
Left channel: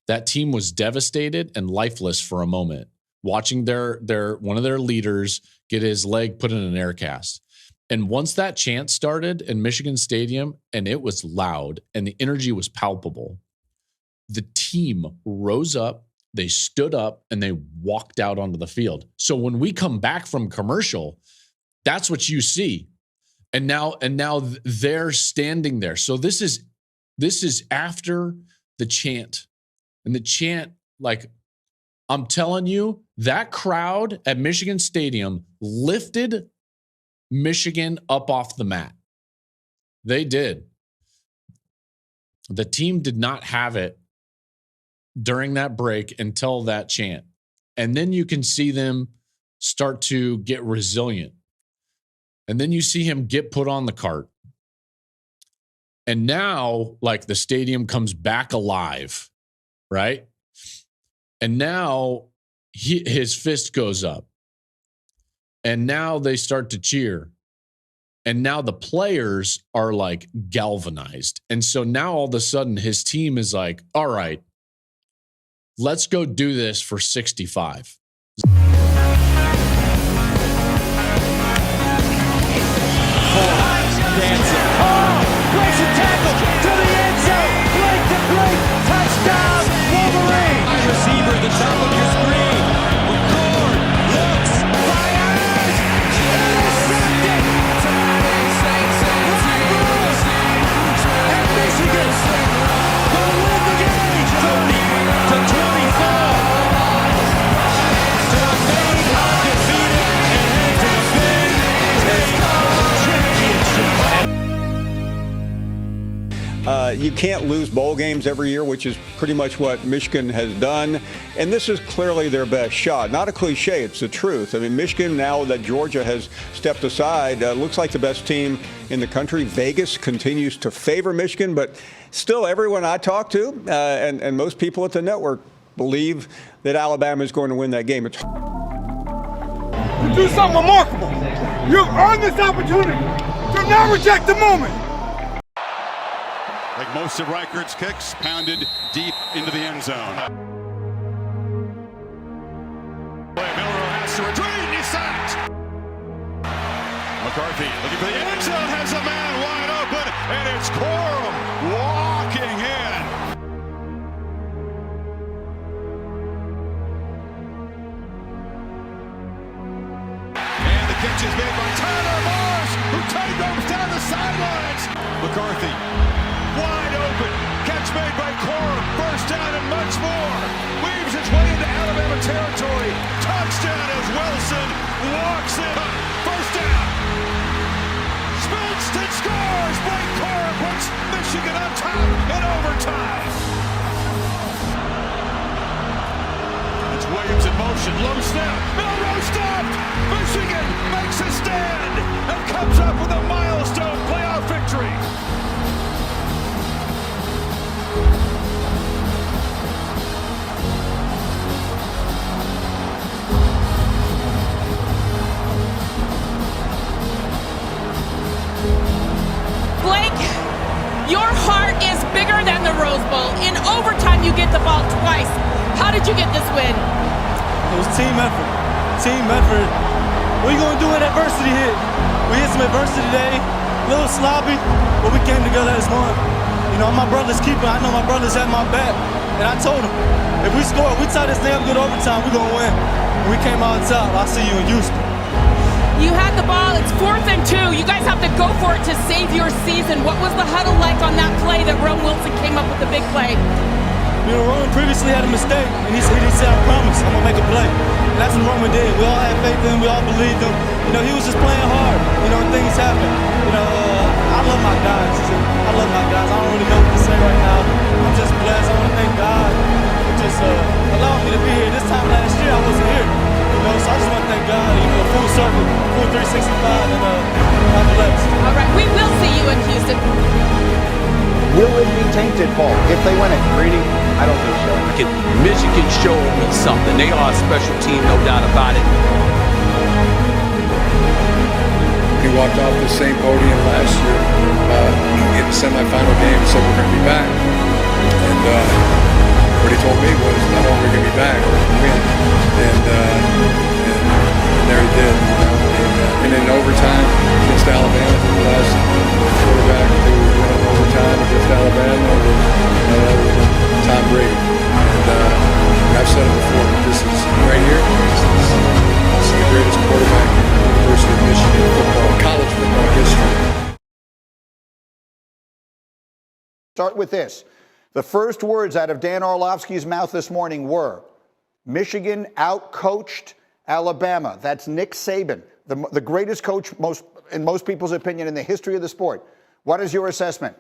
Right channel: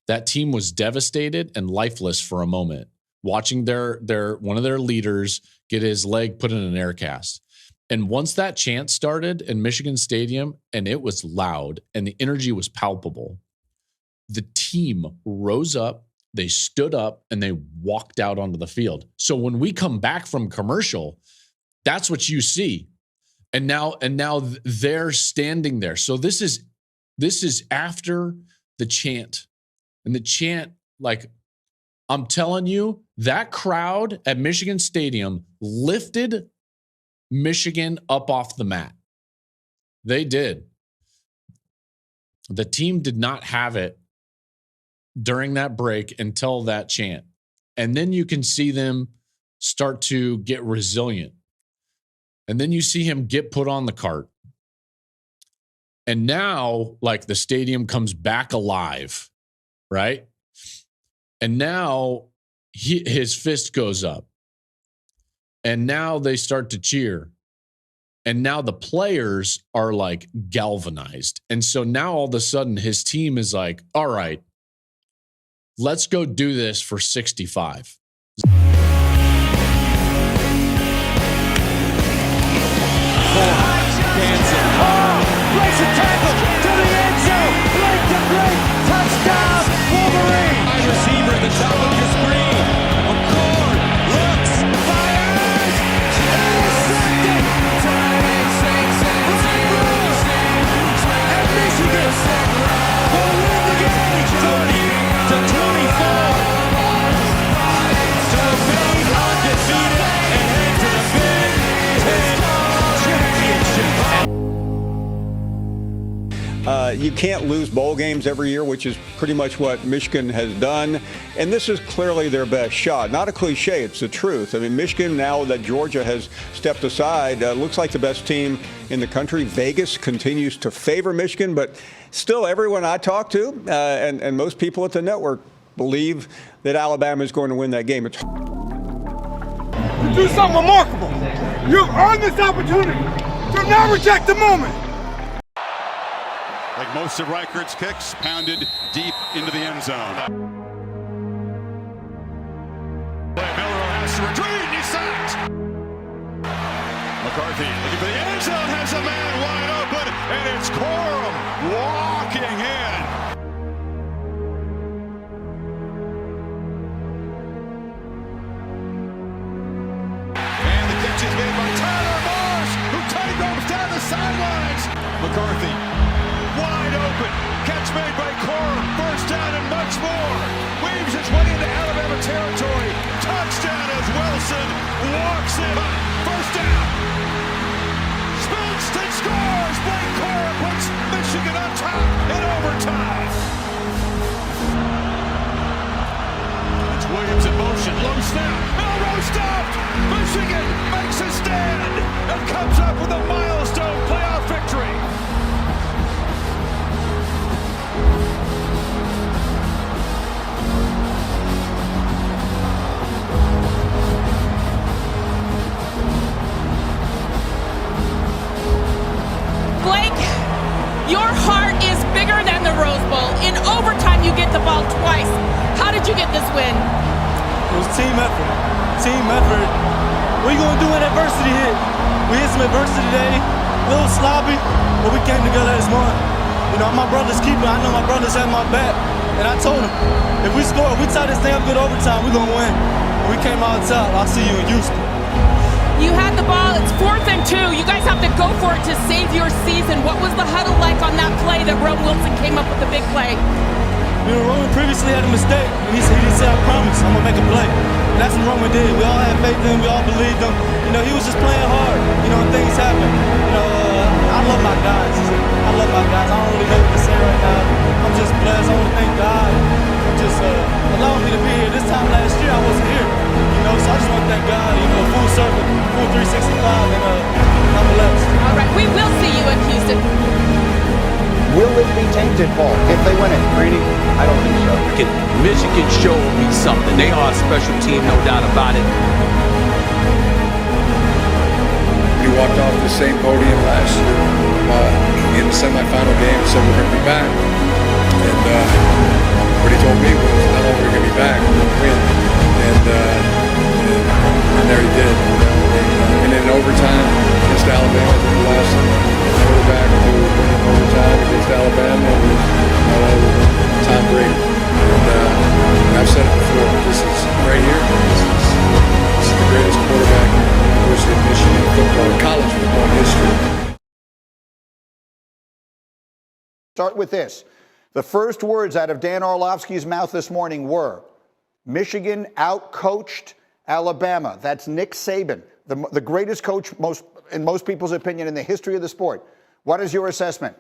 That team was devastated and lifeless for a moment, watching their one of their leaders get his leg put in an air cast. And once that chant started in Michigan Stadium, and it was loud and the energy was palpable, the team rose up, they stood up, and they walked out onto the field. So when we come back from commercial, that's what you see. And now they're standing there. So this is after the chant. And the chant, like, I'm telling you, that crowd at Michigan Stadium lifted Michigan up off the mat. They did. The team did not have it during that break until that chant. And then you can see them start to get resilient. And then you see him get put on the cart. And now, like, the stadium comes back alive, right? And now his fist goes up. And now they start to cheer. And now the players are like galvanized. And so now all of a sudden his team is like, all right, let's go do this for 65. Dancing. Oh, breaks a tackle to the end zone. Blake to break. Touchdown, Wolverine. Wide receiver at the top of your screen. McCord looks, fires, intercepted. And Michigan will win the game 30-24. To remain undefeated and head to the Big Ten Championship. You can't lose bowl games every year, which is pretty much what Michigan has done. And this is clearly their best shot. Not a cliche, it's the truth. I mean, Michigan, now that Georgia has stepped aside, looks like the best team in the country. Vegas continues to favor Michigan, but still everyone I talk to and most people at the network believe that Alabama is going to win that game. To do something remarkable. You've earned this opportunity. Do not reject the moment. Like most of Reichardt's kicks, pounded deep into the end zone. Miller has to retreat, and he's sacked. McCarthy looking for the end zone, has a man wide open, and it's Corum walking in. And the catch is made by Tyler Morris, who tight ropes down the sidelines. McCarthy wide open. Catch made by Corum. First down and much more. Weaves his way into Alabama territory. Touchdown as Wilson walks in. First down. Spins and scores. Blake Corum puts Michigan on top in overtime. It's Williams in motion. Low snap. Melrose stopped. Michigan makes a stand and comes up with a milestone playoff victory. Blake, your heart is bigger than the Rose Bowl. In overtime, you get the ball twice. How did you get this win? It was team effort. Team effort. What are you going to do when adversity hit? We hit some adversity today, a little sloppy, but we came together as one. You know, I'm my brother's keeper. I know my brothers have my back. And I told them, if we score, if we tie this thing up good overtime, we're going to win. And we came out on top. I'll see you in Houston. You had the ball. It's 4th and 2. You guys have to go for it to save your season. What was the huddle like on that play that Rome Wilson came up with a big play? You know, Roman previously had a mistake, and he said, I promise, I'm going to make a play. And that's what Roman did. We all had faith in him. We all believed him. You know, he was just playing hard. You know, and things happen. You know, I love my guys. I love my guys. I don't really know what to say right now. I'm just blessed. I want to thank God for just allowing me to be here. This time last year, I wasn't here. You know, so I just want to thank God, you know, full circle, full 365, and I'm blessed. All right, we will see you in Houston. Will it be tainted, Paul, if they win it? Greeny, I don't think so. Michigan showed me something. They are a special team, no doubt about it. He walked off the same podium last year in the semifinal game and said, we're going to be back. And what he told me was, not only are we going to be back, we're going to win. And there he did. You know? And in overtime against Alabama, I think the last quarterback to win in overtime against Alabama was none other than Tom Brady. And I've said it before, but this is right here. This is the greatest quarterback in the University of Michigan football, college football history. Start with this. The first words out of Dan Orlovsky's mouth this morning were, Michigan outcoached Alabama. That's Nick Saban, the greatest coach, in most people's opinion, in the history of the sport. What is your assessment?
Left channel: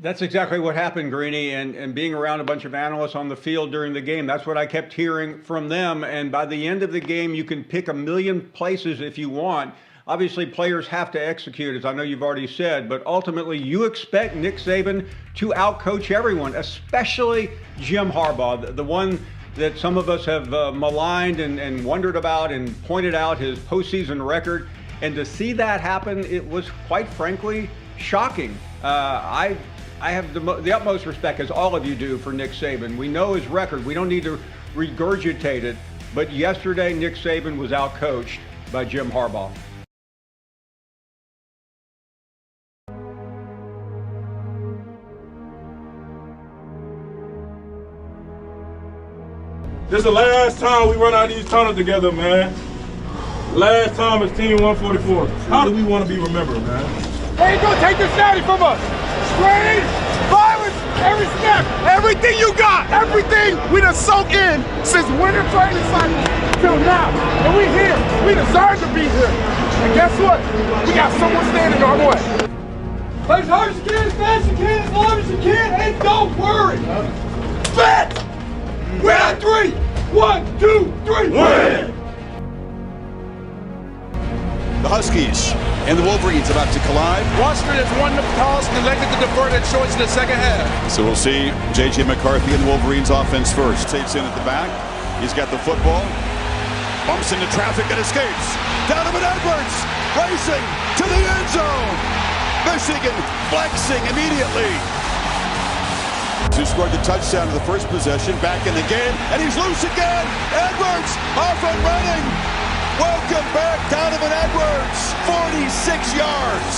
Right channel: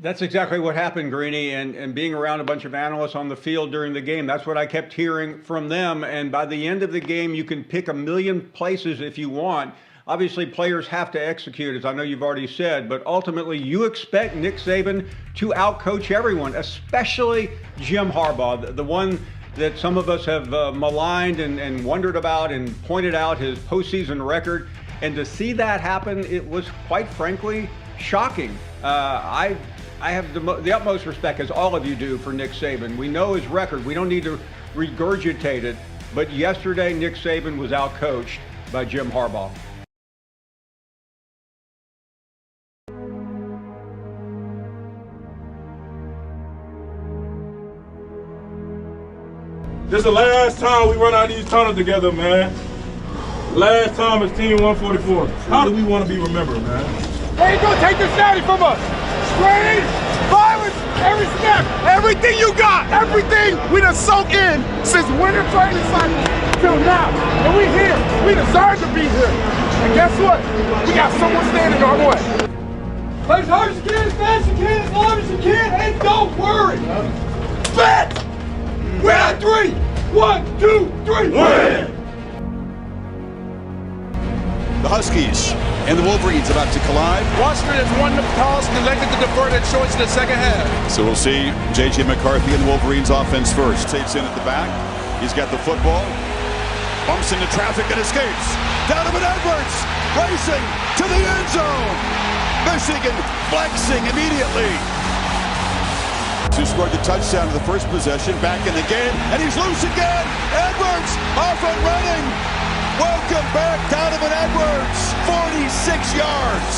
That's exactly what happened, Greeny, and being around a bunch of analysts on the field during the game, that's what I kept hearing from them. And by the end of the game, you can pick a million places if you want. Obviously, players have to execute, as I know you've already said, but ultimately you expect Nick Saban to outcoach everyone, especially Jim Harbaugh, the one that some of us have maligned and wondered about and pointed out his postseason record. And to see that happen, it was quite frankly shocking. I have the utmost respect, as all of you do, for Nick Saban. We know his record. We don't need to regurgitate it. But yesterday, Nick Saban was outcoached by Jim Harbaugh. This is the last time we run out of these tunnels together, man. Last time as Team 144. How do we want to be remembered, man? They ain't gonna take this natty from us. Strain, violence, every snap, everything you got, everything we done soak in since winter training cycle till now. And we here. We deserve to be here. And guess what? We got someone standing our way. Play as hard as you can, as fast as you can, as long as you can, and don't worry. Bet! Win on 3. 1, 2, 3. Win! The Huskies and the Wolverines about to collide. Washington has won the toss and elected to defer that choice in the second half. So we'll see J.J. McCarthy and the Wolverines offense first. Takes in at the back. He's got the football. Bumps into traffic and escapes. Donovan Edwards racing to the end zone. Michigan flexing immediately. Who scored the touchdown in the first possession, back in the game, and he's loose again. Edwards off and running. Welcome back, Donovan Edwards, 46 yards.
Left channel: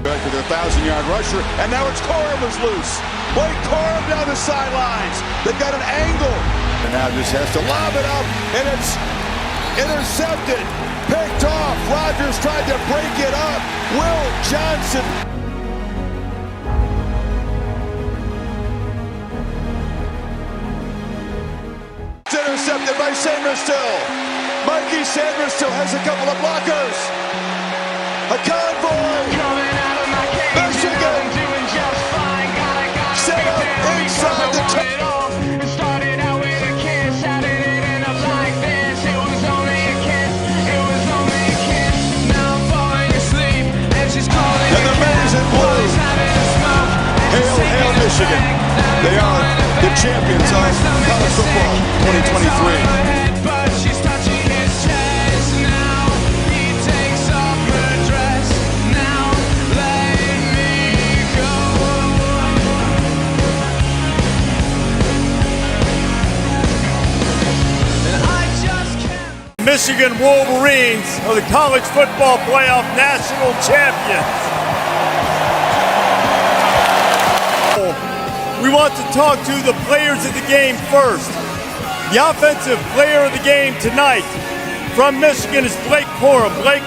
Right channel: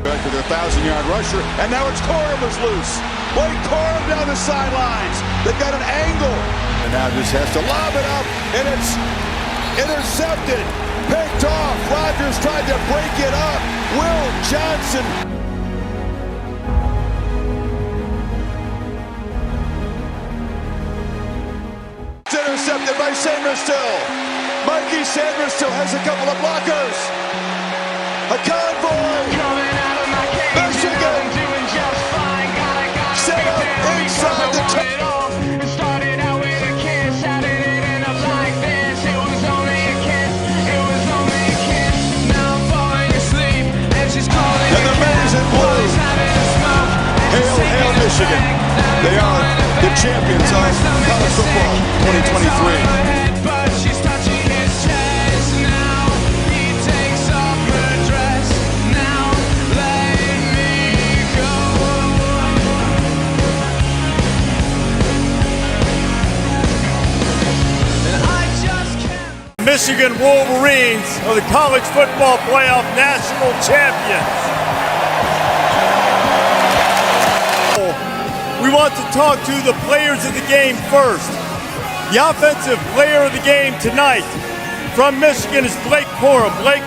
Back to their 1,000-yard rusher, and now it's Corum who's loose. Blake Corum down the sidelines. They've got an angle. And now just has to lob it up, and it's intercepted. Picked off. Rodgers tried to break it up. Will Johnson. It's intercepted by Sanders-Still. Mikey Sanders-Still has a couple of blockers. A convoy. Michigan. Set up inside the Michigan. They are the champions of college football 2023. Michigan Wolverines are the college football playoff national champions. We want to talk to the players of the game first. The offensive player of the game tonight from Michigan is Blake Corum. Blake,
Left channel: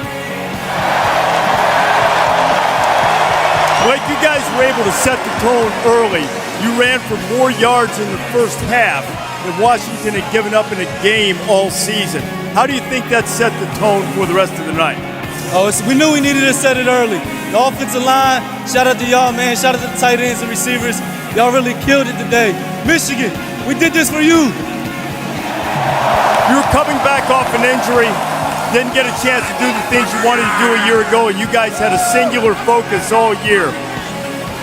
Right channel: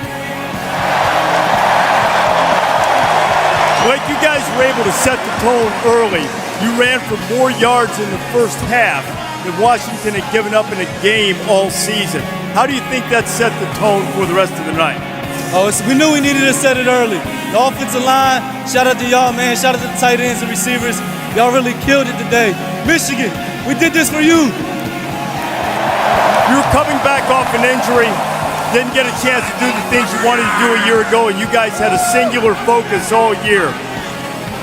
you guys were able to set the tone early. You ran for more yards in the first half than Washington had given up in a game all season. How do you think that set the tone for the rest of the night? We knew we needed to set it early. The offensive line, shout out to y'all, man. Shout out to the tight ends and receivers. Y'all really killed it today. Michigan, we did this for you. You were coming back off an injury, didn't get a chance to do the things you wanted to do a year ago, and you guys had a singular focus all year.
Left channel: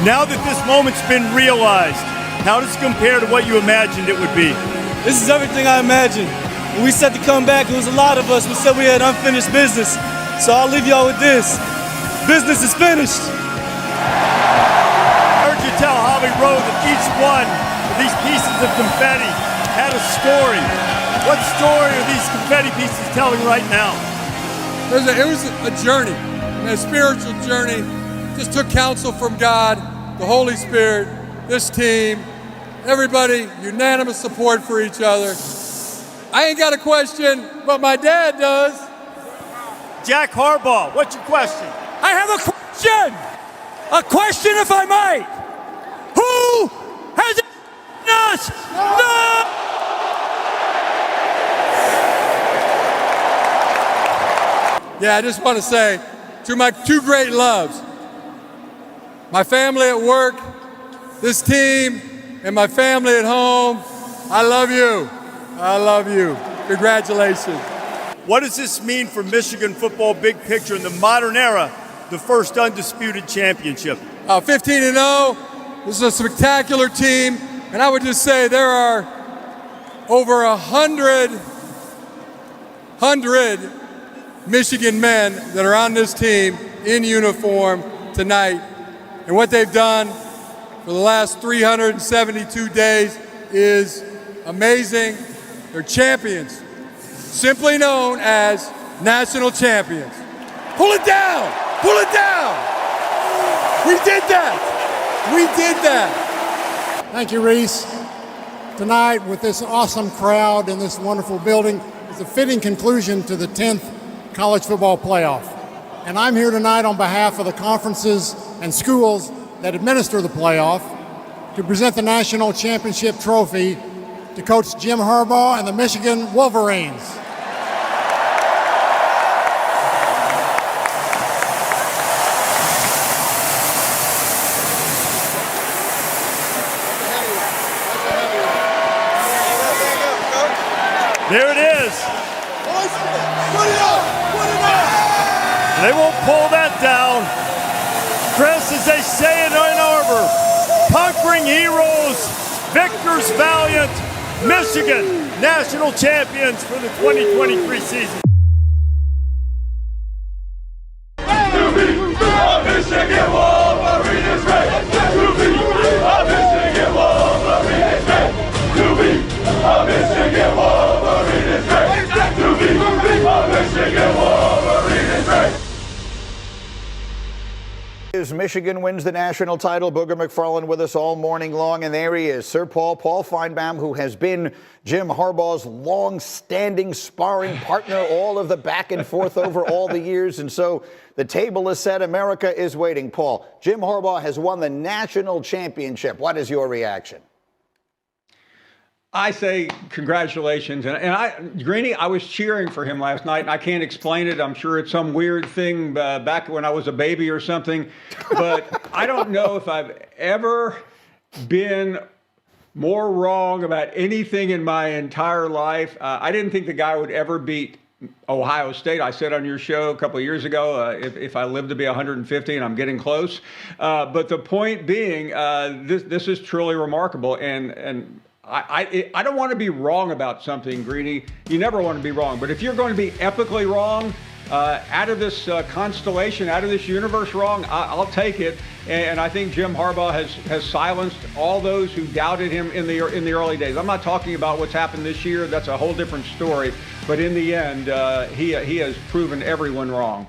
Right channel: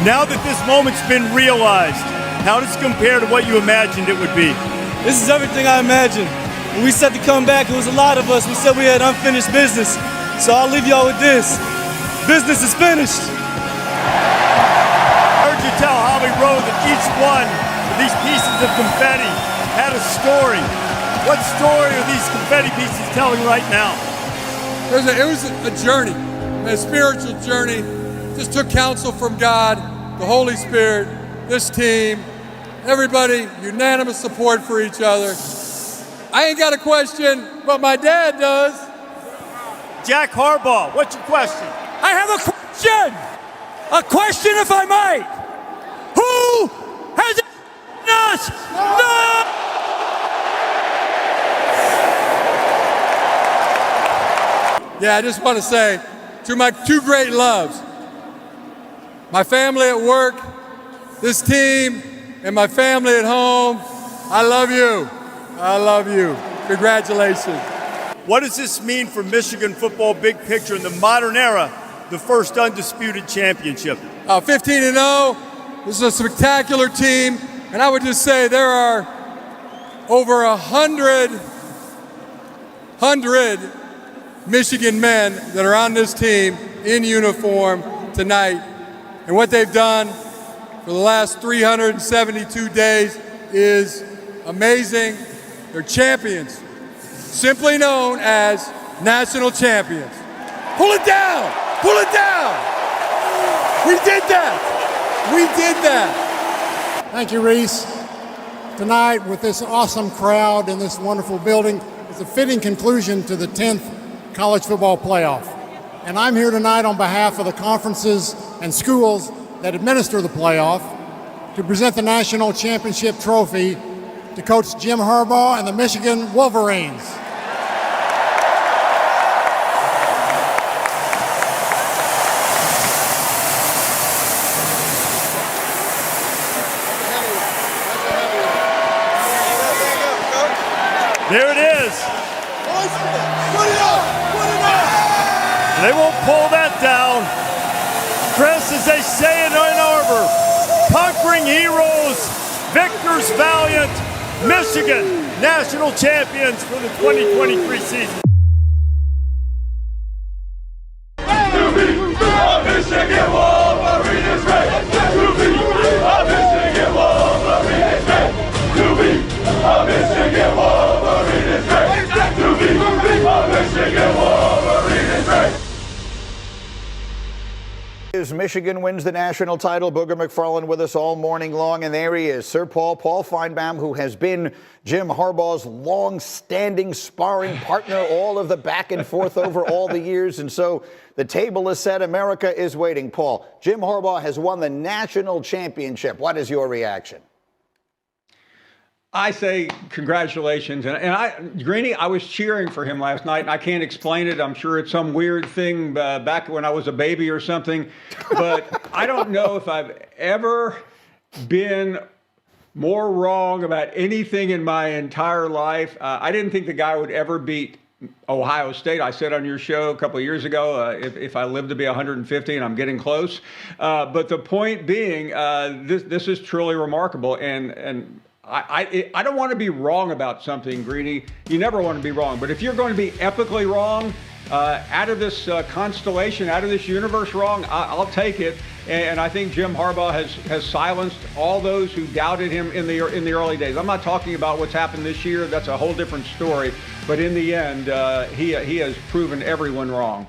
Now that this moment's been realized, how does it compare to what you imagined it would be? This is everything I imagined. When we said to come back, it was a lot of us. We said we had unfinished business. So I'll leave y'all with this. Business is finished. I heard you tell Holly Rowe that each one of these pieces of confetti had a story. What story are these confetti pieces telling right now? It was a journey, a spiritual journey. Just took counsel from God, the Holy Spirit, this team, everybody, unanimous support for each other. I ain't got a question, but my dad does. Jack Harbaugh, what's your question? I have a question! A question, if I might. Who has us? No! Yeah, I just want to say to my two great loves, my family at work, this team, and my family at home, I love you. I love you. Congratulations. What does this mean for Michigan football big picture in the modern era, the first undisputed championship? 15-0. This is a spectacular team. And I would just say there are over 100 Michigan men that are on this team in uniform tonight. And what they've done for the last 372 days is amazing. They're champions, simply known as national champions. Pull it down! Pull it down! We did that! We did that! Thank you, Reese. Tonight, with this awesome crowd in this wonderful building, is a fitting conclusion to the 10th college football playoff. And I'm here tonight on behalf of the conferences and schools that administer the playoff to present the national championship trophy to Coach Jim Harbaugh and the Michigan Wolverines. There it is. They won't pull that down. Chris, as they say in Ann Arbor, conquering heroes, victors valiant, Michigan national champions for the 2023 season. Michigan Wolverines great. To be a Michigan Wolverines great. To be a Michigan Wolverines great. To be a Michigan Wolverines great. As Michigan wins the national title, Booger McFarland with us all morning long, and there he is, Sir Paul Feinbaum, who has been Jim Harbaugh's long-standing sparring partner, all of the back and forth over all the years, and so the table is set. America is waiting. Paul, Jim Harbaugh has won the national championship. What is your reaction? I say congratulations. And Greeny, I was cheering for him last night, and I can't explain it. I'm sure it's some weird thing back when I was a baby or something. But I don't know if I've ever been more wrong about anything in my entire life. I didn't think the guy would ever beat Ohio State. I said on your show a couple of years ago, if I live to be 150, and I'm getting close. But the point being, this is truly remarkable. And I don't want to be wrong about something, Greeny. You never want to be wrong. But if you're going to be epically wrong, out of this constellation, out of this universe wrong, I'll take it. And I think Jim Harbaugh has silenced all those who doubted him in the early days. I'm not talking about what's happened this year. That's a whole different story. But in the end, he has proven everyone wrong.